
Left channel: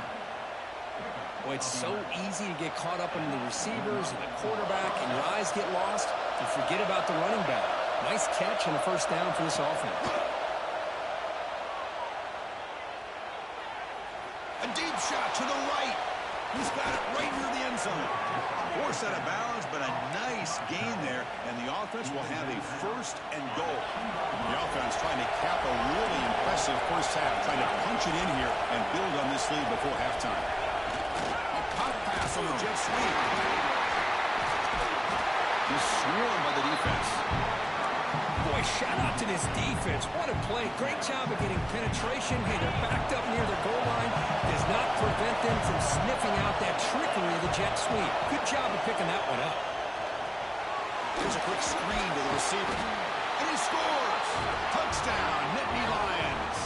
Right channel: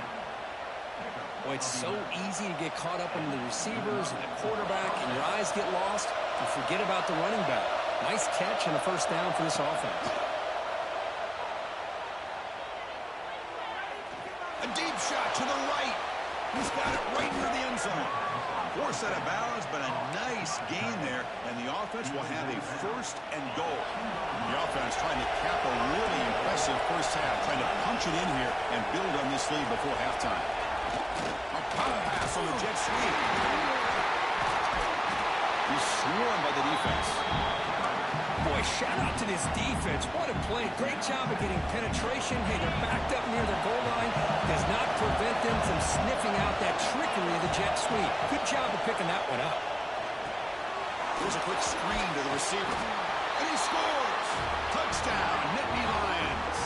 Boy, it's so easy to get caught up in the receivers and the quarterback, and your eyes get lost. You forget about the running back. Nice catch and a first down for this offense. A deep shot to the right. He's got it right near the end zone. Forced out of bounds, but a nice gain there, and the offense will have a 1st and goal. The offense trying to cap a really impressive first half, trying to punch it in here and build on this lead before halftime. A pop pass on the jet sweep. He's swarmed by the defense. Boy, shout out to this defense. What a play. Great job of getting penetration. Hey, they're backed up near their goal line. Does not prevent them from sniffing out that trickery of the jet sweep. Good job of picking that one up. Here's a quick screen to the receiver. And he scores! Touchdown, Nittany Lions.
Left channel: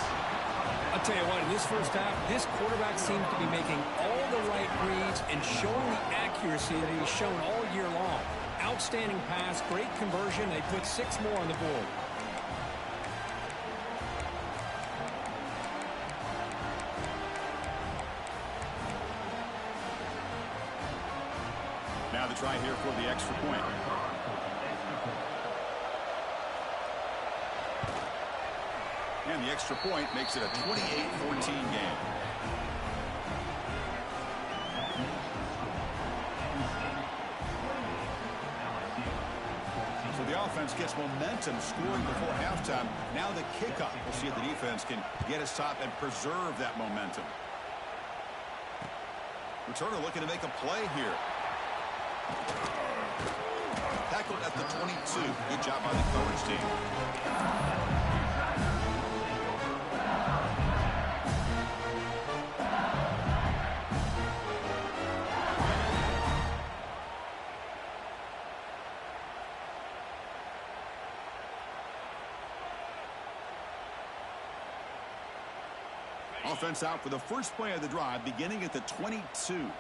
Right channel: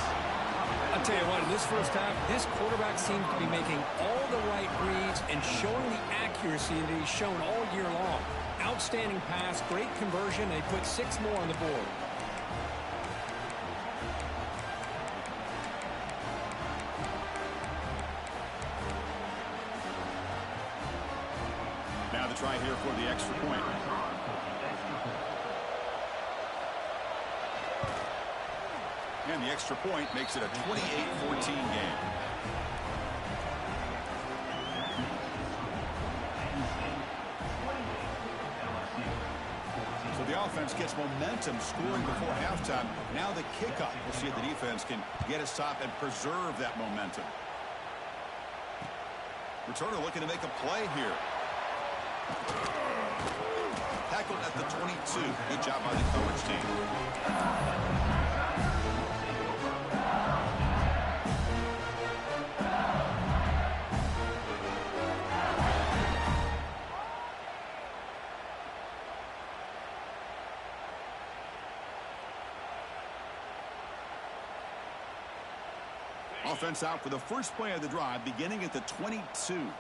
I'll tell you what, in this first half, this quarterback seems to be making all the right reads and showing the accuracy that he's shown all year long. Outstanding pass, great conversion. They put 6 more on the board. Now the try here for the extra point. And the extra point makes it a 28-14 game. So the offense gets momentum scoring before halftime. Now the kickoff. We'll see if the defense can get a stop and preserve that momentum. Returner looking to make a play here. Tackled at the 22. Good job by the coverage team. Offense out for the first play of the drive, beginning at the 22.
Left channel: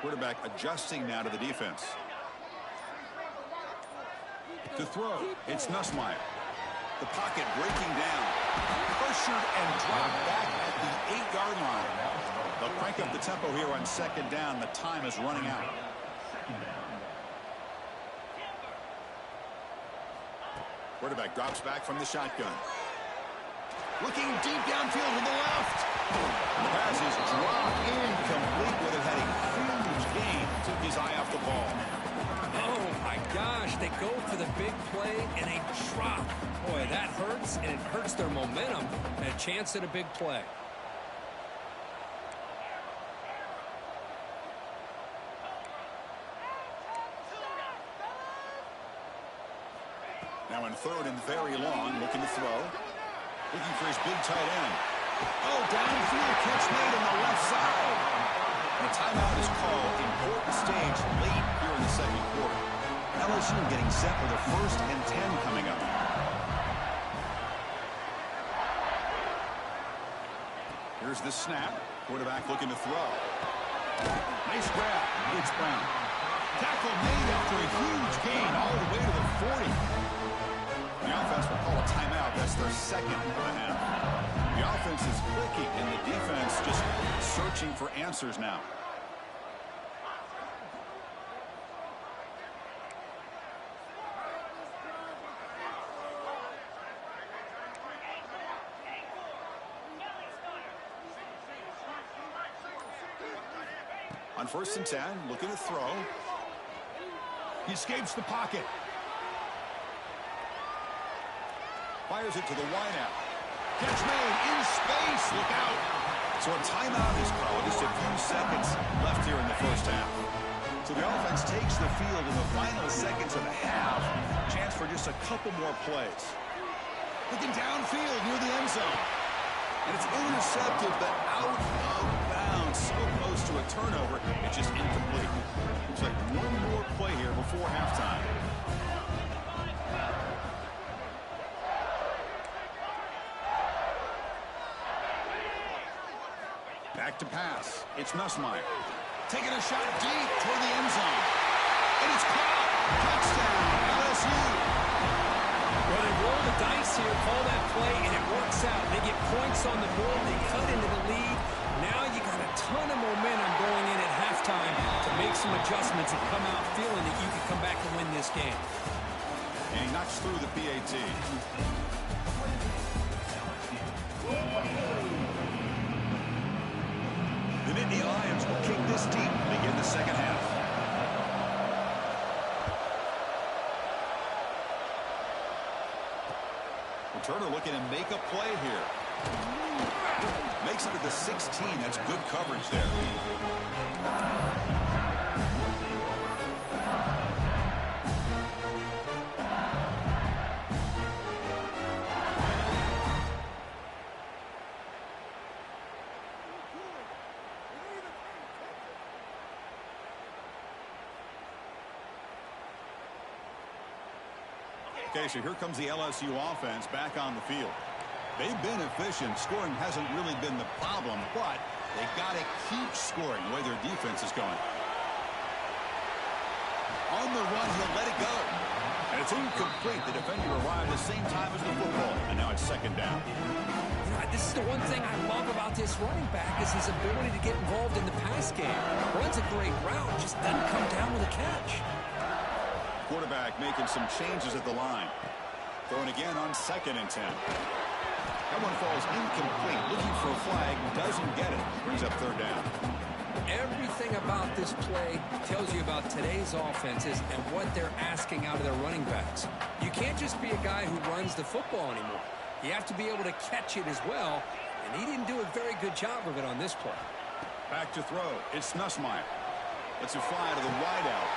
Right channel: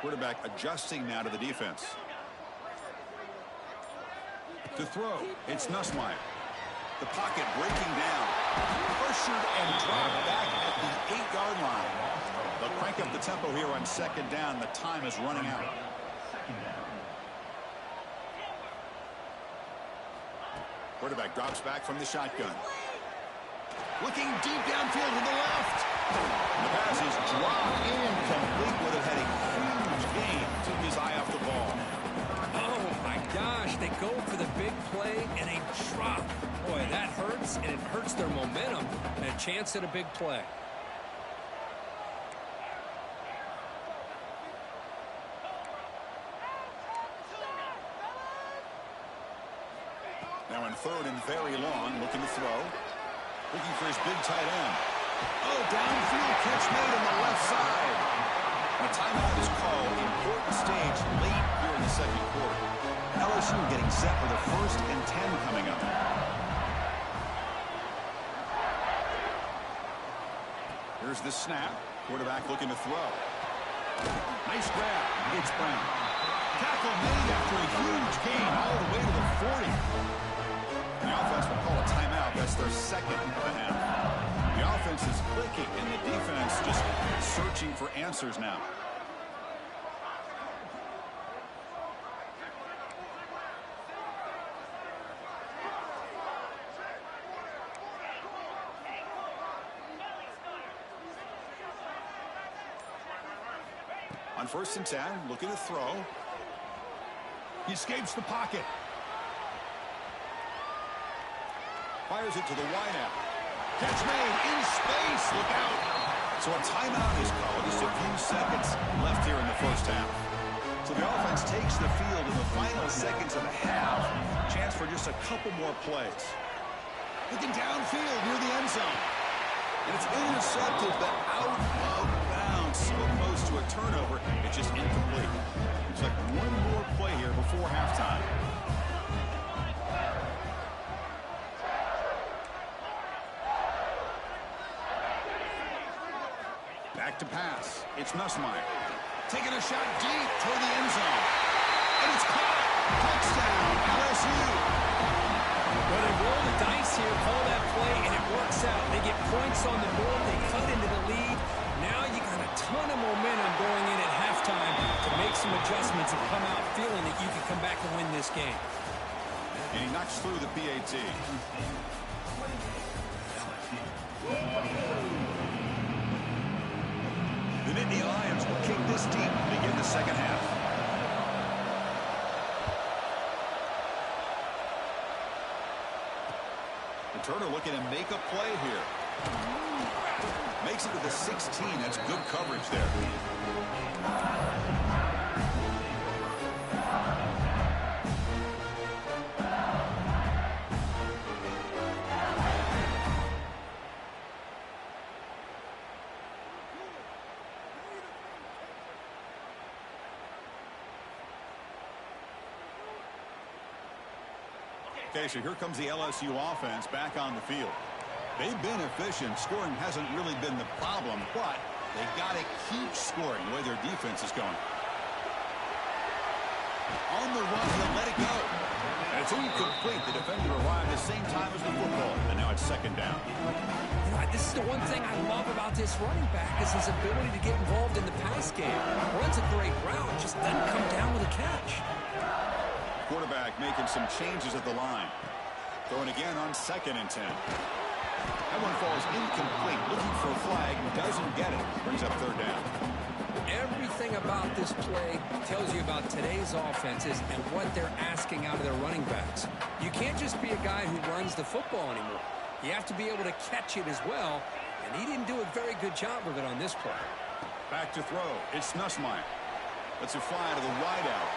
Quarterback adjusting now to the defense. To throw, it's Nussmeier. The pocket breaking down. Pressured and dropped back at the 8-yard line. They'll crank up the tempo here on second down. The time is running out. Quarterback drops back from the shotgun. Looking deep downfield to the left. The pass is dropped incomplete with it heading huge gain. Took his eye off the ball. Oh, my gosh. They go for the big play and a drop. Boy, that hurts, and it hurts their momentum and a chance at a big play. Now in third and very long, looking to throw. Looking for his big tight end. Oh, downfield catch made on the left side. And a timeout is called. Important stage late here in the second quarter. LSU getting set with a 1st and 10 coming up. Here's the snap. Quarterback looking to throw. Nice grab. It's Brown. Tackle made after a huge gain all the way to the 40. The offense will call a timeout. That's their second of the half. The offense is clicking, and the defense just searching for answers now. On 1st and 10, looking to throw. He escapes the pocket. Fires it to the wideout. Catch made in space. Look out. So a timeout is called. Just a few seconds left here in the first half. So the offense takes the field in the final seconds of the half. Chance for just a couple more plays. Looking downfield near the end zone. And it's intercepted, but out of bounds. So close to a turnover, it's just incomplete. Looks like one more play here before halftime. Back to pass. It's Nussmeier. Taking a shot deep toward the end zone. And it's caught. Touchdown, LSU. Well, they roll the dice here, call that play, and it works out. They get points on the board. They cut into the lead. Now you got a ton of momentum going in at halftime to make some adjustments and come out feeling that you can come back and win this game. And he knocks through the PAT. The Nittany Lions will kick this deep to begin the second half. Turner looking to make a play here. Makes it to the 16. That's good coverage there. Okay, so here comes the LSU offense back on the field. They've been efficient. Scoring hasn't really been the problem, but they got to keep scoring the way their defense is going. On the run, he'll let it go. And it's incomplete. The defender arrived at the same time as the football, and now it's second down. You know, this is the one thing I love about this running back is his ability to get involved in the pass game. Runs a great route, just doesn't come down with a catch. Quarterback making some changes at the line. Throwing again on 2nd and 10. That one falls incomplete. Looking for a flag. Doesn't get it. Brings up 3rd down. Everything about this play tells you about today's offenses and what they're asking out of their running backs. You can't just be a guy who runs the football anymore. You have to be able to catch it as well, and he didn't do a very good job of it on this play. Back to throw. It's Nussmeier. Lets it fly to the wideout.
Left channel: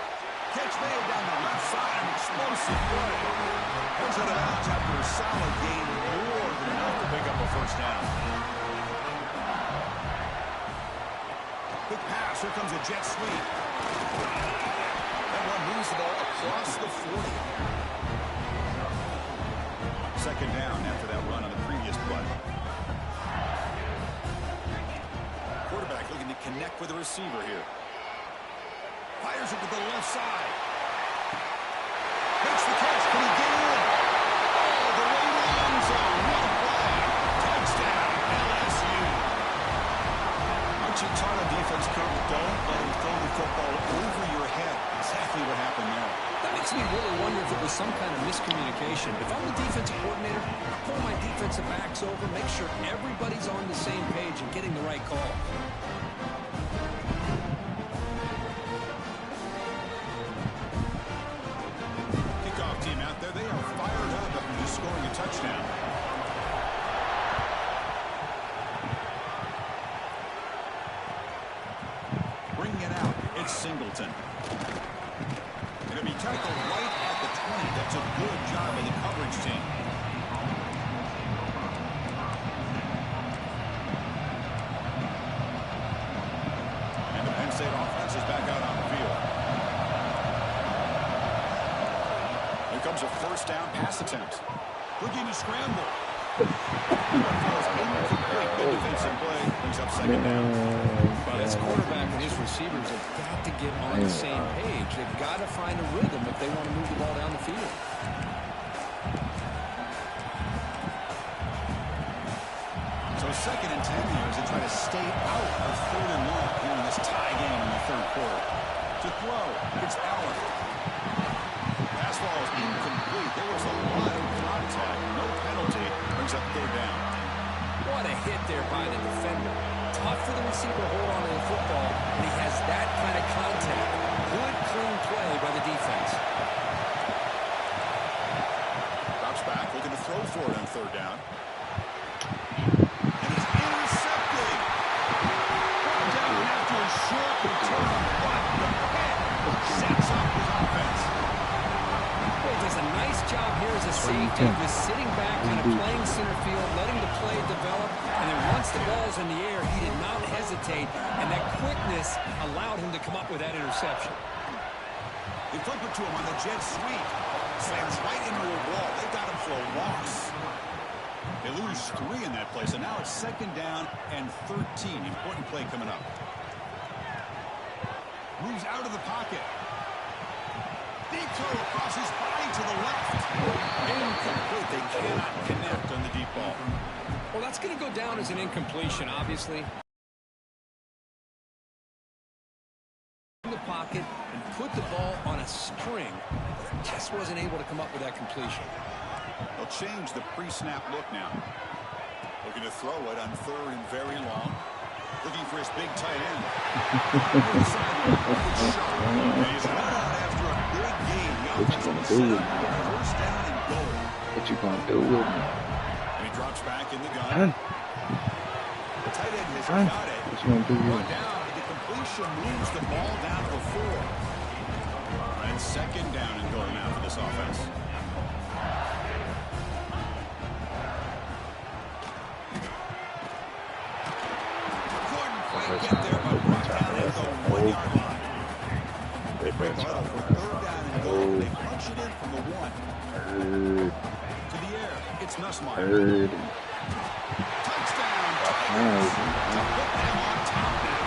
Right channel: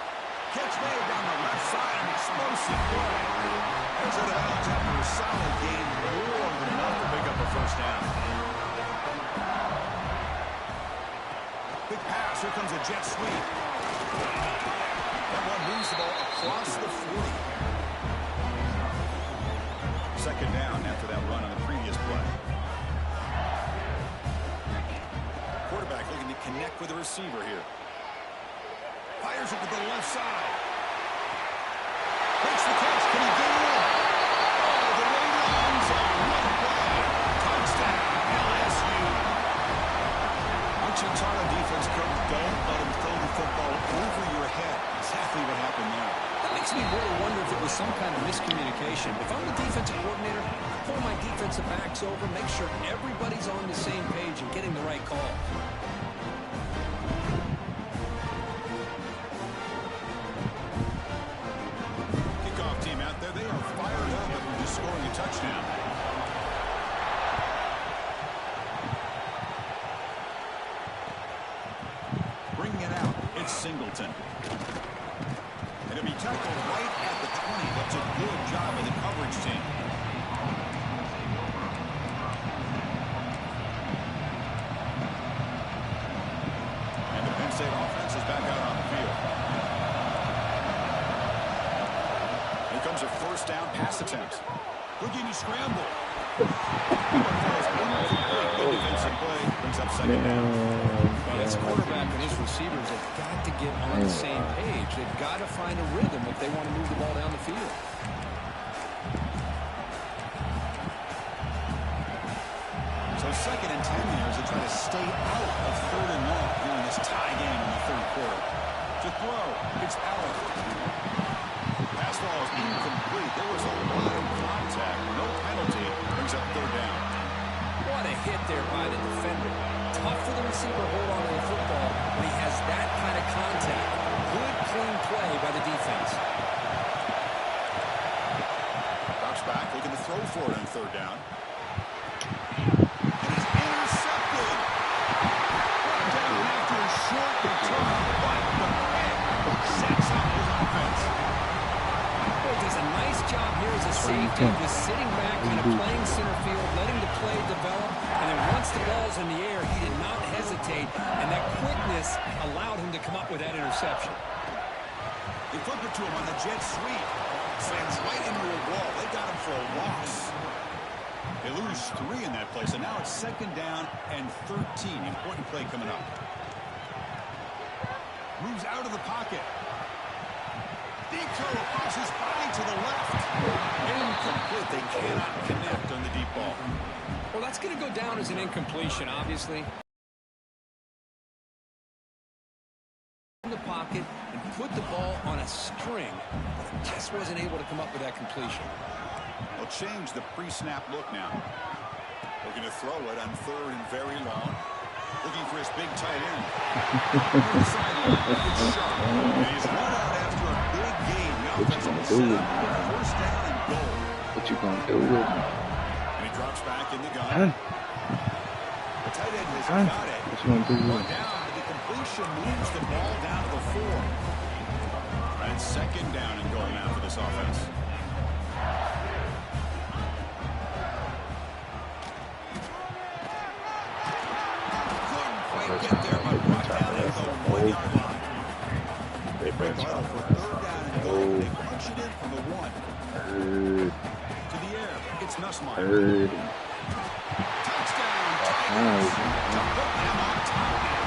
Catch made down the left side, an explosive play. Heads out of bounds after a solid game, more than enough to pick up a 1st down. Quick pass. Here comes a jet sweep. That one moves the ball across the 40. Second down after that run on the previous play. Quarterback looking to connect with the receiver here. Fires it to the left side. Makes the catch. Can he get in? Oh, the way to the end zone. What a play. Touchdown, LSU. Aren't you taught on defense, Coach? Don't let him throw the football over your head. Exactly what happened there. That makes me really wonder if it was some kind of miscommunication. If I'm the defensive coordinator, I pull my defensive backs over, make sure everybody's on the same page and getting the right call. Kickoff team out there. They are fired up after just scoring a touchdown. Bringing it out. It's Singleton. And it'll be tackled right at the 20. That's a good job of the coverage team. And the Penn State offense is back out on the field. Here comes a first down pass attempt. Looking to scramble. That one falls incomplete. Good defensive play. Brings up second down. Well, this quarterback and his receivers have got to get on the same page. They've got to find a rhythm if they want to move the ball down the field. So second and 10 here as they try to stay out of third and long here in this tie game in the third quarter. To throw, it's Allen. Pass ball is incomplete. There was a lot of contact. No penalty. Brings up third down. What a hit there by the defender. Tough for the receiver to hold on to the football when he has that kind of contact. Good, clean play by the defense. Drops back, looking to throw for it on third down. And it's intercepted. Brought down after a short return, but the pick sets up his offense. Boy, does a nice job here as a safety, just sitting back, kind of playing center field, letting the play develop, and then once the ball's in the air, he did not hesitate, and that quickness allowed him to come up with that interception. They flip it to him on the jet sweep. Slams right into a wall. They got him for a loss. They lose 3 in that play, so now it's second down and 13. Important play coming up. Moves out of the pocket. Deep throw across his body to the left. Incomplete. They cannot connect on the deep ball. Well, that's going to go down as an incompletion, obviously. In the pocket and put the ball on a string, but it just wasn't able to come up with that completion. They'll change the pre-snap look now. Looking to throw it on third and very long. Looking for his big tight end. Near the sideline. And he's run out after a big gain. The offense will set up first down and goal. What you gonna do with me? And he drops back in the gun. The tight end has got it. What you gonna do with Run me? down. The completion moves the ball down to the 4. And second down and goal now for this offense. Get there, but brought down at the 1-yard line. They break the huddle for third down and goal. They punch it in from the 1. To the air, it's Nussmeier. Touchdown, Tigers. To put them on top now.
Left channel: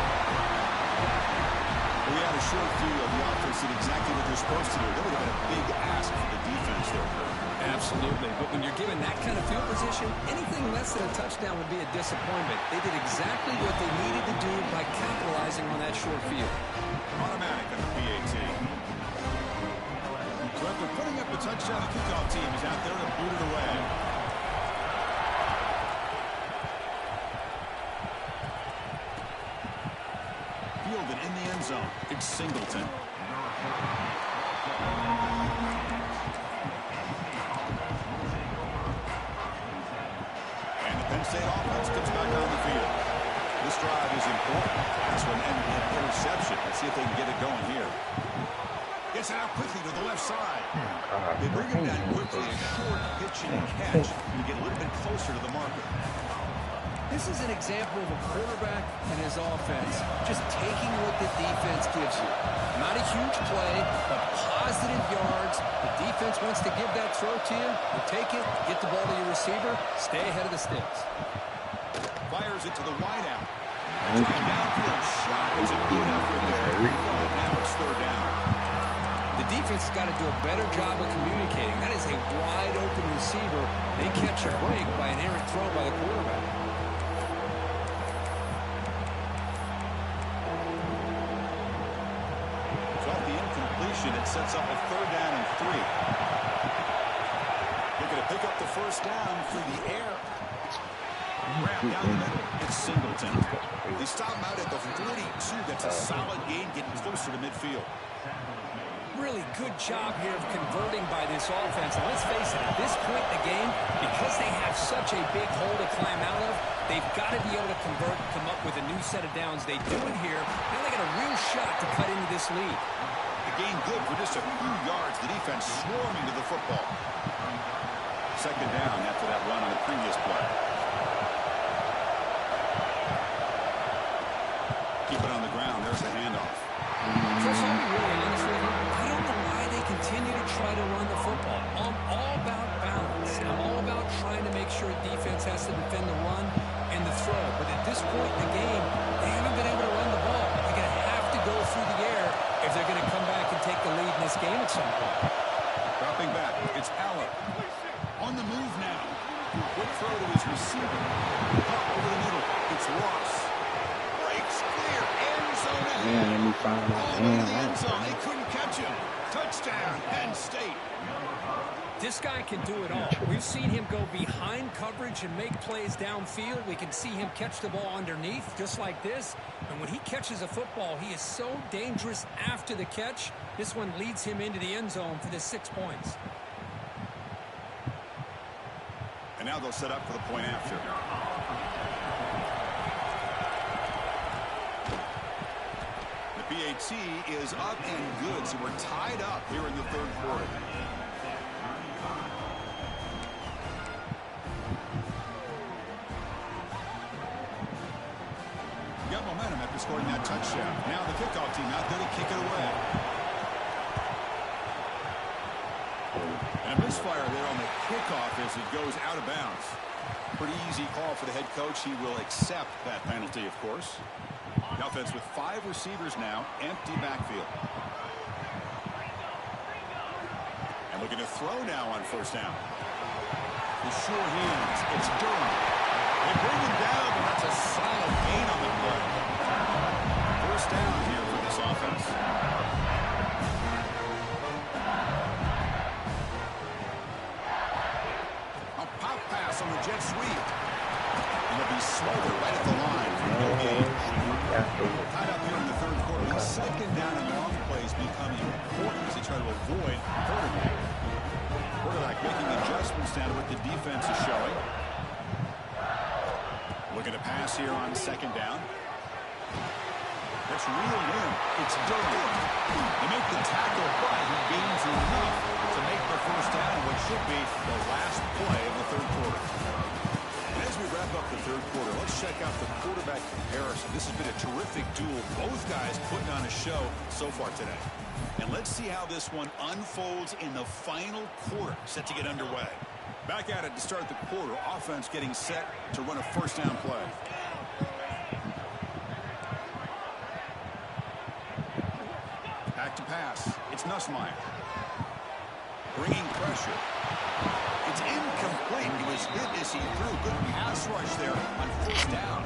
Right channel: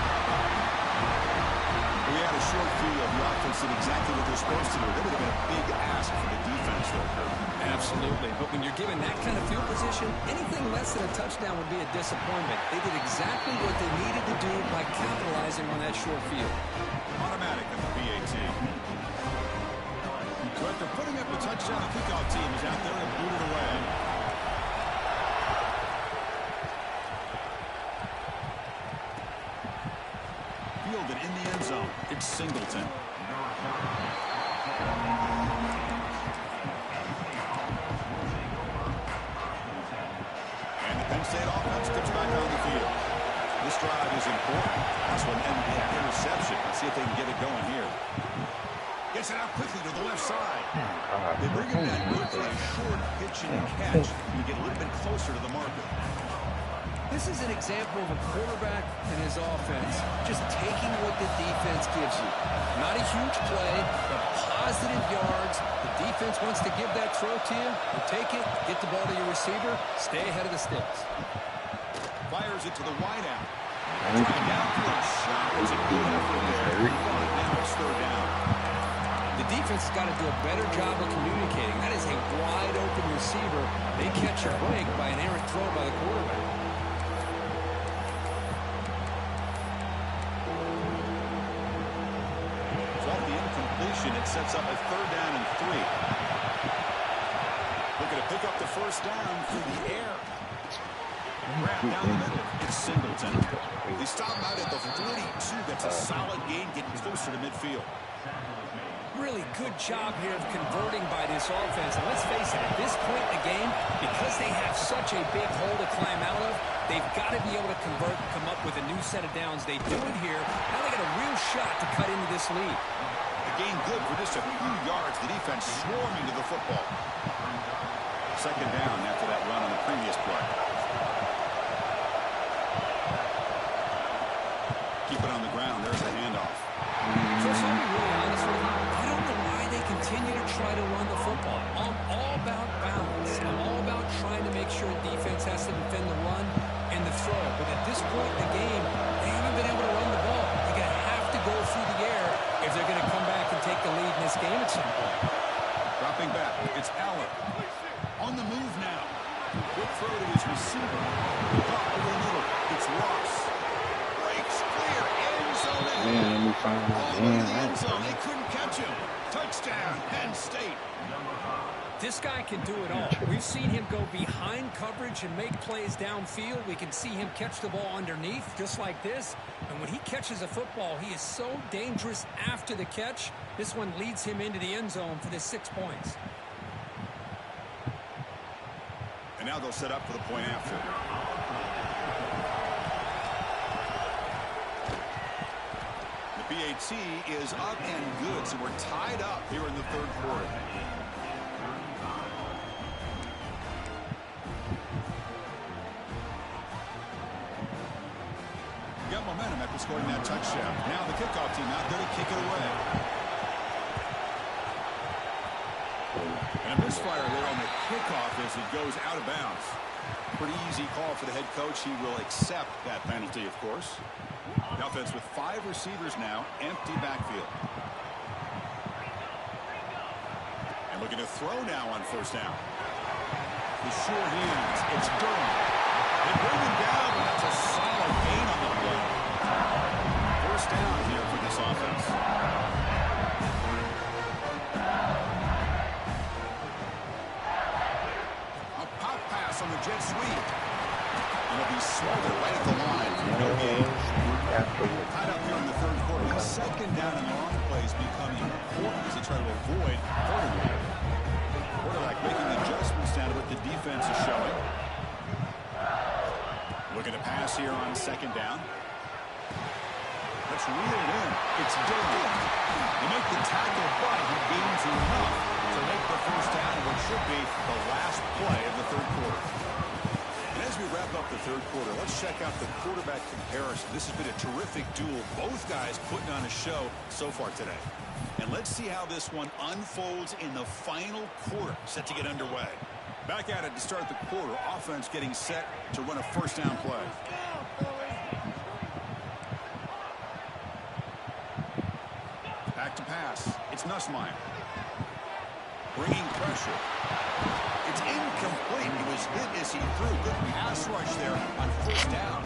We had a short field. The offense did exactly what they're supposed to do. That would have been a big ask for the defense there, Kurt. Absolutely. But when you're given that kind of field position, anything less than a touchdown would be a disappointment. They did exactly what they needed to do by capitalizing on that short field. Automatic on the PAT. So after putting up a touchdown, the kickoff team is out there and boot it away. Fielded in the end zone. It's Singleton. And the Penn State offense comes back on the field. This drive is important. Last one ended in an interception. Let's see if they can get it going here. Gets it out quickly to the left side. They bring him down quickly. A short pitch and catch. You get a little bit closer to the marker. This is an example of a quarterback and his offense just taking what the defense gives you. Not a huge play, but positive yards. The defense wants to give that throw to you. You take it, get the ball to your receiver, stay ahead of the sticks. Fires it to the wideout. Trying downfield shot. It's a good effort there. But now it's third down. The defense has got to do a better job of communicating. That is a wide-open receiver. They catch a break by an errant throw by the quarterback. Off the incompletion, it sets up a third down and 3. Looking to pick up the first down through the air. Wrap down the middle. It's Singleton. They stop him out at the 42. That's a solid gain, getting closer to midfield. Really good job here of converting by this offense. And let's face it, at this point in the game, because they have such a big hole to climb out of, they've got to be able to convert and come up with a new set of downs. They do it here. Now they got a real shot to cut into this lead. The gain good for just a few yards. The defense swarming to the football. Second down after that run on the previous play. Keep it on the ground. There's the handoff. Chris, I'll be really honest with you. I don't know why they continue to try to run the football. I'm all about balance. I'm all about trying to make sure defense has to defend the run and the throw. But at this point in the game, they haven't been able to run the ball. They're going to have to go through the air if they're going to come back and take the lead in this game at some point. Dropping back. It's Aller. On the move now. Quick throw to his receiver. Pop over the middle. It's Ross. Breaks clear. End zone ahead. Let me find my All over the end zone. They couldn't catch him. Touchdown, Penn State. This guy can do it all. We've seen him go behind coverage and make plays downfield. We can see him catch the ball underneath, just like this. And when he catches a football, he is so dangerous after the catch. This one leads him into the end zone for the 6 points. And now they'll set up for the point after. The PAT is up and good, so we're tied up here in the third quarter. Got momentum after scoring that touchdown. Now the kickoff team out there to kick it away. And a misfire there on the kickoff as it goes out of bounds. Pretty easy call for the head coach. He will accept that penalty, of course. The offense with 5 receivers now, empty backfield. And looking to throw now on first down. The sure hands, it's Durham. They bring him down, but that's a solid gain on the play. First down here for this offense. A pop pass on the jet sweep. And it'll be smothered right at the line for no gain. Tied up here in the third quarter. These second down and long plays become important as they try to avoid hurting him. Quarterback making adjustments down to what the defense is showing. Looking to pass here on second down. That's reeled in. It's Durham. They make the tackle, but he gains enough to make the first down in what should be the last play of the third quarter. And as we wrap up the third quarter, let's check out the quarterback comparison. This has been a terrific duel. Both guys putting on a show so far today. And let's see how this one unfolds in the final quarter, set to get underway. Back at it to start the quarter. Offense getting set to run a first down play. Back to pass. It's Nussmeier. Bringing pressure. It's incomplete. He was hit as he threw. Good pass rush there on first down.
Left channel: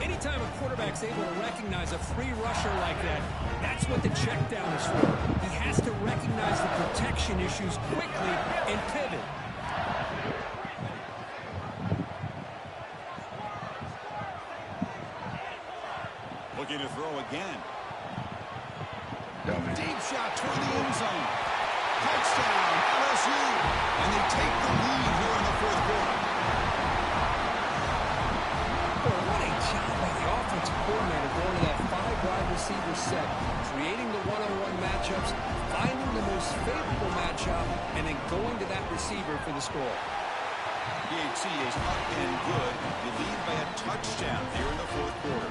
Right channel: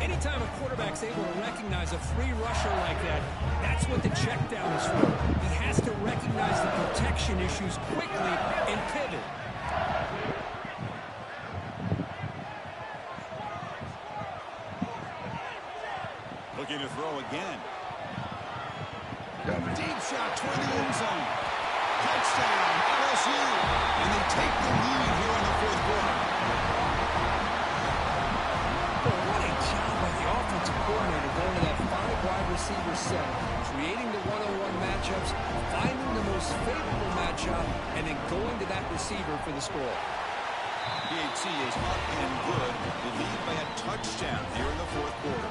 Anytime a quarterback's able to recognize a free rusher like that, that's what the check down is for. He has to recognize the protection issues quickly and pivot. Looking to throw again. Deep shot toward the end zone. Touchdown, LSU. And they take the lead here in the fourth quarter. Well, what a job by the offensive coordinator going to that 5-wide receiver set, creating the one-on-one matchups, finding the most favorable matchup, and then going to that receiver for the score. PAT is up and good. They lead by a touchdown here in the fourth quarter.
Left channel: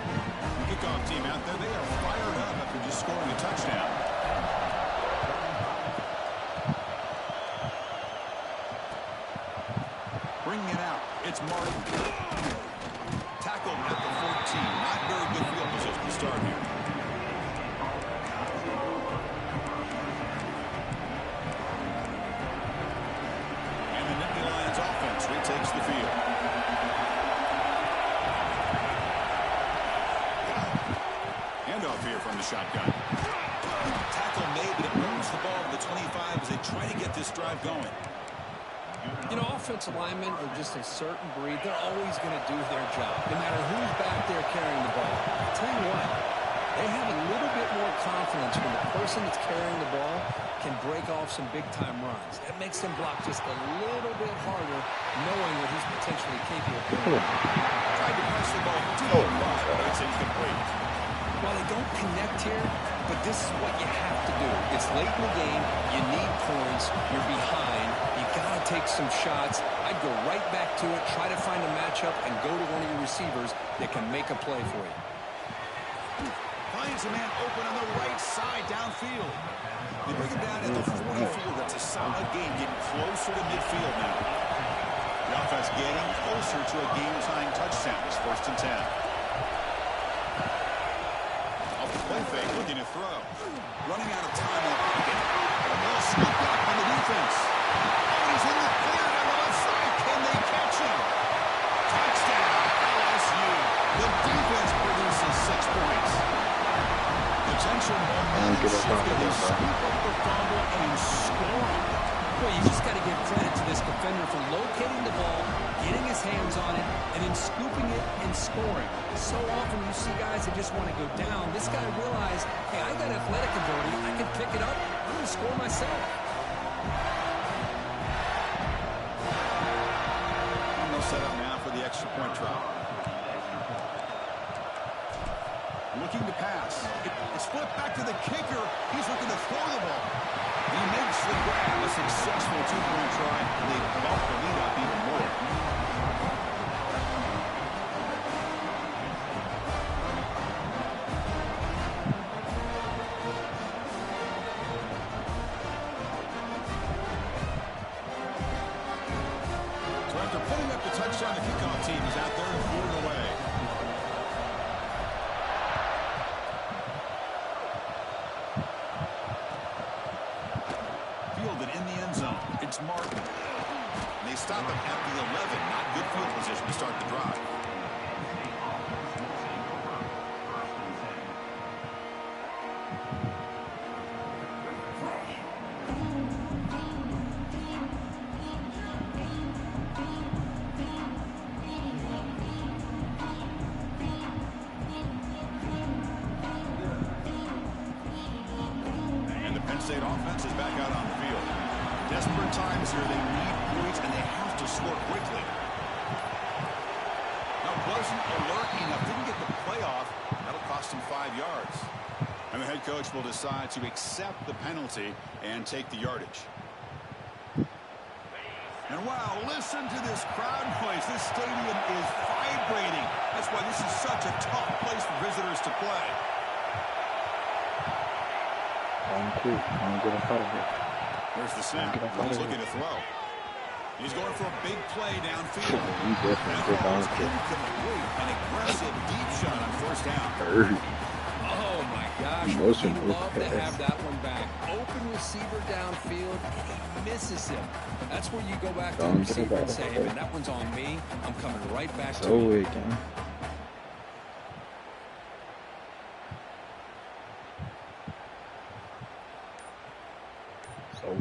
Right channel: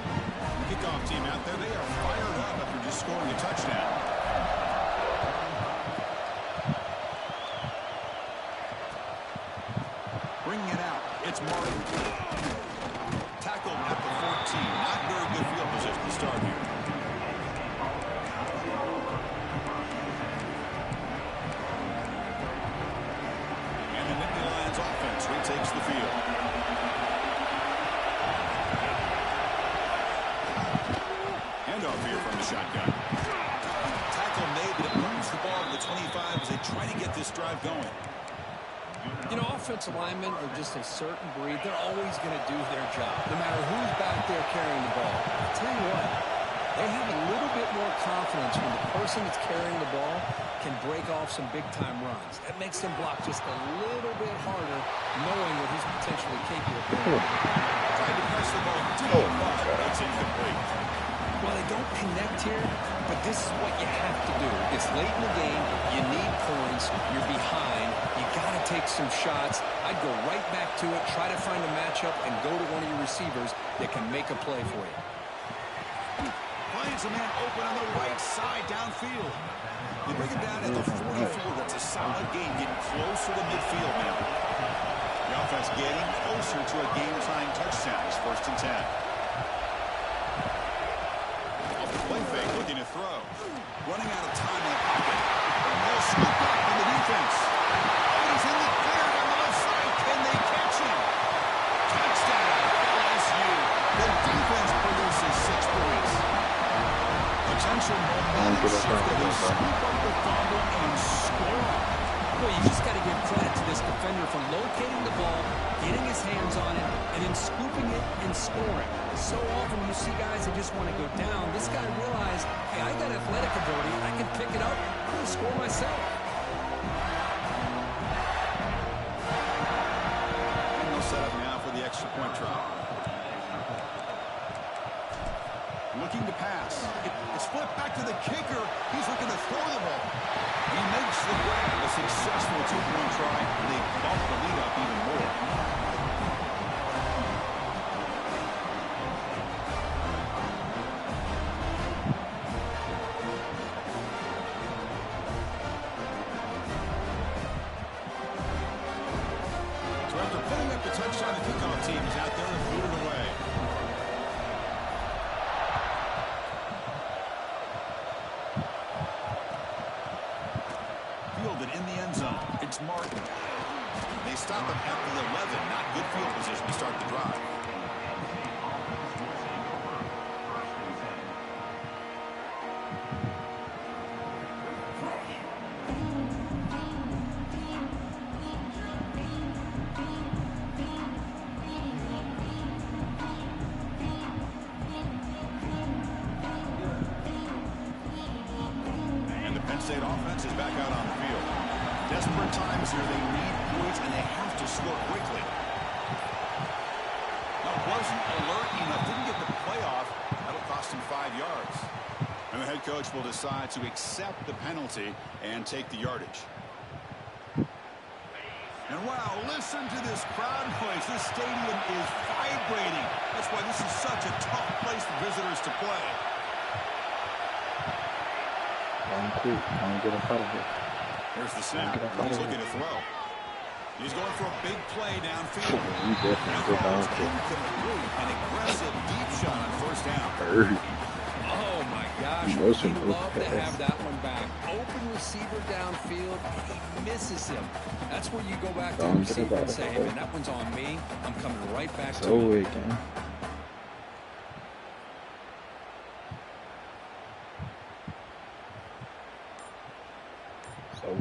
The kickoff team out there, they are fired up after just scoring a touchdown. Bringing it out, it's Martin. Tackled at the 14. Not very good field position to start here. And the Nittany Lions offense retakes the field. Handoff here from the shotgun. Tackle made, but it moves the ball to the 25 as they try to get this drive going. You know, offensive linemen are just a certain breed. They're always going to do their job, no matter who's back there carrying the ball. I'll tell you what, they have a little bit more confidence when the person that's carrying the ball can break off some big-time runs. That makes them block just a little bit harder, knowing what he's potentially capable of doing. Tried to press the ball deep, but it's incomplete. Well, they don't connect here, but this is what you have to do. It's late in the game. You need points. You're behind. You got to take some shots. I'd go right back to it, try to find a matchup, and go to one of your receivers that can make a play for you. Finds a man open on the right side downfield. They bring it down at the 44. That's a solid game, getting closer to midfield now. The offense getting closer to a game-tying touchdown. It's 1st and 10. Play fake, looking to throw. Running out of time in the pocket. Ball scooped up by the defense. Oh, he's in the clear down the left side. Can they catch him? Touchdown, LSU. The defense produces 6 points. Potential momentum shift. They scoop up the fumble and score. Well, you just got to give credit to this defender for locating the ball, getting his hands on it, and then scooping it and scoring. So often you see guys that just want to go down. This guy realized, hey, I got athletic ability. I can pick it up. I'm going to score myself. And they'll set up now for the extra point try. Looking to pass. It's flipped back to the kicker. He's looking to throw the ball. He makes the grab, a successful 2-point try, and they bump the lead up even more. So after putting up the touchdown, the kickoff team is out there to boot it away. In the end zone, it's Martin. They stop him at the 11. Not good field position to start the drive. And the Penn State offense is back out on the field. Desperate times here. They need points, and they have to score quickly. That wasn't alert enough. Didn't get the playoff. That'll cost him 5 yards. And the head coach will decide to accept the penalty and take the yardage. And wow, listen to this crowd noise. This stadium is vibrating. That's why this is such a tough place for visitors to play. Get us out of here. There's the snap. He's looking to throw. He's going for a big play downfield. That ball is incomplete. An aggressive deep shot on 1st down. Oh, my gosh. He'd love to have that one back. Open receiver downfield, and he misses him. That's where you go back to the receiver and say, hey, man, that one's on me. I'm coming right back to you.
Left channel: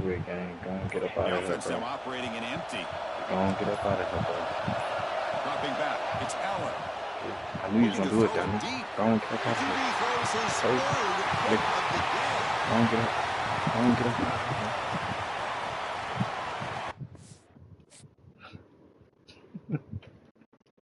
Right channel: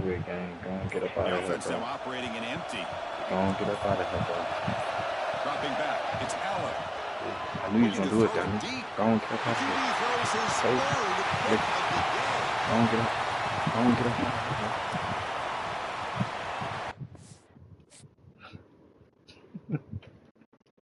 Weird game. Go and get up out of here, bro. Now operating in empty. Go and get up out of here, bro. Dropping back. It's Allen. I knew he was going to do it, Danny. Go and get up out of here. Throws his third of the day. Go and get up. Go and get up out of here.